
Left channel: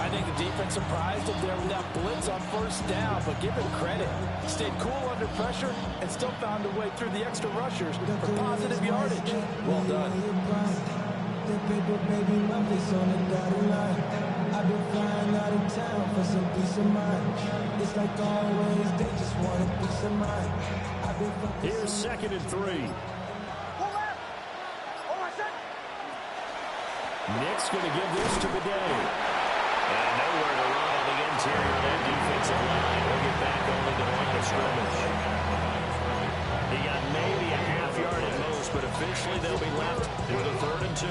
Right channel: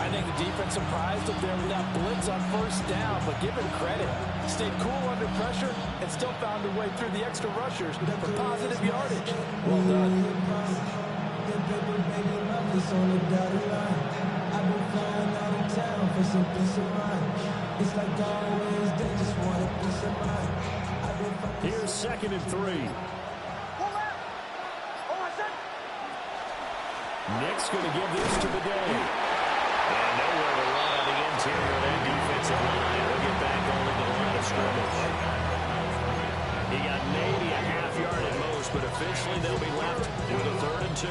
I think the defense surprised him there with that blitz on 1st down, but give him credit. Stayed cool under pressure and still found a way through the extra rushers for positive yardage. Well done. Paper, baby, my face on the dotted line. I've been flying out of town for some peace of mind. It's like always, they just want a peace of mind. I've been Here's 2nd and 3. Nick's going to give this to the day. And nowhere to run on the interior of that defensive line. He'll get back only to the line of scrimmage. He got maybe a half yard at most, but officially they'll be left with a 3rd and 2.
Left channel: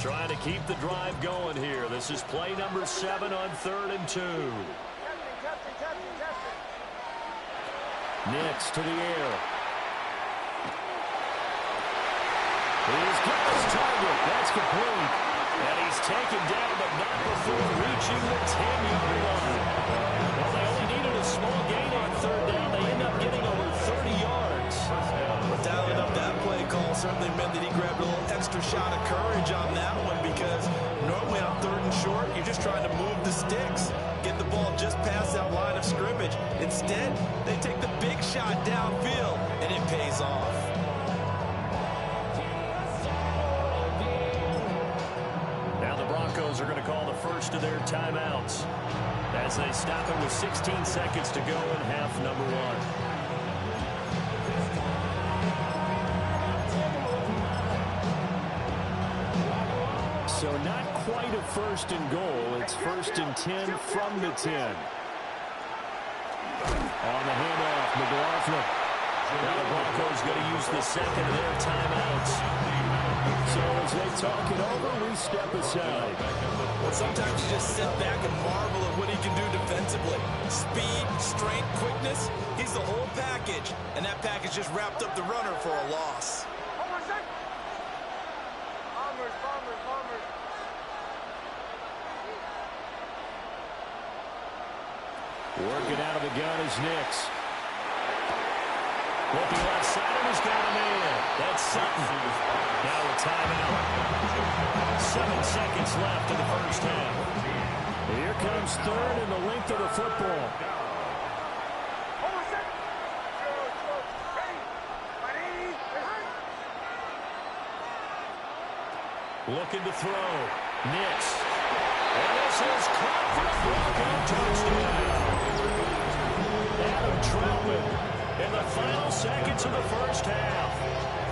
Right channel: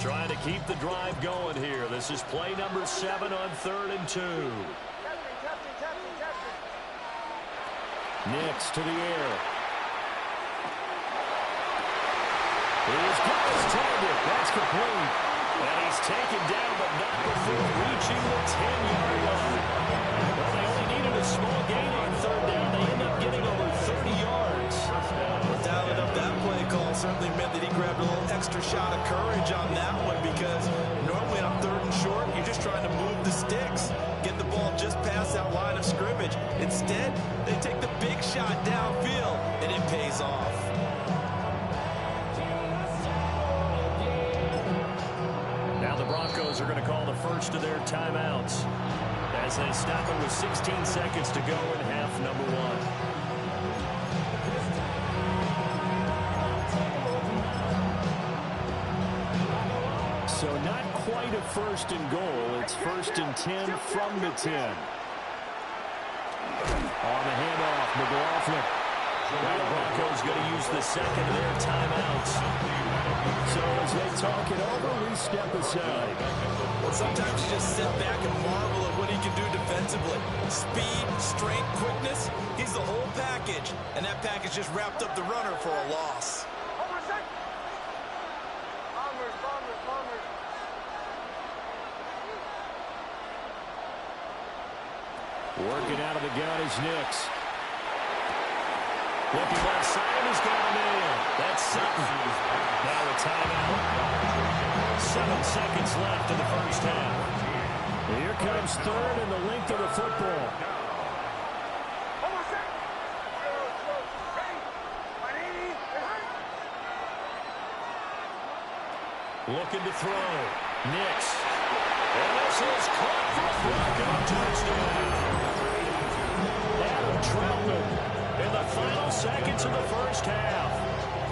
Trying to keep the drive going here. This is play number 7 on 3rd and 2. Nix to the air. He's got his target. That's complete. And he's taken down, but not before reaching the 10-yard line. Well, they only needed a small gain on 3rd down. They end up getting over 30 yards. Well, dialing up that play call certainly meant that he grabbed a little extra shot of courage on that one, because normally on 3rd and short, you're just trying to move the sticks, get the ball just past that line of scrimmage. Instead, they take the big shot downfield, and it pays off. Now the Broncos are going to call the first of their timeouts as they stop it with 16 seconds to go in half number 1. So not quite a 1st and goal. It's 1st and 10 from the 10. On the handoff, McLaughlin. Now the Broncos going to use the 2nd of their timeouts. So as they talk it over, we step aside. Well, sometimes you just sit back and marvel at what he can do defensively. Speed, strength, quickness. He's the whole package. And that package just wrapped up the runner for a loss. Bombers. Working out of the gun is Nix. Looking left side, and he's got him in. That's Sutton. Now a timeout. 7 seconds left in the first half. Here comes 3rd and the length of the football. Looking to throw. Nix. And this is caught for a Bronco touchdown. Adam Troutman in the final seconds of the first half.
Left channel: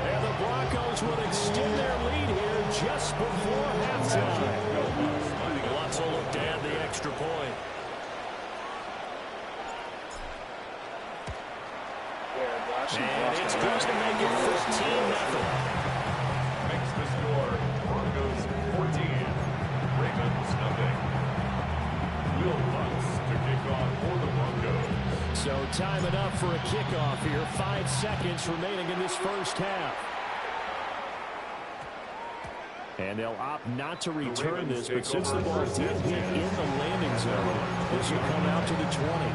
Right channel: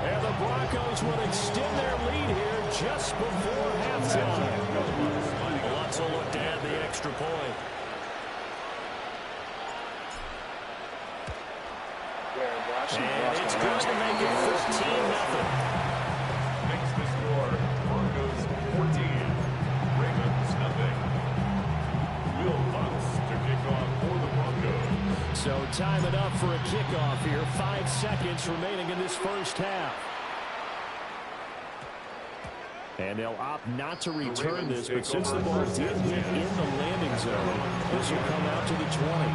And the Broncos would extend their lead here just before halftime. Lutzel looked to add the extra point. And it's going to make it 14-0. Makes the score Broncos 14, Ravens nothing. Will Butts to kick off for the Broncos. So time it up for a kickoff here. 5 seconds remaining in this first half. And they'll opt not to return this, but since the ball did hit in the landing zone, this will come out to the 20.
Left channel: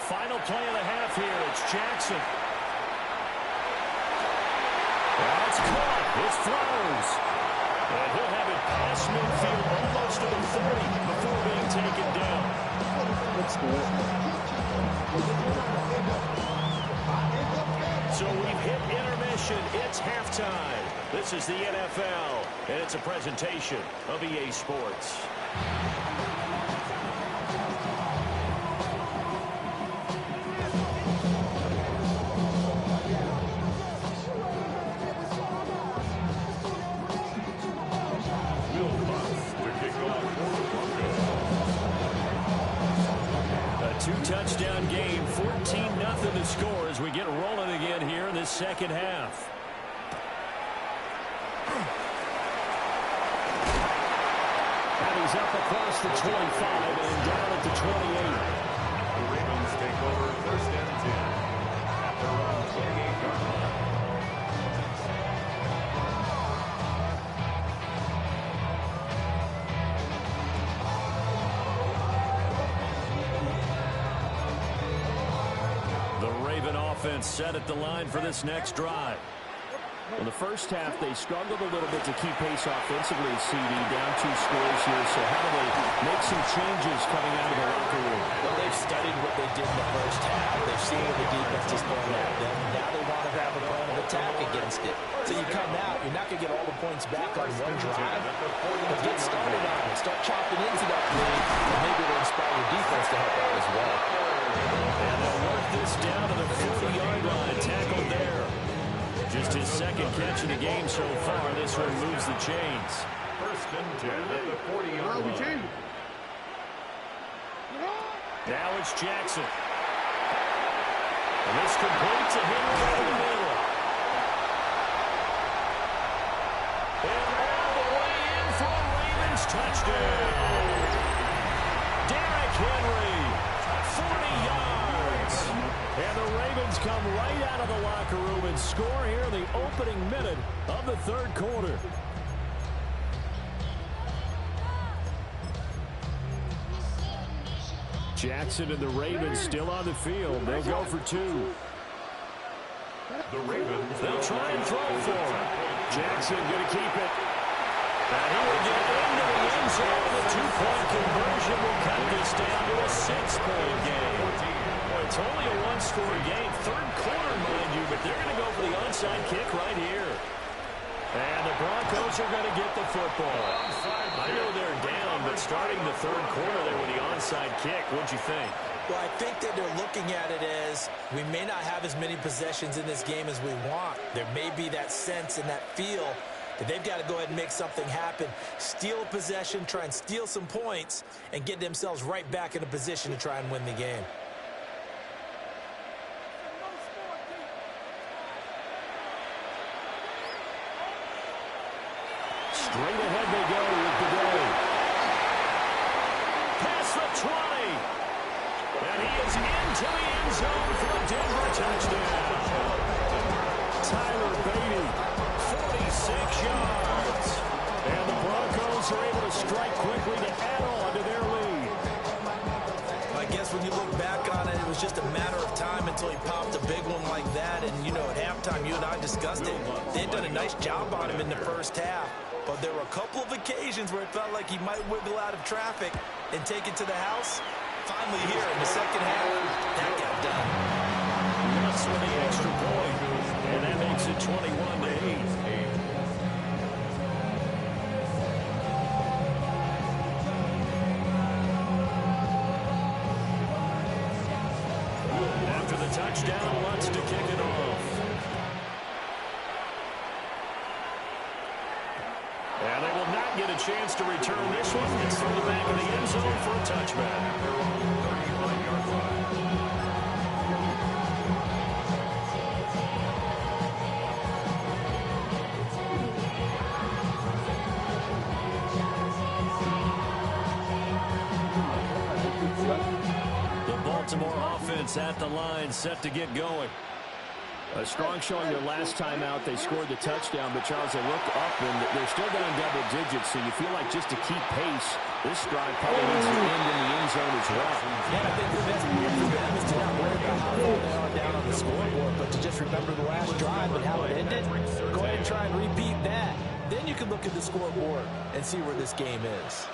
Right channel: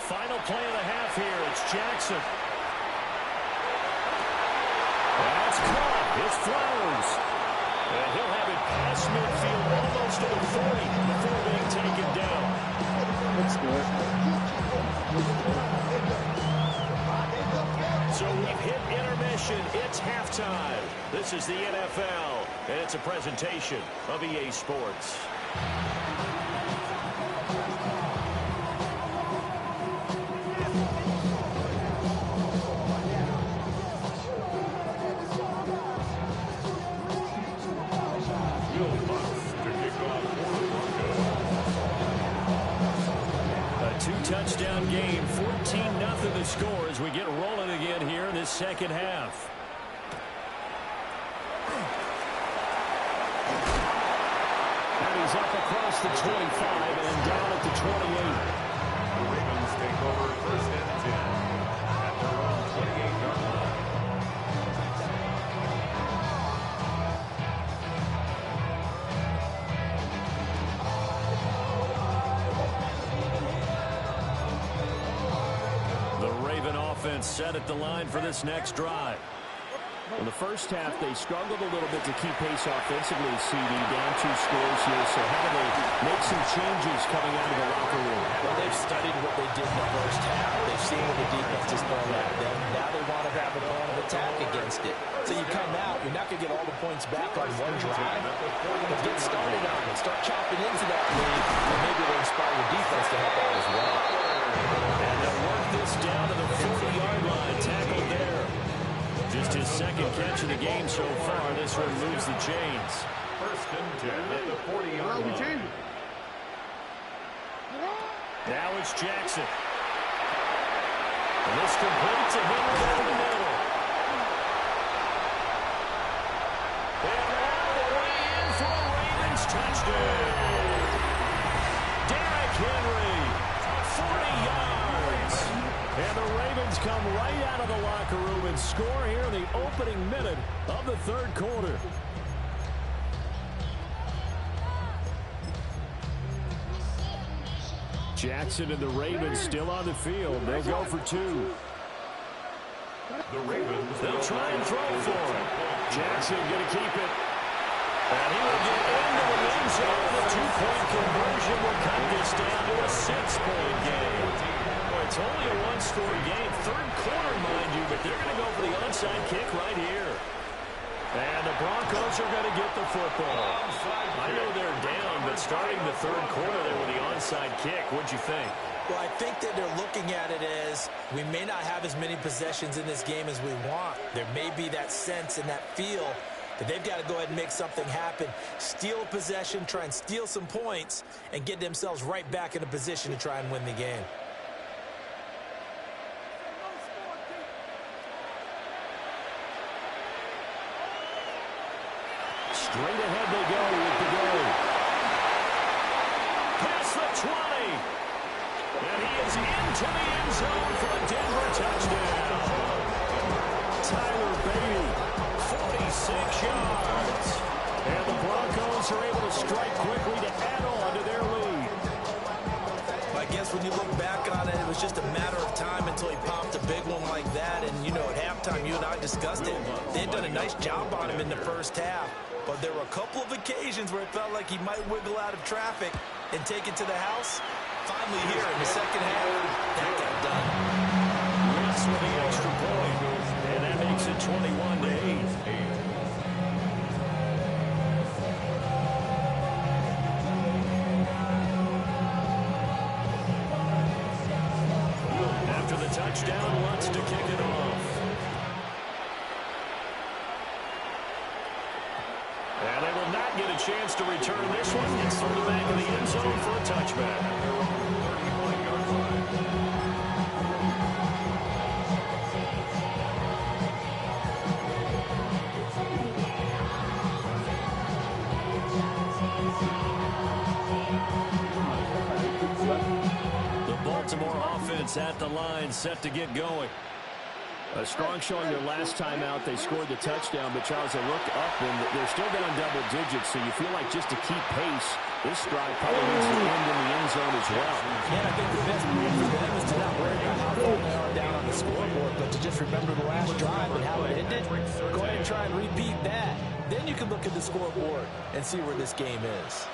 Final play of the half here. It's Jackson. That's caught. It's Flowers. And he'll have it past midfield almost to the 40 before being taken down. That's good. So we've hit intermission. It's halftime. This is the NFL, and it's a presentation of EA Sports. Two-touchdown game, 14-0 the score as we get rolling again here in this second half. And he's up across the 25 and down at the 28. The Ravens take over 1st and 10 at their own 28-yard line. The Raven offense set at the line for this next drive. In the first half, they struggled a little bit to keep pace offensively, CD, down 2 scores here. So how do they make some changes coming out of the locker room? Well, they've studied what they did in the first half. They've seen what the defense is throwing at them. Now they want to have a plan of attack against it. So you come out, you're not going to get all the points back on one drive, but get started on it. Start chopping into that lead, and maybe it'll inspire your defense to help out as well. And they'll work this down to the 40-yard line. Tackled there. Just his second catch of the game so far. This one moves the chains. First and 10 at the 40-yard line. Now it's Jackson. And this completes a Henry down the middle. And all the way in for a Ravens touchdown. Derrick Henry, 40 yards. And the Ravens come right out of the locker room and score here in the opening minute of the third quarter. Jackson and the Ravens still on the field. They'll go for 2. The Ravens. They'll try and throw for it. Jackson going to keep it. And he will get into the end zone. The 2-point conversion will cut this down to a 6-point game. Well, it's only a 1-score game. Third quarter, mind you, but they're going to go for the onside kick right here. And the Broncos are going to get the football. I know they're down, but starting the third quarter there with the onside kick, what'd you think? Well, I think that they're looking at it as we may not have as many possessions in this game as we want. There may be that sense and that feel that they've got to go ahead and make something happen, steal a possession, try and steal some points, and get themselves right back in a position to try and win the game. Straight ahead they go with the go. Past the 20. And he is into the end zone for a Denver touchdown. Tyler Beatty, 46 yards. And the Broncos are able to strike quickly to add on to their lead. I guess when you look back on it, it was just a matter of time until he popped a big one like that. And, you know, at halftime, you and I discussed it. They had done a nice job on him in the first half. But there were a couple of occasions where it felt like he might wiggle out of traffic and take it to the house. Finally here in the second half, that got done. Russ with the extra point. And that makes it 21-8. After the touchdown, wants to kick it off. And they will not get a chance to return this one. It's from the back of the end zone for a touchback. At their own 35-yard line. The Baltimore offense at the line, set to get going. A strong showing their last time out. They scored the touchdown, but Charles, they look up and they're still down double digits, so you feel like just to keep pace, this drive probably needs to end in the end zone as well. And I think the best move for them is to not worry about how far they are down on the scoreboard, but to just remember the last drive and how it ended. Go ahead and try and repeat that. Then you can look at the scoreboard and see where this game is.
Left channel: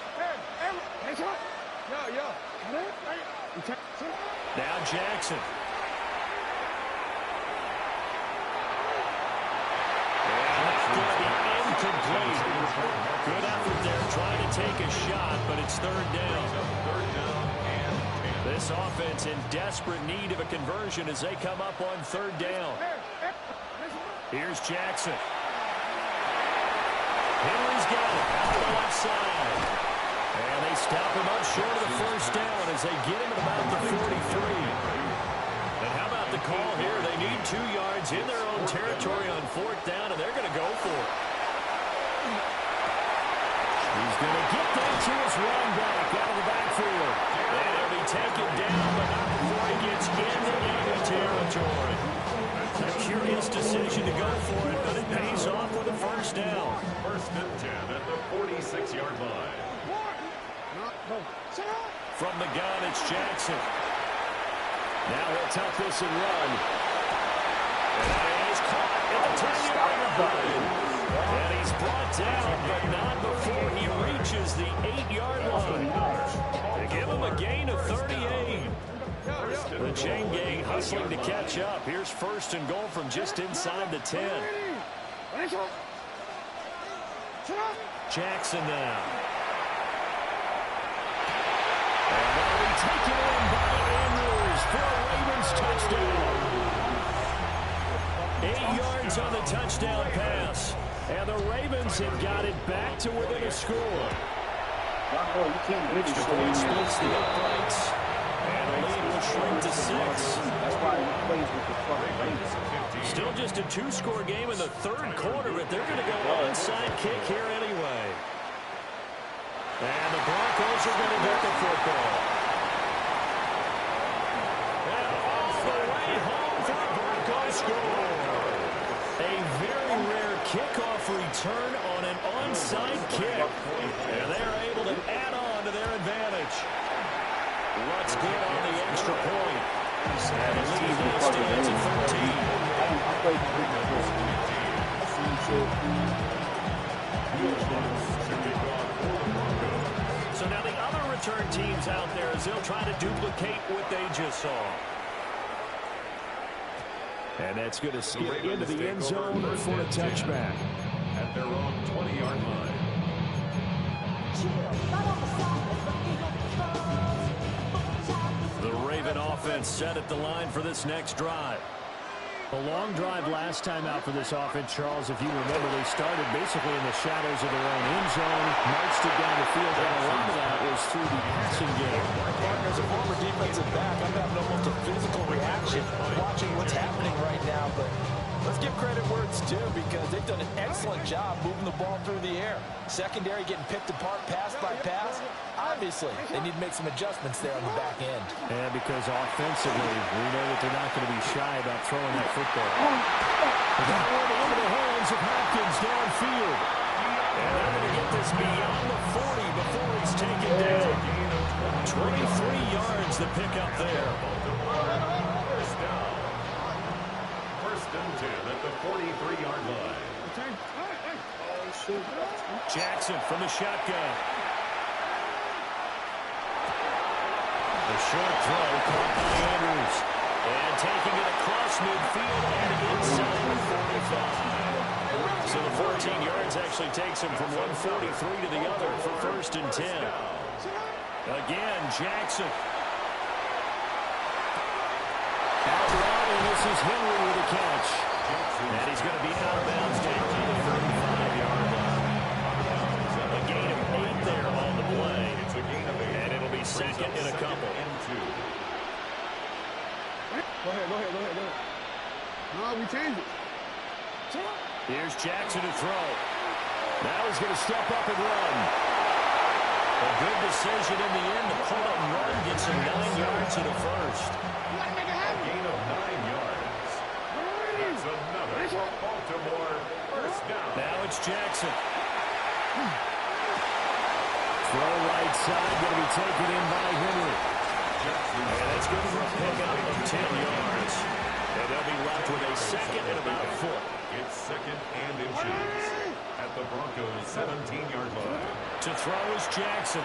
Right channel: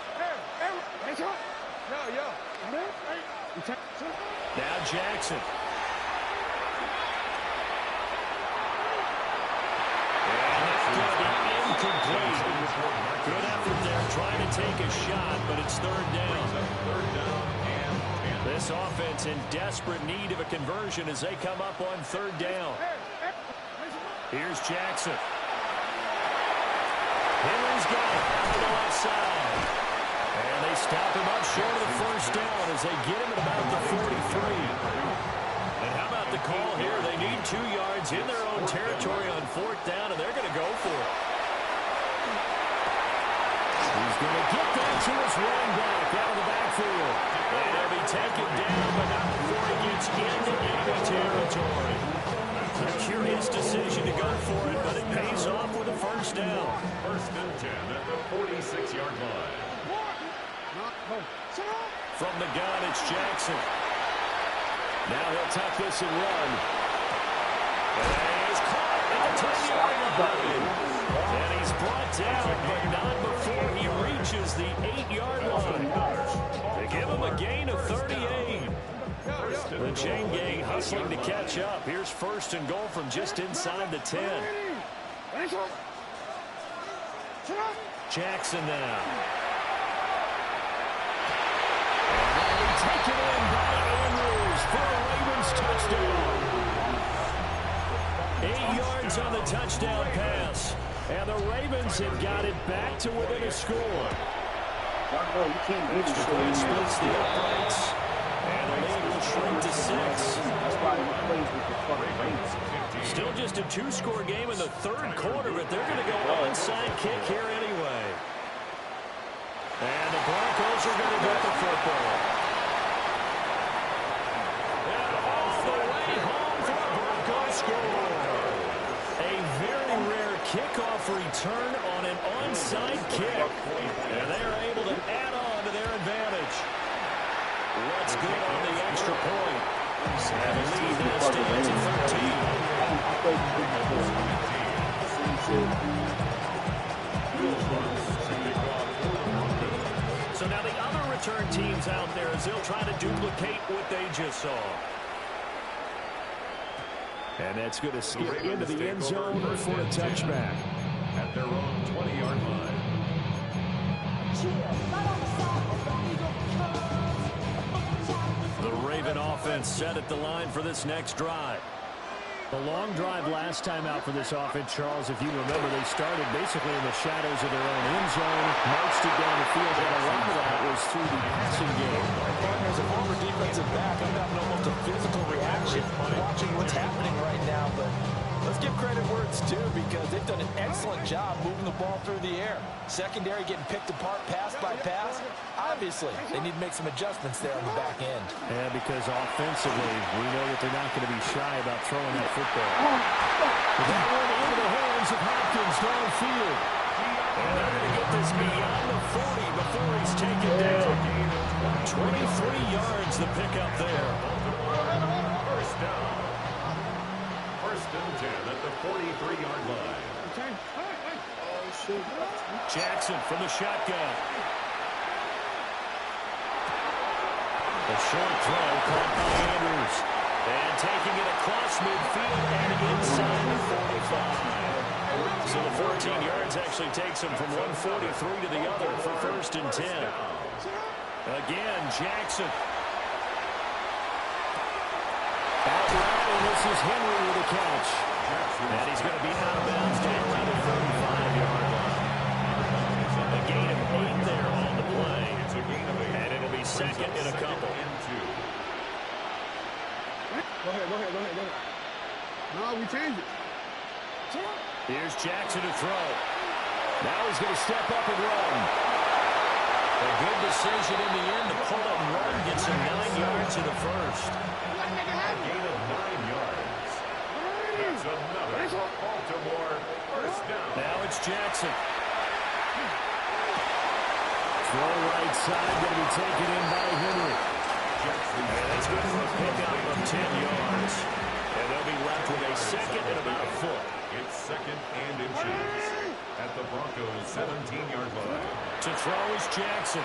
Now Jackson. Going to be incomplete. Good effort there, trying to take a shot, but it's third down. Third down and 10. This offense in desperate need of a conversion as they come up on third down. Here's Jackson. Henry's got it out on the left side. And they stop him up short of the first down as they get him at about the 43. And how about the call here? They need 2 yards in their own territory on fourth down, and they're going to go for it. He's going to get that to his run back out of the backfield. And he'll be taken down, but not before he gets into enemy territory. A curious decision to go for it, but it pays off with a first down. First and 10 at the 46-yard line. From the gun, it's Jackson. Now he'll tuck this and run. And that is caught at the 10-yard line. And he's brought down, but not before he reaches the 8-yard line. They give him a gain of 38. The chain gang hustling to catch up. Here's first and goal from just inside the 10. Jackson now. And that'll be taken in by Andrews for a Ravens touchdown. 8 yards on the touchdown pass. And the Ravens have got it back to within a score. Extra point splits the uprights. And the lead will shrink to 6. That's why he plays with the fucking Ravens. Still just a 2-score game in the third quarter, but they're going to go onside kick here anyway. And the Broncos are going to get the football. And all the way home for a Broncos score. A very rare kickoff return on an onside kick. And they're able to add on to their advantage. What's good on the extra point? And the lead now stands at 13. So now the other return teams out there as they'll try to duplicate what they just saw. And that's going to skip into the end zone for a touchback. At their own 20-yard line. The Raven offense set at the line for this next drive. A long drive last time out for this offense, Charles. If you remember, they started basically in the shadows of their own end zone, marched it down the field, and a lot of that was through the passing game. Partner, as a former defensive back, I'm having almost a physical reaction watching what's happening right now, but let's give credit where it's due because they've done an excellent job moving the ball through the air. Secondary getting picked apart pass by pass. Obviously, they need to make some adjustments there on the back end. Yeah, because offensively, we know that they're not going to be shy about throwing that football. That went into the hands of Hopkins downfield. And they're going to get this beyond the 40 before he's taken down. 23 yards the pickup there. First down. First and 10 at the 43-yard line. Jackson from the shotgun. The short throw caught by Andrews. And taking it across midfield and inside the 45. So the 14 yards actually takes him from 143 to the other for first and 10. Again, Jackson. Out route, and this is Henry with a catch. And he's going to be out of bounds down around the 35-yard line. A gain of 8 there on the play. It's a gain of 8. And it'll be second in a couple. Go ahead. No, we changed it. Here's Jackson to throw. Now he's going to step up and run. A good decision in the end to pull and run. Gets him 9 yards to the first. A gain of 9 yards. That's another Baltimore first down. Now it's Jackson. Throw right side, going to be taken in by Henry. And that's good for a pickup of 10 yards. And they'll be left with a second and about a foot. It's second and inches at the Broncos' 17-yard line. To throw is Jackson.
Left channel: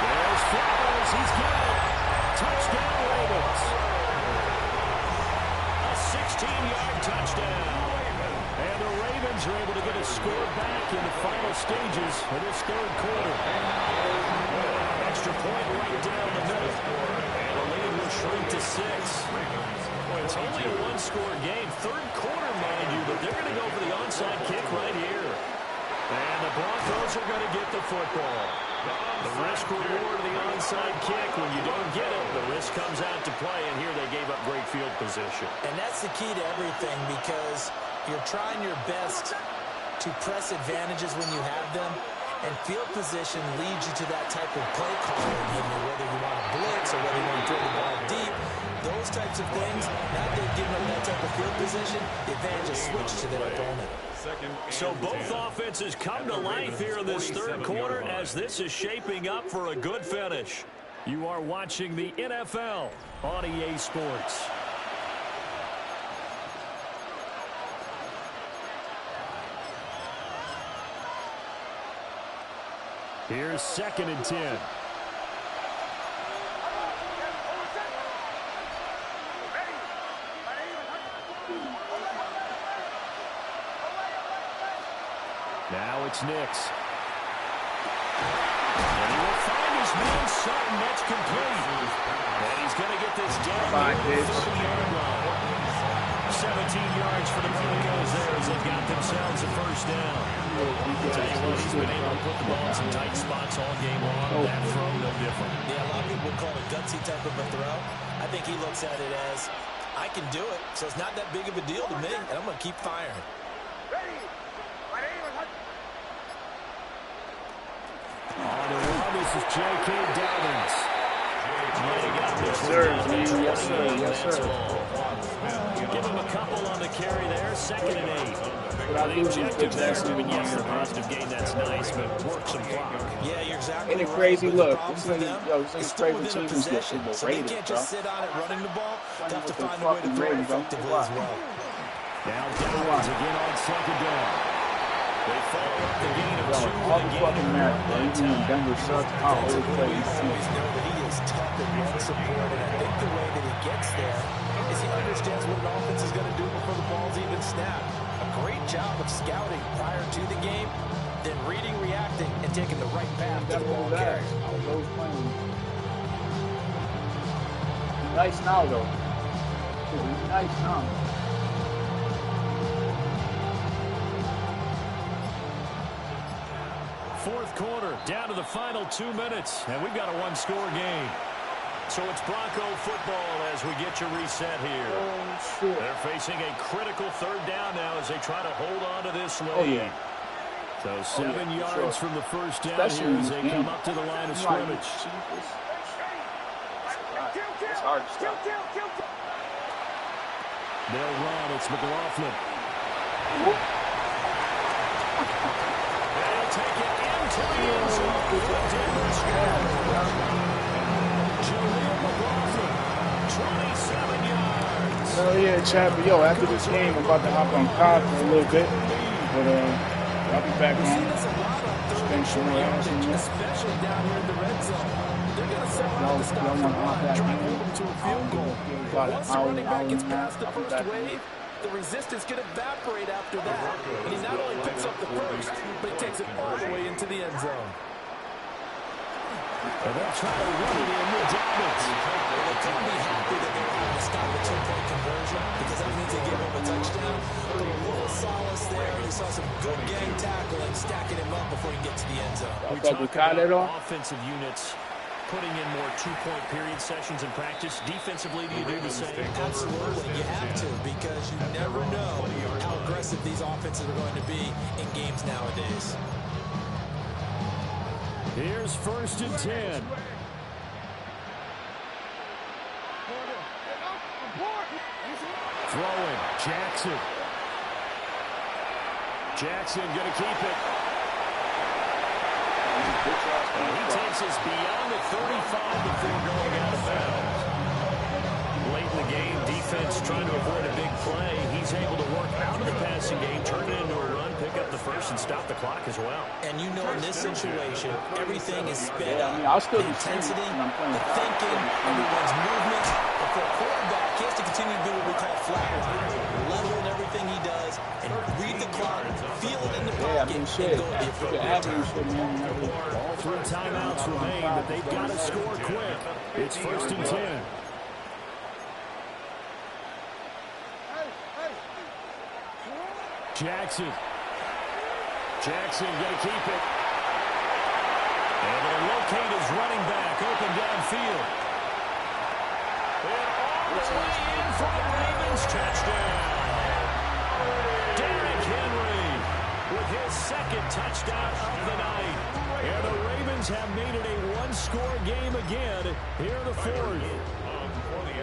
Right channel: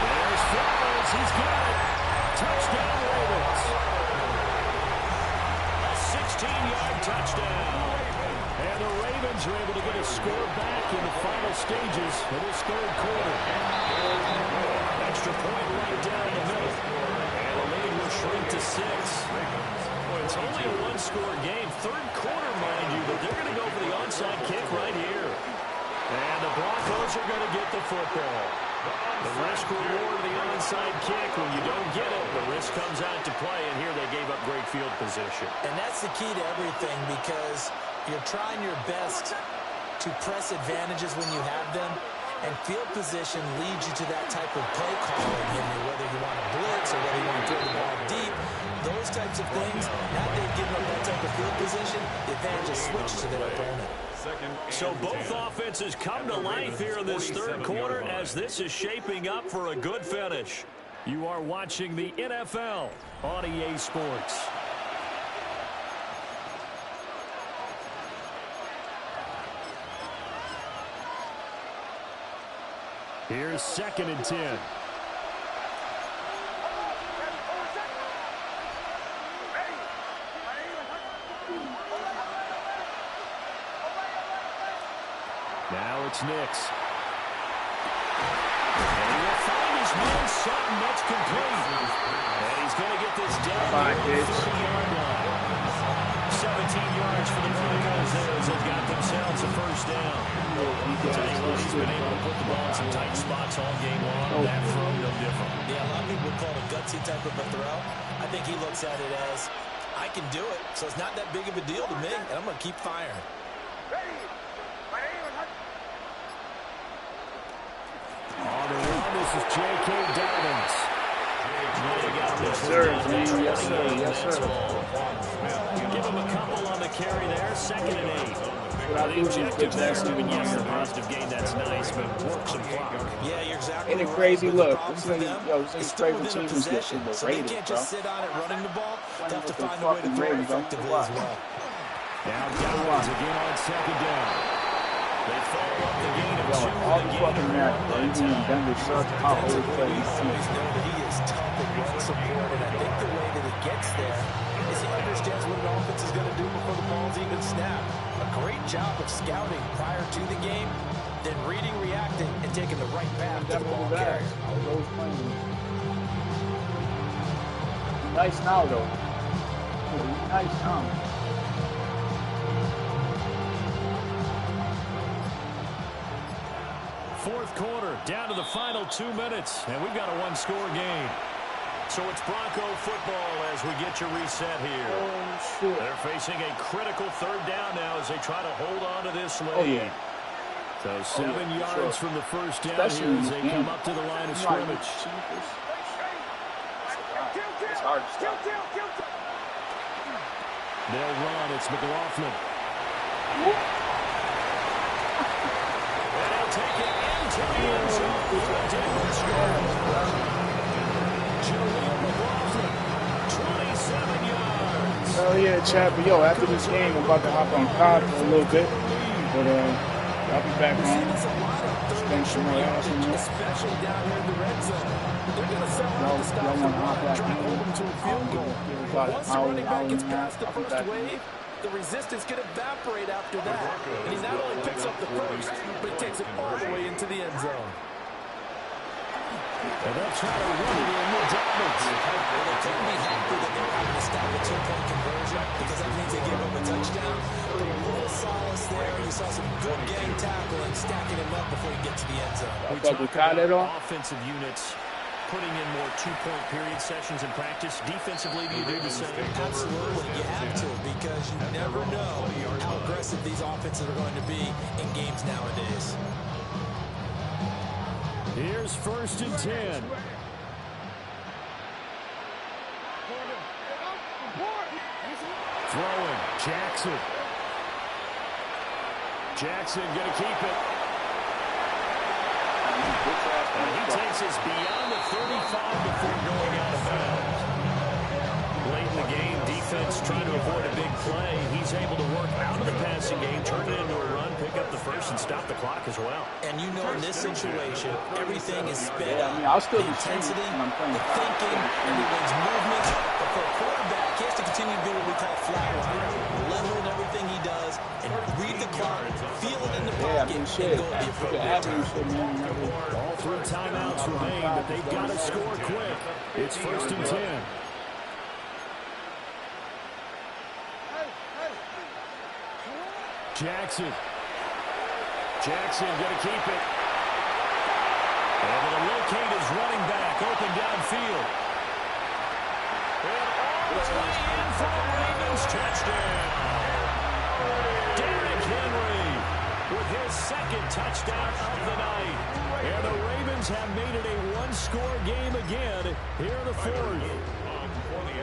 There's Flowers. He's got it. Touchdown, Ravens. A 16-yard touchdown. And the Ravens are able to get a score back in the final stages of this third quarter. Extra point right down the middle. And the lead will shrink to 6. Boy, it's only a one-score game. Third quarter, mind you, but they're going to go for the onside kick right here. And the Broncos are going to get the football. The risk reward of the onside kick, when you don't get it, the risk comes out to play, and here they gave up great field position. And that's the key to everything because you're trying your best to press advantages when you have them, and field position leads you to that type of play calling, whether you want to blitz or whether you want to throw the ball deep. Those types of things, now they've given up that type of field position, the advantage is switched to their opponent. So both offenses come to life here in this third quarter as this is shaping up for a good finish. You are watching the NFL on EA Sports. Here's 2nd and 10. Now it's Nix. And he will find his man Sutton. That's complete. And he's going to get this down to the 30-yard line. 17 yards for the Broncos there as they've got themselves a first down. Tell you what, he's been able to put the ball in some tight spots all game long. That throw, no different. Yeah, a lot of people would call it a gutsy type of a throw. I think he looks at it as, I can do it, so it's not that big of a deal to me, and I'm going to keep firing. On the run, this is J.K. Dobbins. Yes, sir. Yes, sir. Yes, sir. Give him a couple on the carry there. 2nd and 8. The objective there, yes, the positive gain, that's nice, but work some clock. Yeah, you're exactly Ain't it right. crazy? Look, This this is crazy team who's getting so they rated, can't bro. just sit on it running the ball. They have to with the find a way to fucking throw it ratings, bro. effectively as well. Now Dobbins again on 2nd down. They follow up the gain of 2 All with the a gain fucking of 1 match, bro. that Even when time. Denver sucks, how old We play always know that he is tough at run support, and I think the way that he gets there is he understands what an offense is going to do before the ball's even snapped. A great job of scouting prior to the game, then reading, reacting, and taking the right path to the ball carrier. I was always playing. Nice now, though. Nice now. Fourth quarter, down to the final 2 minutes, and we've got a one-score game. So it's Bronco football as we get your reset here. Oh, shit. They're facing a critical 3rd down now as they try to hold on to this lead. Oh, yeah. So 7 yards from the first down Especially here in as this they game. come up to the line of scrimmage. It's hard to stop. They'll run. It's McLaughlin. And he'll take it into the end zone for a Denver score. Jaleel McLaughlin, 27 yards. Hell yeah, Chad. But yo, after this game, I'm about to hop on COD for a little bit. But I'll be back on. Spend some more hours in there. Especially down here in the red zone. They're going to sell out to stop the run, try to hold them to a field goal. Once the running back gets past the first wave, the resistance can evaporate after that. And he not only picks up the first, but he takes it all the way into the end zone. And they'll try to run it in with Dobbins. Well, they couldn't be happy that they were having to stop a 2-point conversion because that means they gave up a touchdown. But a little solace there. You saw some good gang tackling, stacking him up before he gets to the end zone. We talk about offensive units putting in more 2-point period sessions in practice. Defensively, do you do the same? Absolutely. You have to because you never know how aggressive these offenses are going to be in games nowadays. Here's 1st and 10. Throwing, Jackson. Jackson going to keep it. And he takes us beyond the 35 before going out of bounds. Late in the game, defense trying to avoid a big play. He's able to work out of the passing game, turn it into a run, pick up the first, and stop the clock as well. And you know in this situation, everything is sped up. I'll still the be intensity, when I'm playing the thinking, everyone's movement. But for a quarterback, he has to continue to do what we call flatline. Level in everything he does and read the clock, feel it in the pocket, and go at the appropriate time. All 3 timeouts remain, but they've got to score quick. It's 1st and 10. Jackson. Jackson going to keep it. Able to locate his running back open downfield. And all the way in for the Ravens touchdown. Derrick Henry with his 2nd touchdown of the night. And the Ravens have made it a one-score game again here in the 4th.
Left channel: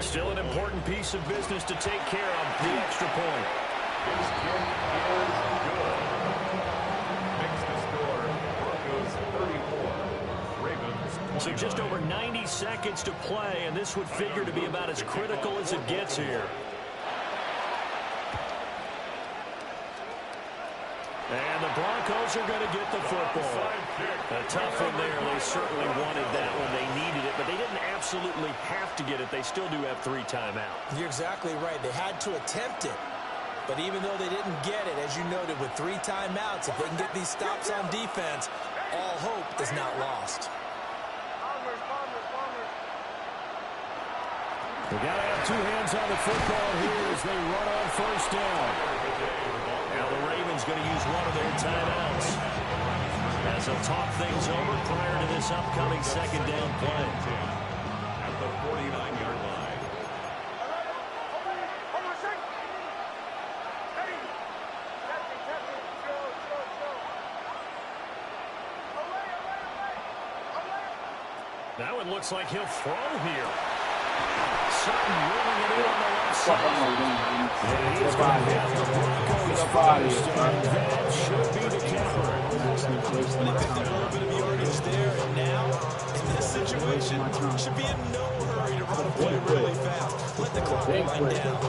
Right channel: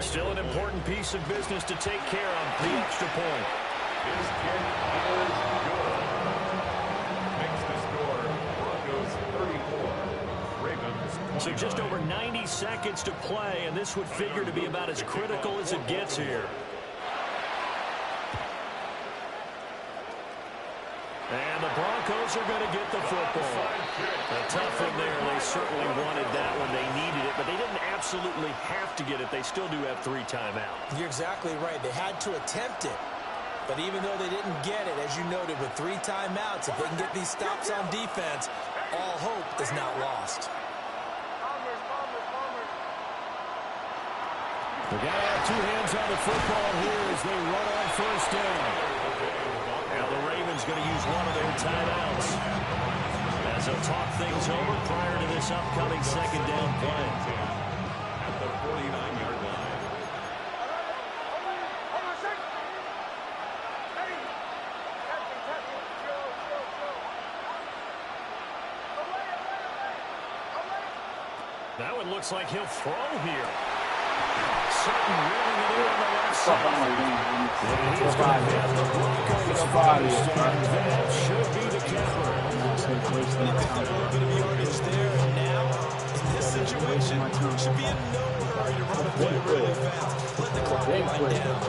Still an important piece of business to take care of, the extra point. His kick is good. Makes the score Broncos 34, Ravens 29. So just over 90 seconds to play, and this would figure to be about as critical as it gets here. And the Broncos Eagles are going to get the football. A tough one there. They certainly wanted that one. They needed it, but they didn't absolutely have to get it. They still do have 3 timeouts. You're exactly right. They had to attempt it. But even though they didn't get it, as you noted, with 3 timeouts, if they can get these stops on defense, all hope is not lost. They've got to have 2 hands on the football here as they run on first down. Now the Ravens going to use one of their timeouts as they'll talk things over prior to this upcoming second down play. At the 49-yard line. Now it looks like he'll throw here. Sutton rolling it in on the left side. And he's going to have the Broncos first, and that should be the capper. But he picked up a little bit of yardage there, and now, in this situation, should be in no hurry to run a play really fast. Let the clock wind down.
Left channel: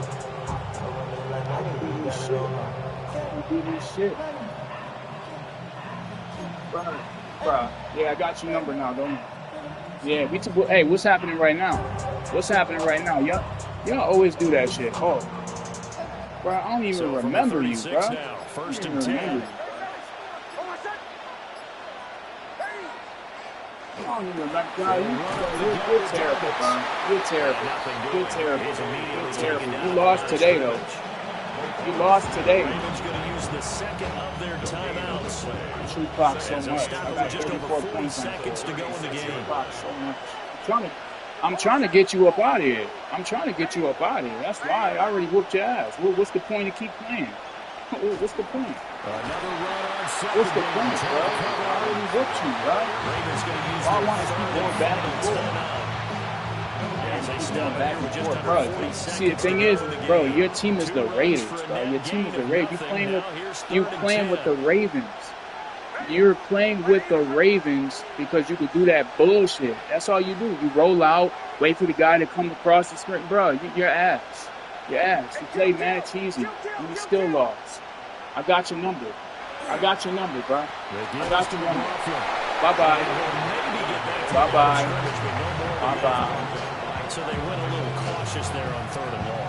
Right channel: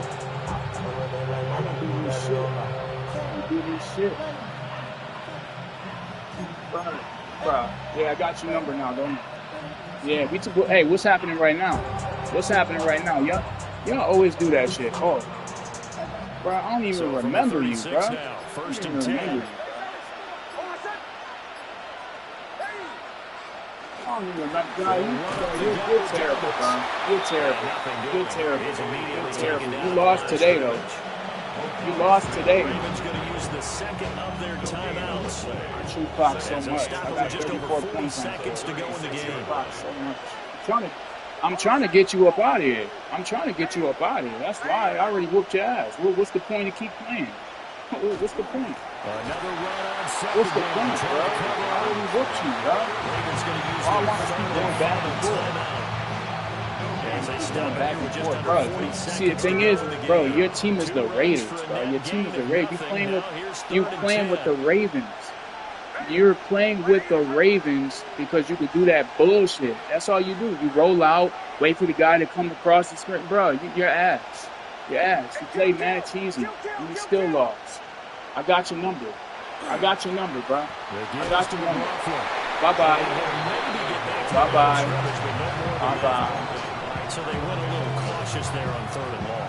Bro, yeah, I got your number now, don't you? Yeah, hey, what's happening right now? What's happening right now? Y'all always do that shit. Oh, bro, I don't even remember you, bro. Now, first and 10. I don't even remember. Bro, you're terrible, bro. You're terrible. You're terrible. You're terrible. You lost today, though. You lost today. Ravens going to use the second of their timeouts. I shoot clock so much. I got just over 34 40 points seconds to go in the game. I'm trying to get you up out of here. I'm trying to get you up out of here. That's why I already whooped your ass. What's the point to keep playing? What's the point? Another run on second. What's the point, bro? I already whooped you, bro. Ravens going to use I want to keep going back and forth. As they stop back and forth, bro. See, the thing is, bro, your team is the Raiders, bro. Your team is the Raiders. You playing with the Ravens. You're playing with the Ravens because you could do that bullshit. That's all you do. You roll out, wait for the guy to come across the screen. Bro, your ass. Your ass. You played mad cheesy, and you still lost. I got your number. I got your number, bro. I got your number. Bye-bye. Bye-bye. Bye-bye. So they went a little cautious there on 3rd and long.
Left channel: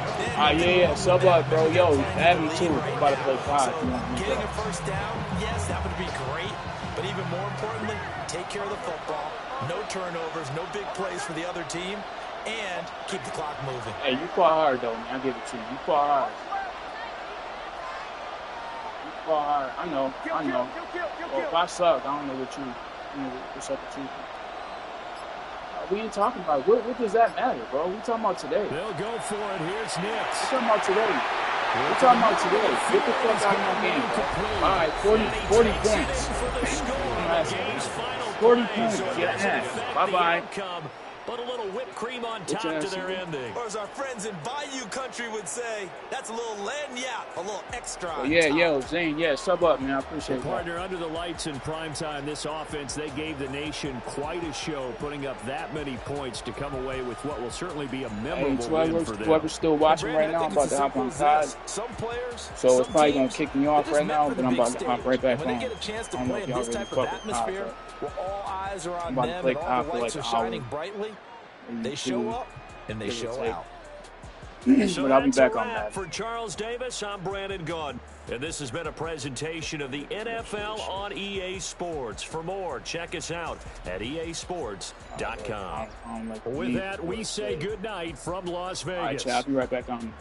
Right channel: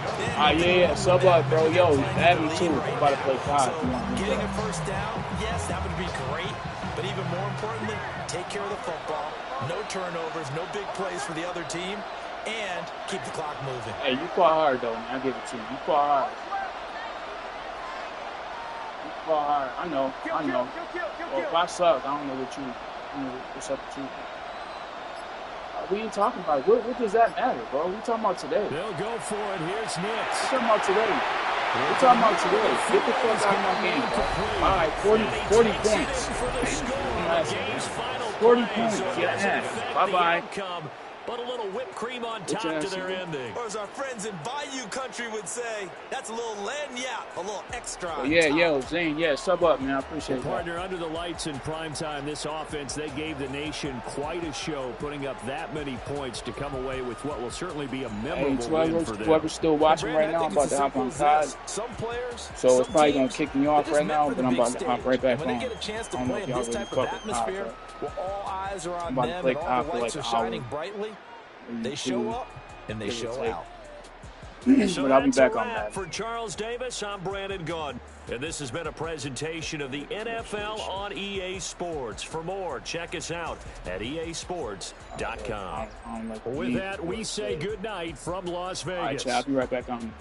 Yeah, sub up, bro. Yo, add me too. I'm about to play COD. Getting a first down, yes, that would be great. But even more importantly, take care of the football. No turnovers, no big plays for the other team, and keep the clock moving. Hey, you fought hard, though, man. I'll give it to you. You fought hard. You fought hard. I know. Well, if I suck, I don't know what's up with you. We ain't talking about it. What does that matter, bro? We talking about today. They'll go for it. Here's Nix. We talking about today. We talking about today. Get the fuck out of my game, bro. All right, 40 points. 40 points. Get ass. Bye-bye. But a little whipped cream on top to their ending. Or as our friends in Bayou Country would say, that's a little lagniappe, a little extra. Oh, yeah, yo, Zane, yeah, sub up, man. I appreciate it. Partner, under the lights in primetime, this offense, they gave the nation quite a show, putting up that many points to come away with what will certainly be a memorable win for them. Whoever's still watching right now, I'm about to hop on COD. So it's probably going to kick me off right now, but I'm about to hop right back on. I don't know if y'all really fuck with COD, where all eyes are on them and all the lights are shining brightly. They show up and they show out. So but I'll be back on that. For Charles Davis, I'm Brandon Gaudin. And this has been a presentation of the NFL on EA Sports. For more, check us out at easports.com. With that, we say good night from Las Vegas. All right, Chad, I'll be right back on.